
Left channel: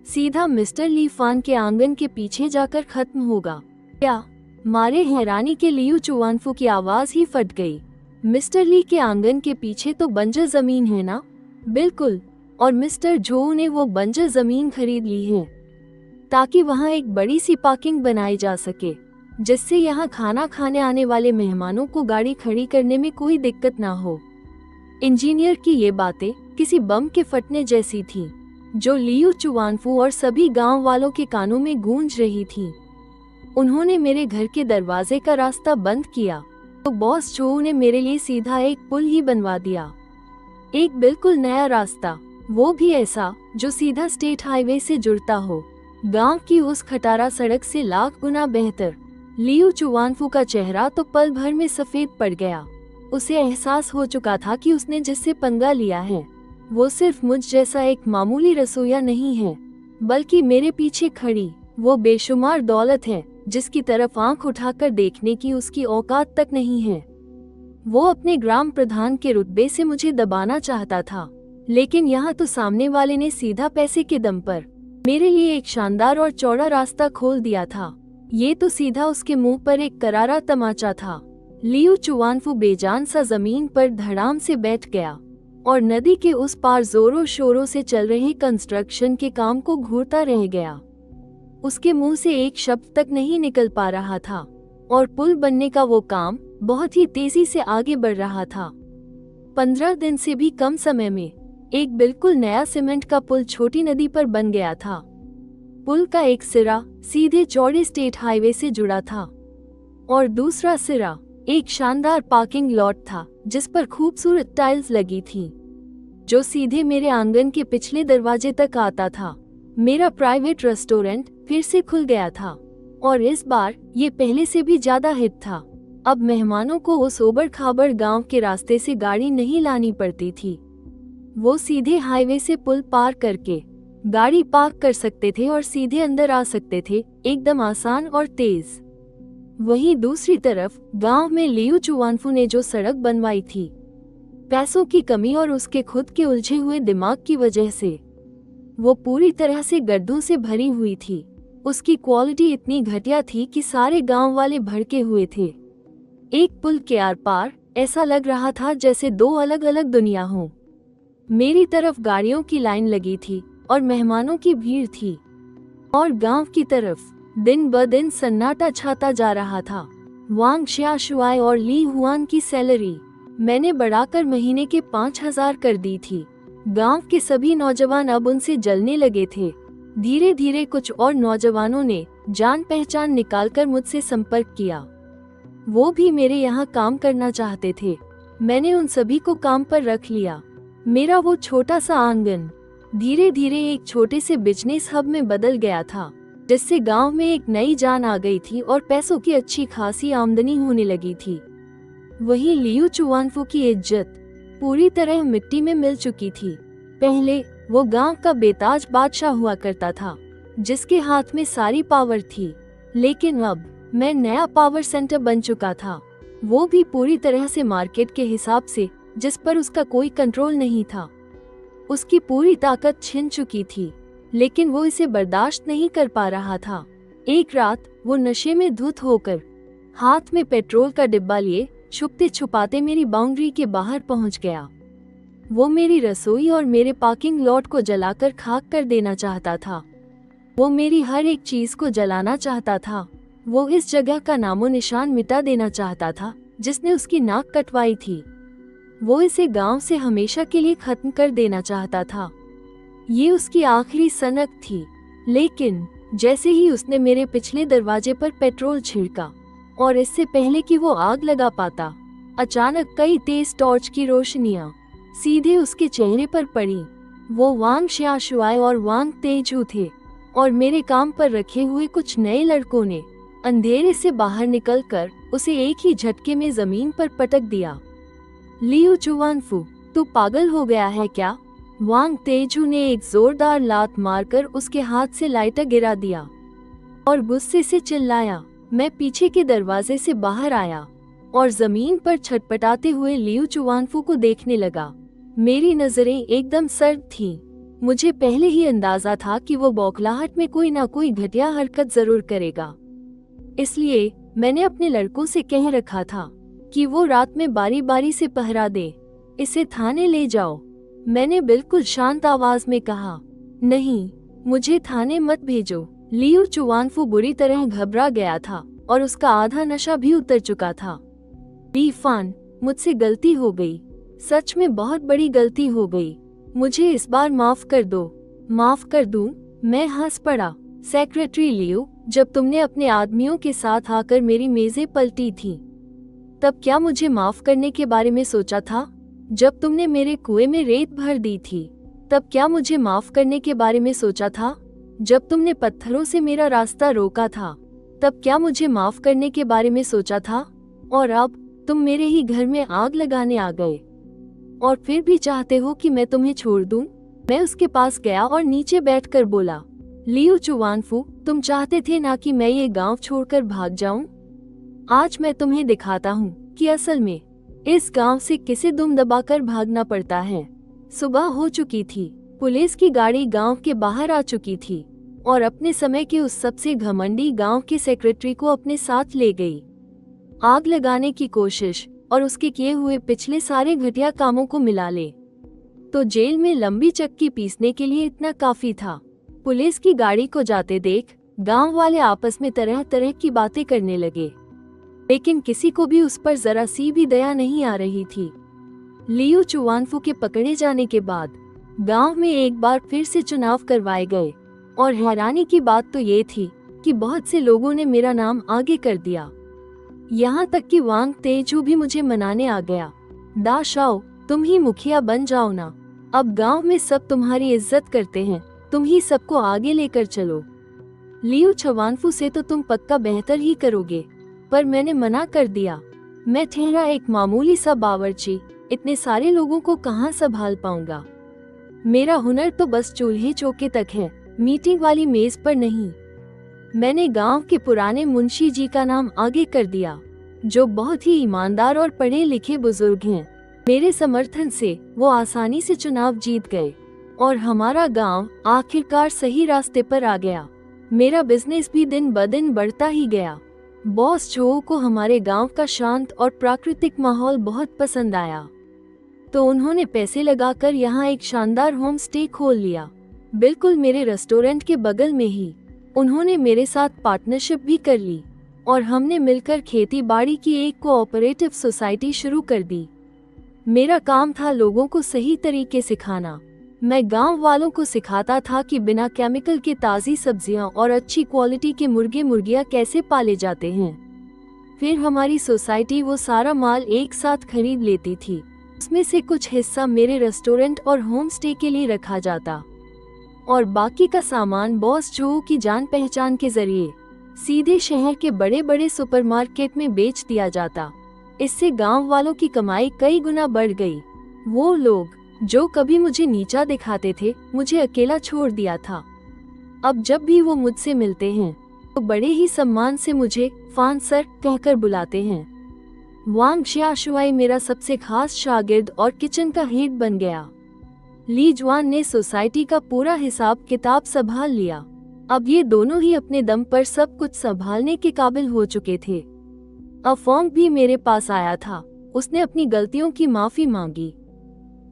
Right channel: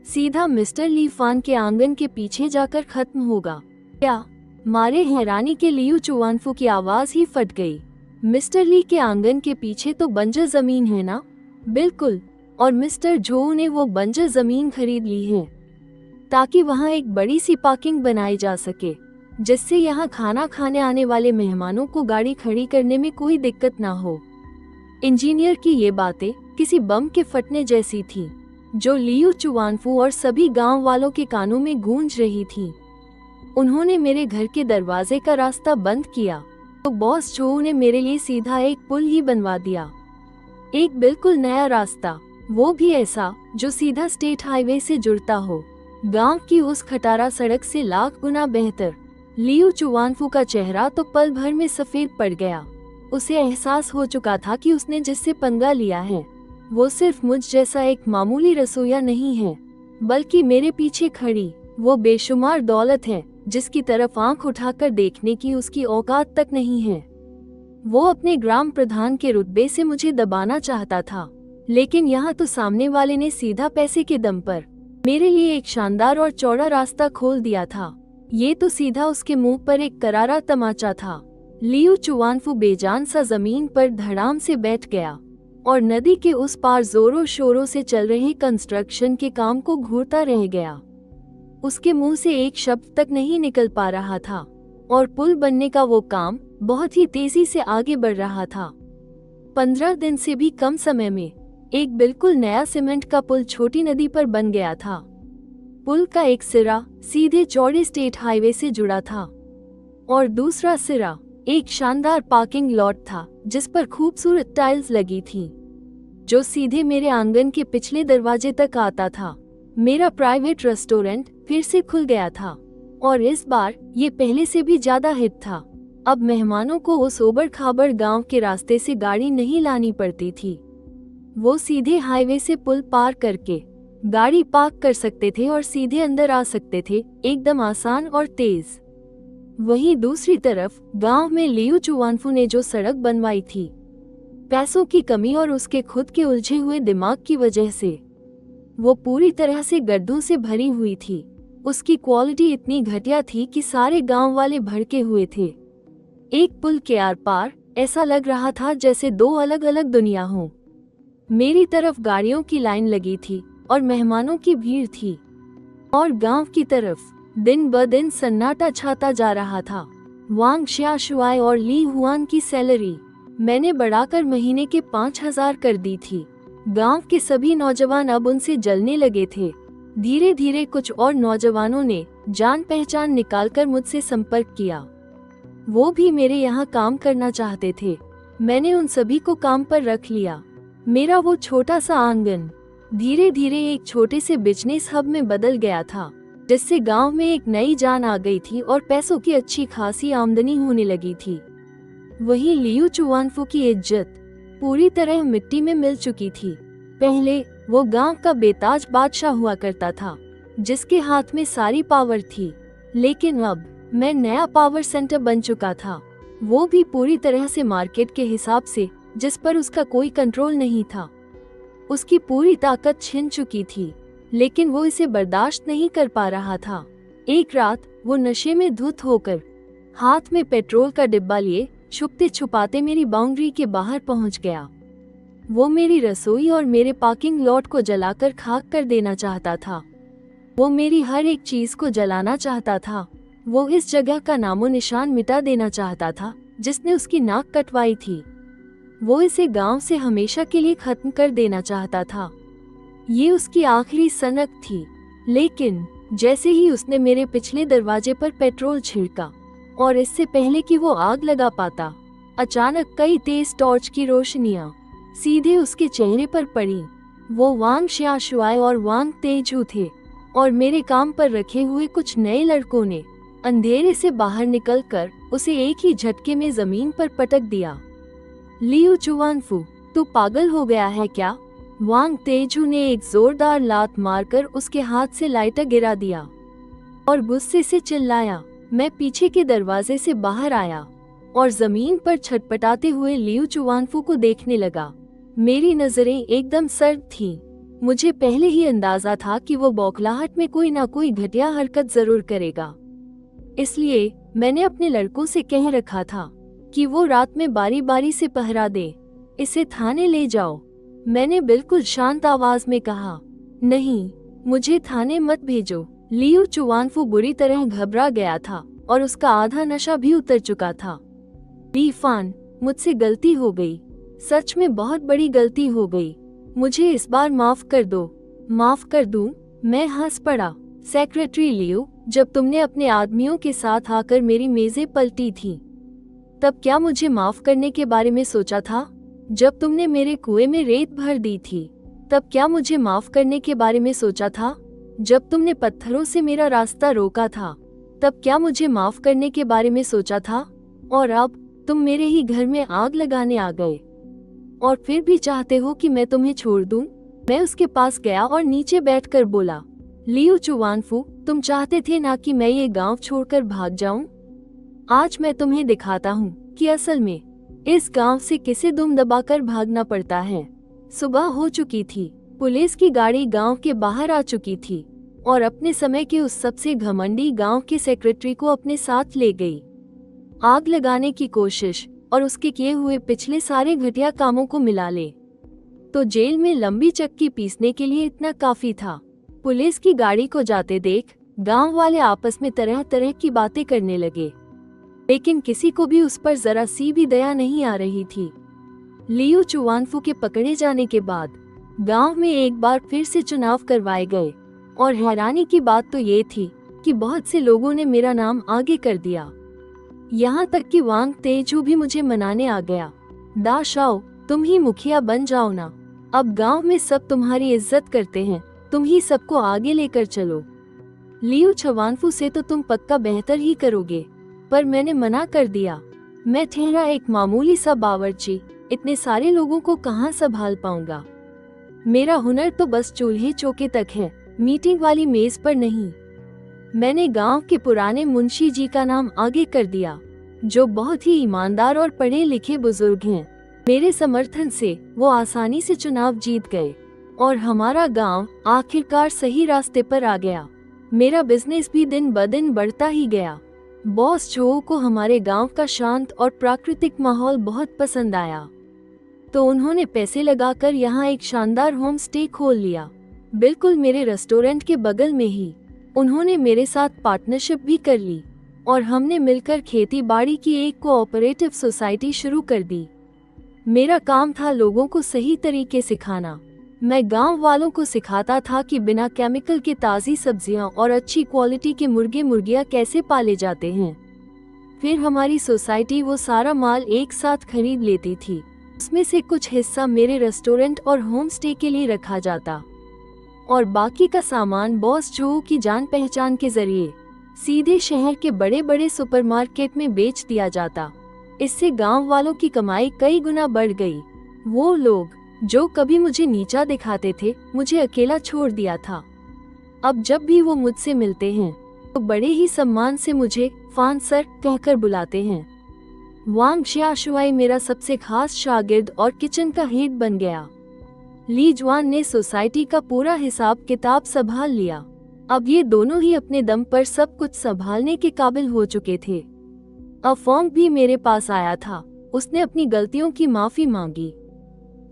सीधा मिस्टर ली फान के आंगन के पीछे जाकर खत्म होगा। क्या? मारे हैरानी के लियू चुआनफू की आवाज ही फट गई। मिस्टर ली के आंगन के पीछे तो बंजर जमीन है ना? बिल्कुल, और मिस्टर जो ने वो बंजर जमीन खरीद ली है ताकि वहाँ एक बड़ी सी पार्किंग बनाई जा सके, जिससे यहाँ खाना खाने आने वाले मेहमानों को गाड़ी खड़ी करने में कोई दिक्कत ना हो। इंजीनियर की ये बातें किसी बम के फटने जैसी थीं, जो लियू चुआनफू और सभी गांव वालों के कानों में गूंज रही थीं। उन्होंने मेरे घर के दरवाजे का रास्ता बंद किया तो बॉस जो ने मेरे लिए सीधा एक पुल ही बनवा दिया। एक बिल्कुल नया रास्ता, वो भी ऐसा जो सीधा स्टेट हाईवे से जुड़ता हो। गांव की उस खटारा सड़क से लाख गुना बेहतर। लियू चुआनफू का चेहरा तो पल भर में सफेद पड़ गया। उसे एहसास हो चुका था कि उसने जिससे पंगा लिया है वो सिर्फ मुझ जैसा एक मामूली रसोइया नहीं है, बल्कि मेरे पीछे खड़ी वो बेशुमार दौलत है जिसकी तरफ आंख उठाकर देखने की उसकी औकात तक नहीं है। वो अपने ग्राम प्रधान के रुतबे से मुझे दबाना चाहता था, लेकिन यहाँ तो सामने वाले ने सीधा पैसे के दम पर मेरे लिए एक शानदार और चौड़ा रास्ता खोल दिया था। ये तो सीधा उसके मुंह पर एक करारा तमाचा था। लियू चुआनफू बेजान सा जमीन पर धड़ाम से बैठ गया और नदी के उस पार जोरों शोरों से चल रहे कंस्ट्रक्शन के काम को घूरता रह गया। उसके मुंह से एक शब्द तक नहीं निकल पा रहा था और पुल बनने का वो काम बहुत ही तेजी से आगे बढ़ रहा था। 15 दिन से भी कम समय में एक बिल्कुल नया सीमेंट का पुल छोटी नदी पर बन गया था। पुल का एक सिरा सीधे चौड़े स्टेट हाईवे से जुड़ा था और दूसरा सिरा एक शानदार पार्किंग लॉट था जिस पर खूबसूरत टाइल्स लगी थी, जो सीधे मेरे आंगन के पिछले दरवाजे तक आता था। मेरा प्राइवेट रेस्टोरेंट फिर से खुल गया था और इस बार ये पहले से भी ज्यादा हिट था। अब मेहमानों को उस ओबड़ खाबड़ गांव के रास्ते से गाड़ी नहीं लानी पड़ती थी। वो सीधे हाईवे से पुल पार करके गाड़ी पार्क कर सकते थे और सीधे अंदर आ सकते थे, एकदम आसान और तेज। वहीं दूसरी तरफ गांव में लियू चुआनफू ने जो सड़क बनवाई थी, पैसों की कमी और उसके खुद के उलझे हुए दिमाग की वजह से वो पूरी तरह से गड्ढों से भरी हुई थी। उसकी क्वालिटी इतनी घटिया थी कि सारे गांव वाले भड़के हुए थे। एक पुल के आर पार ऐसा लग रहा था जैसे दो अलग अलग दुनिया हो। मेरी तरफ गाड़ियों की लाइन लगी थी और मेहमानों की भीड़ थी, और गांव की तरफ दिन ब दिन सन्नाटा छाता जा रहा था। वांग शियाशुआई और ली हुआन की सैलरी मैंने बढ़ाकर महीने के 5,000 कर दी थी। गांव के सभी नौजवान अब उनसे जलने लगे थे। धीरे धीरे कुछ और नौजवानों ने जान पहचान निकालकर मुझसे संपर्क किया। वो भी मेरे यहाँ काम करना चाहते थे। मैंने उन सभी को काम पर रख लिया। मेरा वो छोटा सा आंगन धीरे धीरे एक छोटे से बिजनेस हब में बदल गया था, जिससे गांव में एक नई जान आ गई थी और पैसों की अच्छी खासी आमदनी होने लगी थी। वहीं लियू चुआनफू की इज्जत पूरी तरह मिट्टी में मिल चुकी थी। पहले वो गांव का बेताज बादशाह हुआ करता था, जिसके हाथ में सारी पावर थी, लेकिन अब मैं नया पावर सेंटर बन चुका था, वो भी पूरी तरह से मार्केट के हिसाब से, जिस पर उसका कोई कंट्रोल नहीं था। उसकी पूरी ताकत छिन चुकी थी, लेकिन वो इसे बर्दाश्त नहीं कर पा रहा था। एक रात वो नशे में धुत होकर हाथ में पेट्रोल का डिब्बा लिए छुपते छुपाते मेरी बाउंड्री के बाहर पहुंच गया। वो मेरी रसोई और मेरे पार्किंग लॉट को जलाकर खाक कर देना चाहता था। वो मेरी हर एक चीज को जलाना चाहता था। वो इस जगह का नामो निशान मिटा देना चाहता था जिसने उसकी नाक कटवाई थी। वो इसे गांव से हमेशा के लिए खत्म कर देना चाहता था। ये उसकी आखिरी सनक थी। लेकिन जैसे ही उसने मेरे पिछले दरवाजे पर पेट्रोल छिड़का और इससे पहले कि वो आग लगा पाता, अचानक कई तेज टॉर्च की रोशनियां सीधे उसके चेहरे पर पड़ी। वो वांग शियाशुआई और वांग तेजू थे और मेरे काम पर रखे हुए कुछ नए लड़कों ने अंधेरे से बाहर निकलकर उसे एक ही झटके में जमीन पर पटक दिया। लियू चुआनफू, तू पागल हो गया है क्या? वांग तेजू ने एक जोरदार लात मारकर उसके हाथ से लाइटर गिरा दिया और गुस्से से चिल्लाया। मैं पीछे के दरवाजे से बाहर आया और जमीन पर छटपटाते हुए लियू चुआनफू को देखने लगा। मेरी नजरें एकदम सर्द थीं। मुझे पहले ही अंदाजा था कि वो बौखलाहट में कोई ना कोई घटिया हरकत जरूर करेगा, इसलिए मैंने अपने लड़कों से कह रखा था कि वो रात में बारी बारी से पहरा दे। इसे थाने ले जाओ। मैंने बिल्कुल शांत आवाज में कहा। नहीं, मुझे थाने मत भेजो। लियू चुआनफू बुरी तरह घबरा गया था और उसका आधा नशा भी उतर चुका था। ली फान, मुझसे गलती हो गई, सच में बहुत बड़ी गलती हो गई। मुझे इस बार माफ कर दो। माफ कर दूं? मैं हंस पड़ा। सेक्रेटरी लियू, जब तुमने अपने आदमियों के साथ आकर मेरी मेजें पलटी थी, तब क्या मुझे माफ करने के बारे में सोचा था? जब तुमने मेरे कुएं में रेत भर दी थी, तब क्या मुझे माफ करने के बारे में सोचा था? जब तुमने पत्थरों से मेरा रास्ता रोका था, तब क्या मुझे माफ करने के बारे में सोचा था? और अब तुम मेरे ही घर में आग लगाने आ गए और फिर भी चाहते हो कि मैं तुम्हें छोड़ दूं? मैं उसके पास गया और नीचे बैठकर बोला, लियो चुवानफू, तुम चाहते थे ना कि मैं ये गांव छोड़कर भाग जाऊं? आज मैं तुम्हें दिखाता हूँ कि असल में इस गांव से किसे दुम दबाकर भागना पड़ता है। सुबह हो चुकी थी। पुलिस की गाड़ी गांव के बाहर आ चुकी थी और अपने समय के उस सबसे घमंडी गांव के सेक्रेटरी को अपने साथ ले गई। आग लगाने की कोशिश और उसके किए हुए पिछले सारे घटिया कामों को मिला ले तो जेल में लंबी चक्की पीसने के लिए इतना काफी था। पुलिस की गाड़ी को जाते देख गांव वाले आपस में तरह तरह की बातें करने लगे, लेकिन किसी को भी उस पर जरा सी भी दया नहीं आ रही थी। लियो चुवानफू के पकड़े जाने के बाद गांव में एक बार फिर से चुनाव करवाए गए और हैरानी की बात तो ये थी कि बहुत से लोगों ने मेरा नाम आगे कर दिया। यहाँ तक कि वांग तेजू भी मुझे मनाने आ गया। दा शाओ, तुम ही मुखिया बन जाओ ना। अब गांव में सब तुम्हारी इज्जत करते हैं, तुम ही सबको आगे लेकर चलो। लियो चुवानफू से तो तुम पक्का बेहतर ही करोगे, पर मैंने मना कर दिया। मैं ठहरा एक मामूली सा बावर्ची, इतने सारे लोगों को कहाँ संभाल पाऊंगा। मेरा हुनर तो बस चूल्हे चौके तक है, मीटिंग वाली मेज पर नहीं। मैंने गांव के पुराने मुंशी जी का नाम आगे कर दिया, जो बहुत ही ईमानदार और पढ़े लिखे बुजुर्ग हैं। मेरे समर्थन से वो आसानी से चुनाव जीत गए और हमारा गांव आखिरकार सही रास्ते पर आ गया। मेरा बिजनेस भी दिन ब दिन बढ़ता ही गया। बॉस जो को हमारे गांव का शांत और प्राकृतिक माहौल बहुत पसंद आया, तो उन्होंने पैसे लगाकर यहाँ एक शानदार होम स्टे खोल लिया, बिल्कुल मेरे रेस्टोरेंट के बगल में ही। उन्होंने मेरे साथ पार्टनरशिप भी कर ली और हमने मिलकर खेती बाड़ी की एक कोऑपरेटिव सोसाइटी शुरू कर दी। मेरा काम था लोगों को सही तरीके सिखाना। मैं गांव वालों को सिखाता था कि बिना केमिकल के ताज़ी सब्जियां और अच्छी क्वालिटी के मुर्गे मुर्गियां कैसे पाले जाते हैं। फिर हमारी सोसाइटी वो सारा माल एक साथ खरीद लेती थी। उसमें से कुछ हिस्सा मेरे रेस्टोरेंट और होम स्टे के लिए रखा जाता और बाकी का सामान बॉस जो की जान पहचान के जरिए सीधे शहर के बड़े बड़े सुपरमार्केट में बेच दिया जाता। इससे गांव वालों की कमाई कई गुना बढ़ गई। वो लोग जो कभी मुझे नीचा दिखाते थे, मुझे अकेला छोड़ दिया था। अब जब भी वो मुझसे मिलते हैं तो बड़े ही सम्मान से मुझे फान सर कहकर बुलाते हैं। वांग xiaoshuai मेरा सबसे खास शागिर्द और किचन का हेड बन गया। ली जुआन ने सोसाइटी का पूरा हिसाब किताब संभाल लिया। अब ये दोनों ही अपने दम पर सब कुछ संभालने के काबिल हो चुके थे। अफोंग भी मेरे पास आया था। उसने अपनी गलतियों की माफी मांगी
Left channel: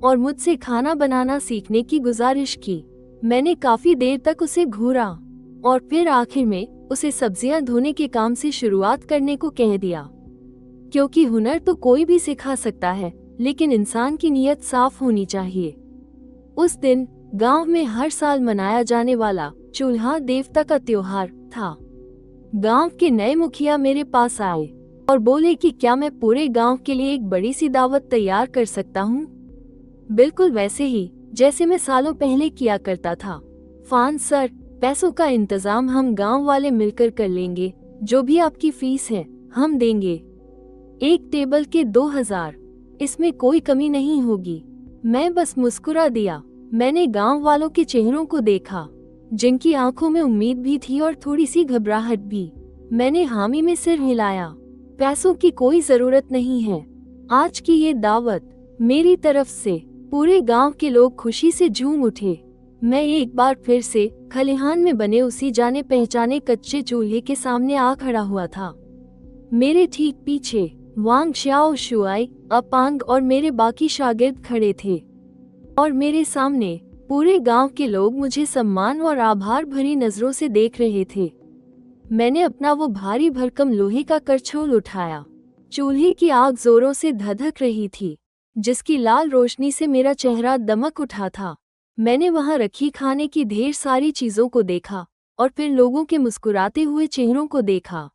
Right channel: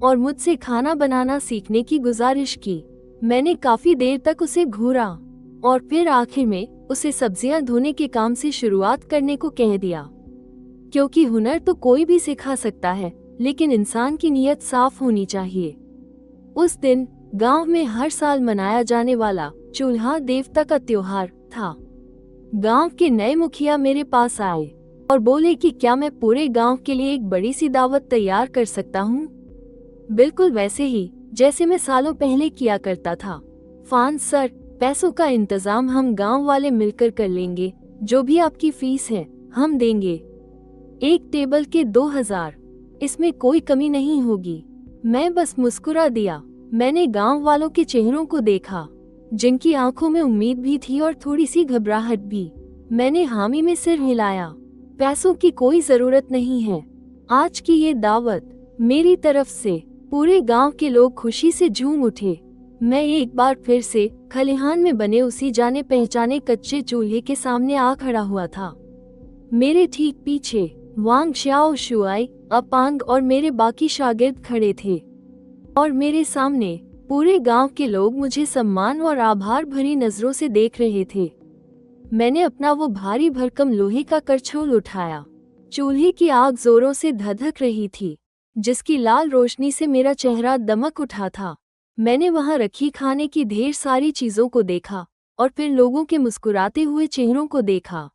और मुझसे खाना बनाना सीखने की गुजारिश की। मैंने काफी देर तक उसे घूरा और फिर आखिर में उसे सब्जियां धोने के काम से शुरुआत करने को कह दिया, क्योंकि हुनर तो कोई भी सिखा सकता है, लेकिन इंसान की नीयत साफ होनी चाहिए। उस दिन गांव में हर साल मनाया जाने वाला चूल्हा देवता का त्योहार था। गांव के नए मुखिया मेरे पास आए और बोले कि क्या मैं पूरे गांव के लिए एक बड़ी सी दावत तैयार कर सकता हूँ, बिल्कुल वैसे ही जैसे मैं सालों पहले किया करता था। फान सर, पैसों का इंतजाम हम गांव वाले मिलकर कर लेंगे। जो भी आपकी फीस है हम देंगे। एक टेबल के 2000, इसमें कोई कमी नहीं होगी। मैं बस मुस्कुरा दिया। मैंने गांव वालों के चेहरों को देखा, जिनकी आंखों में उम्मीद भी थी और थोड़ी सी घबराहट भी। मैंने हामी में सिर हिलाया। पैसों की कोई जरूरत नहीं है। आज की ये दावत मेरी तरफ से। पूरे गांव के लोग खुशी से झूम उठे। मैं एक बार फिर से खलिहान में बने उसी जाने पहचाने कच्चे चूल्हे के सामने आ खड़ा हुआ था। मेरे ठीक पीछे वांग xiaoshuai, अपांग और मेरे बाकी शागिर्द खड़े थे और मेरे सामने पूरे गांव के लोग मुझे सम्मान और आभार भरी नजरों से देख रहे थे। मैंने अपना वो भारी भरकम लोहे का करछोल उठाया। चूल्हे की आग जोरों से धधक रही थी, जिसकी लाल रोशनी से मेरा चेहरा दमक उठा था। मैंने वहां रखी खाने की ढेर सारी चीजों को देखा और फिर लोगों के मुस्कुराते हुए चेहरों को देखा।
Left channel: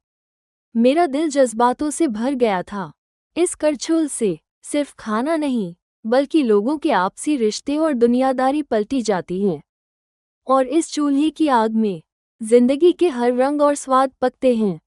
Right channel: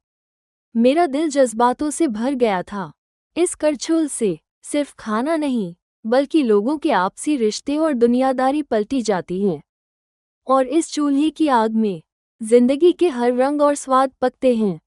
मेरा दिल जज्बातों से भर गया था। इस करछोल से सिर्फ खाना नहीं, बल्कि लोगों के आपसी रिश्ते और दुनियादारी पलटी जाती है। और इस चूल्हे की आग में जिंदगी के हर रंग और स्वाद पकते हैं।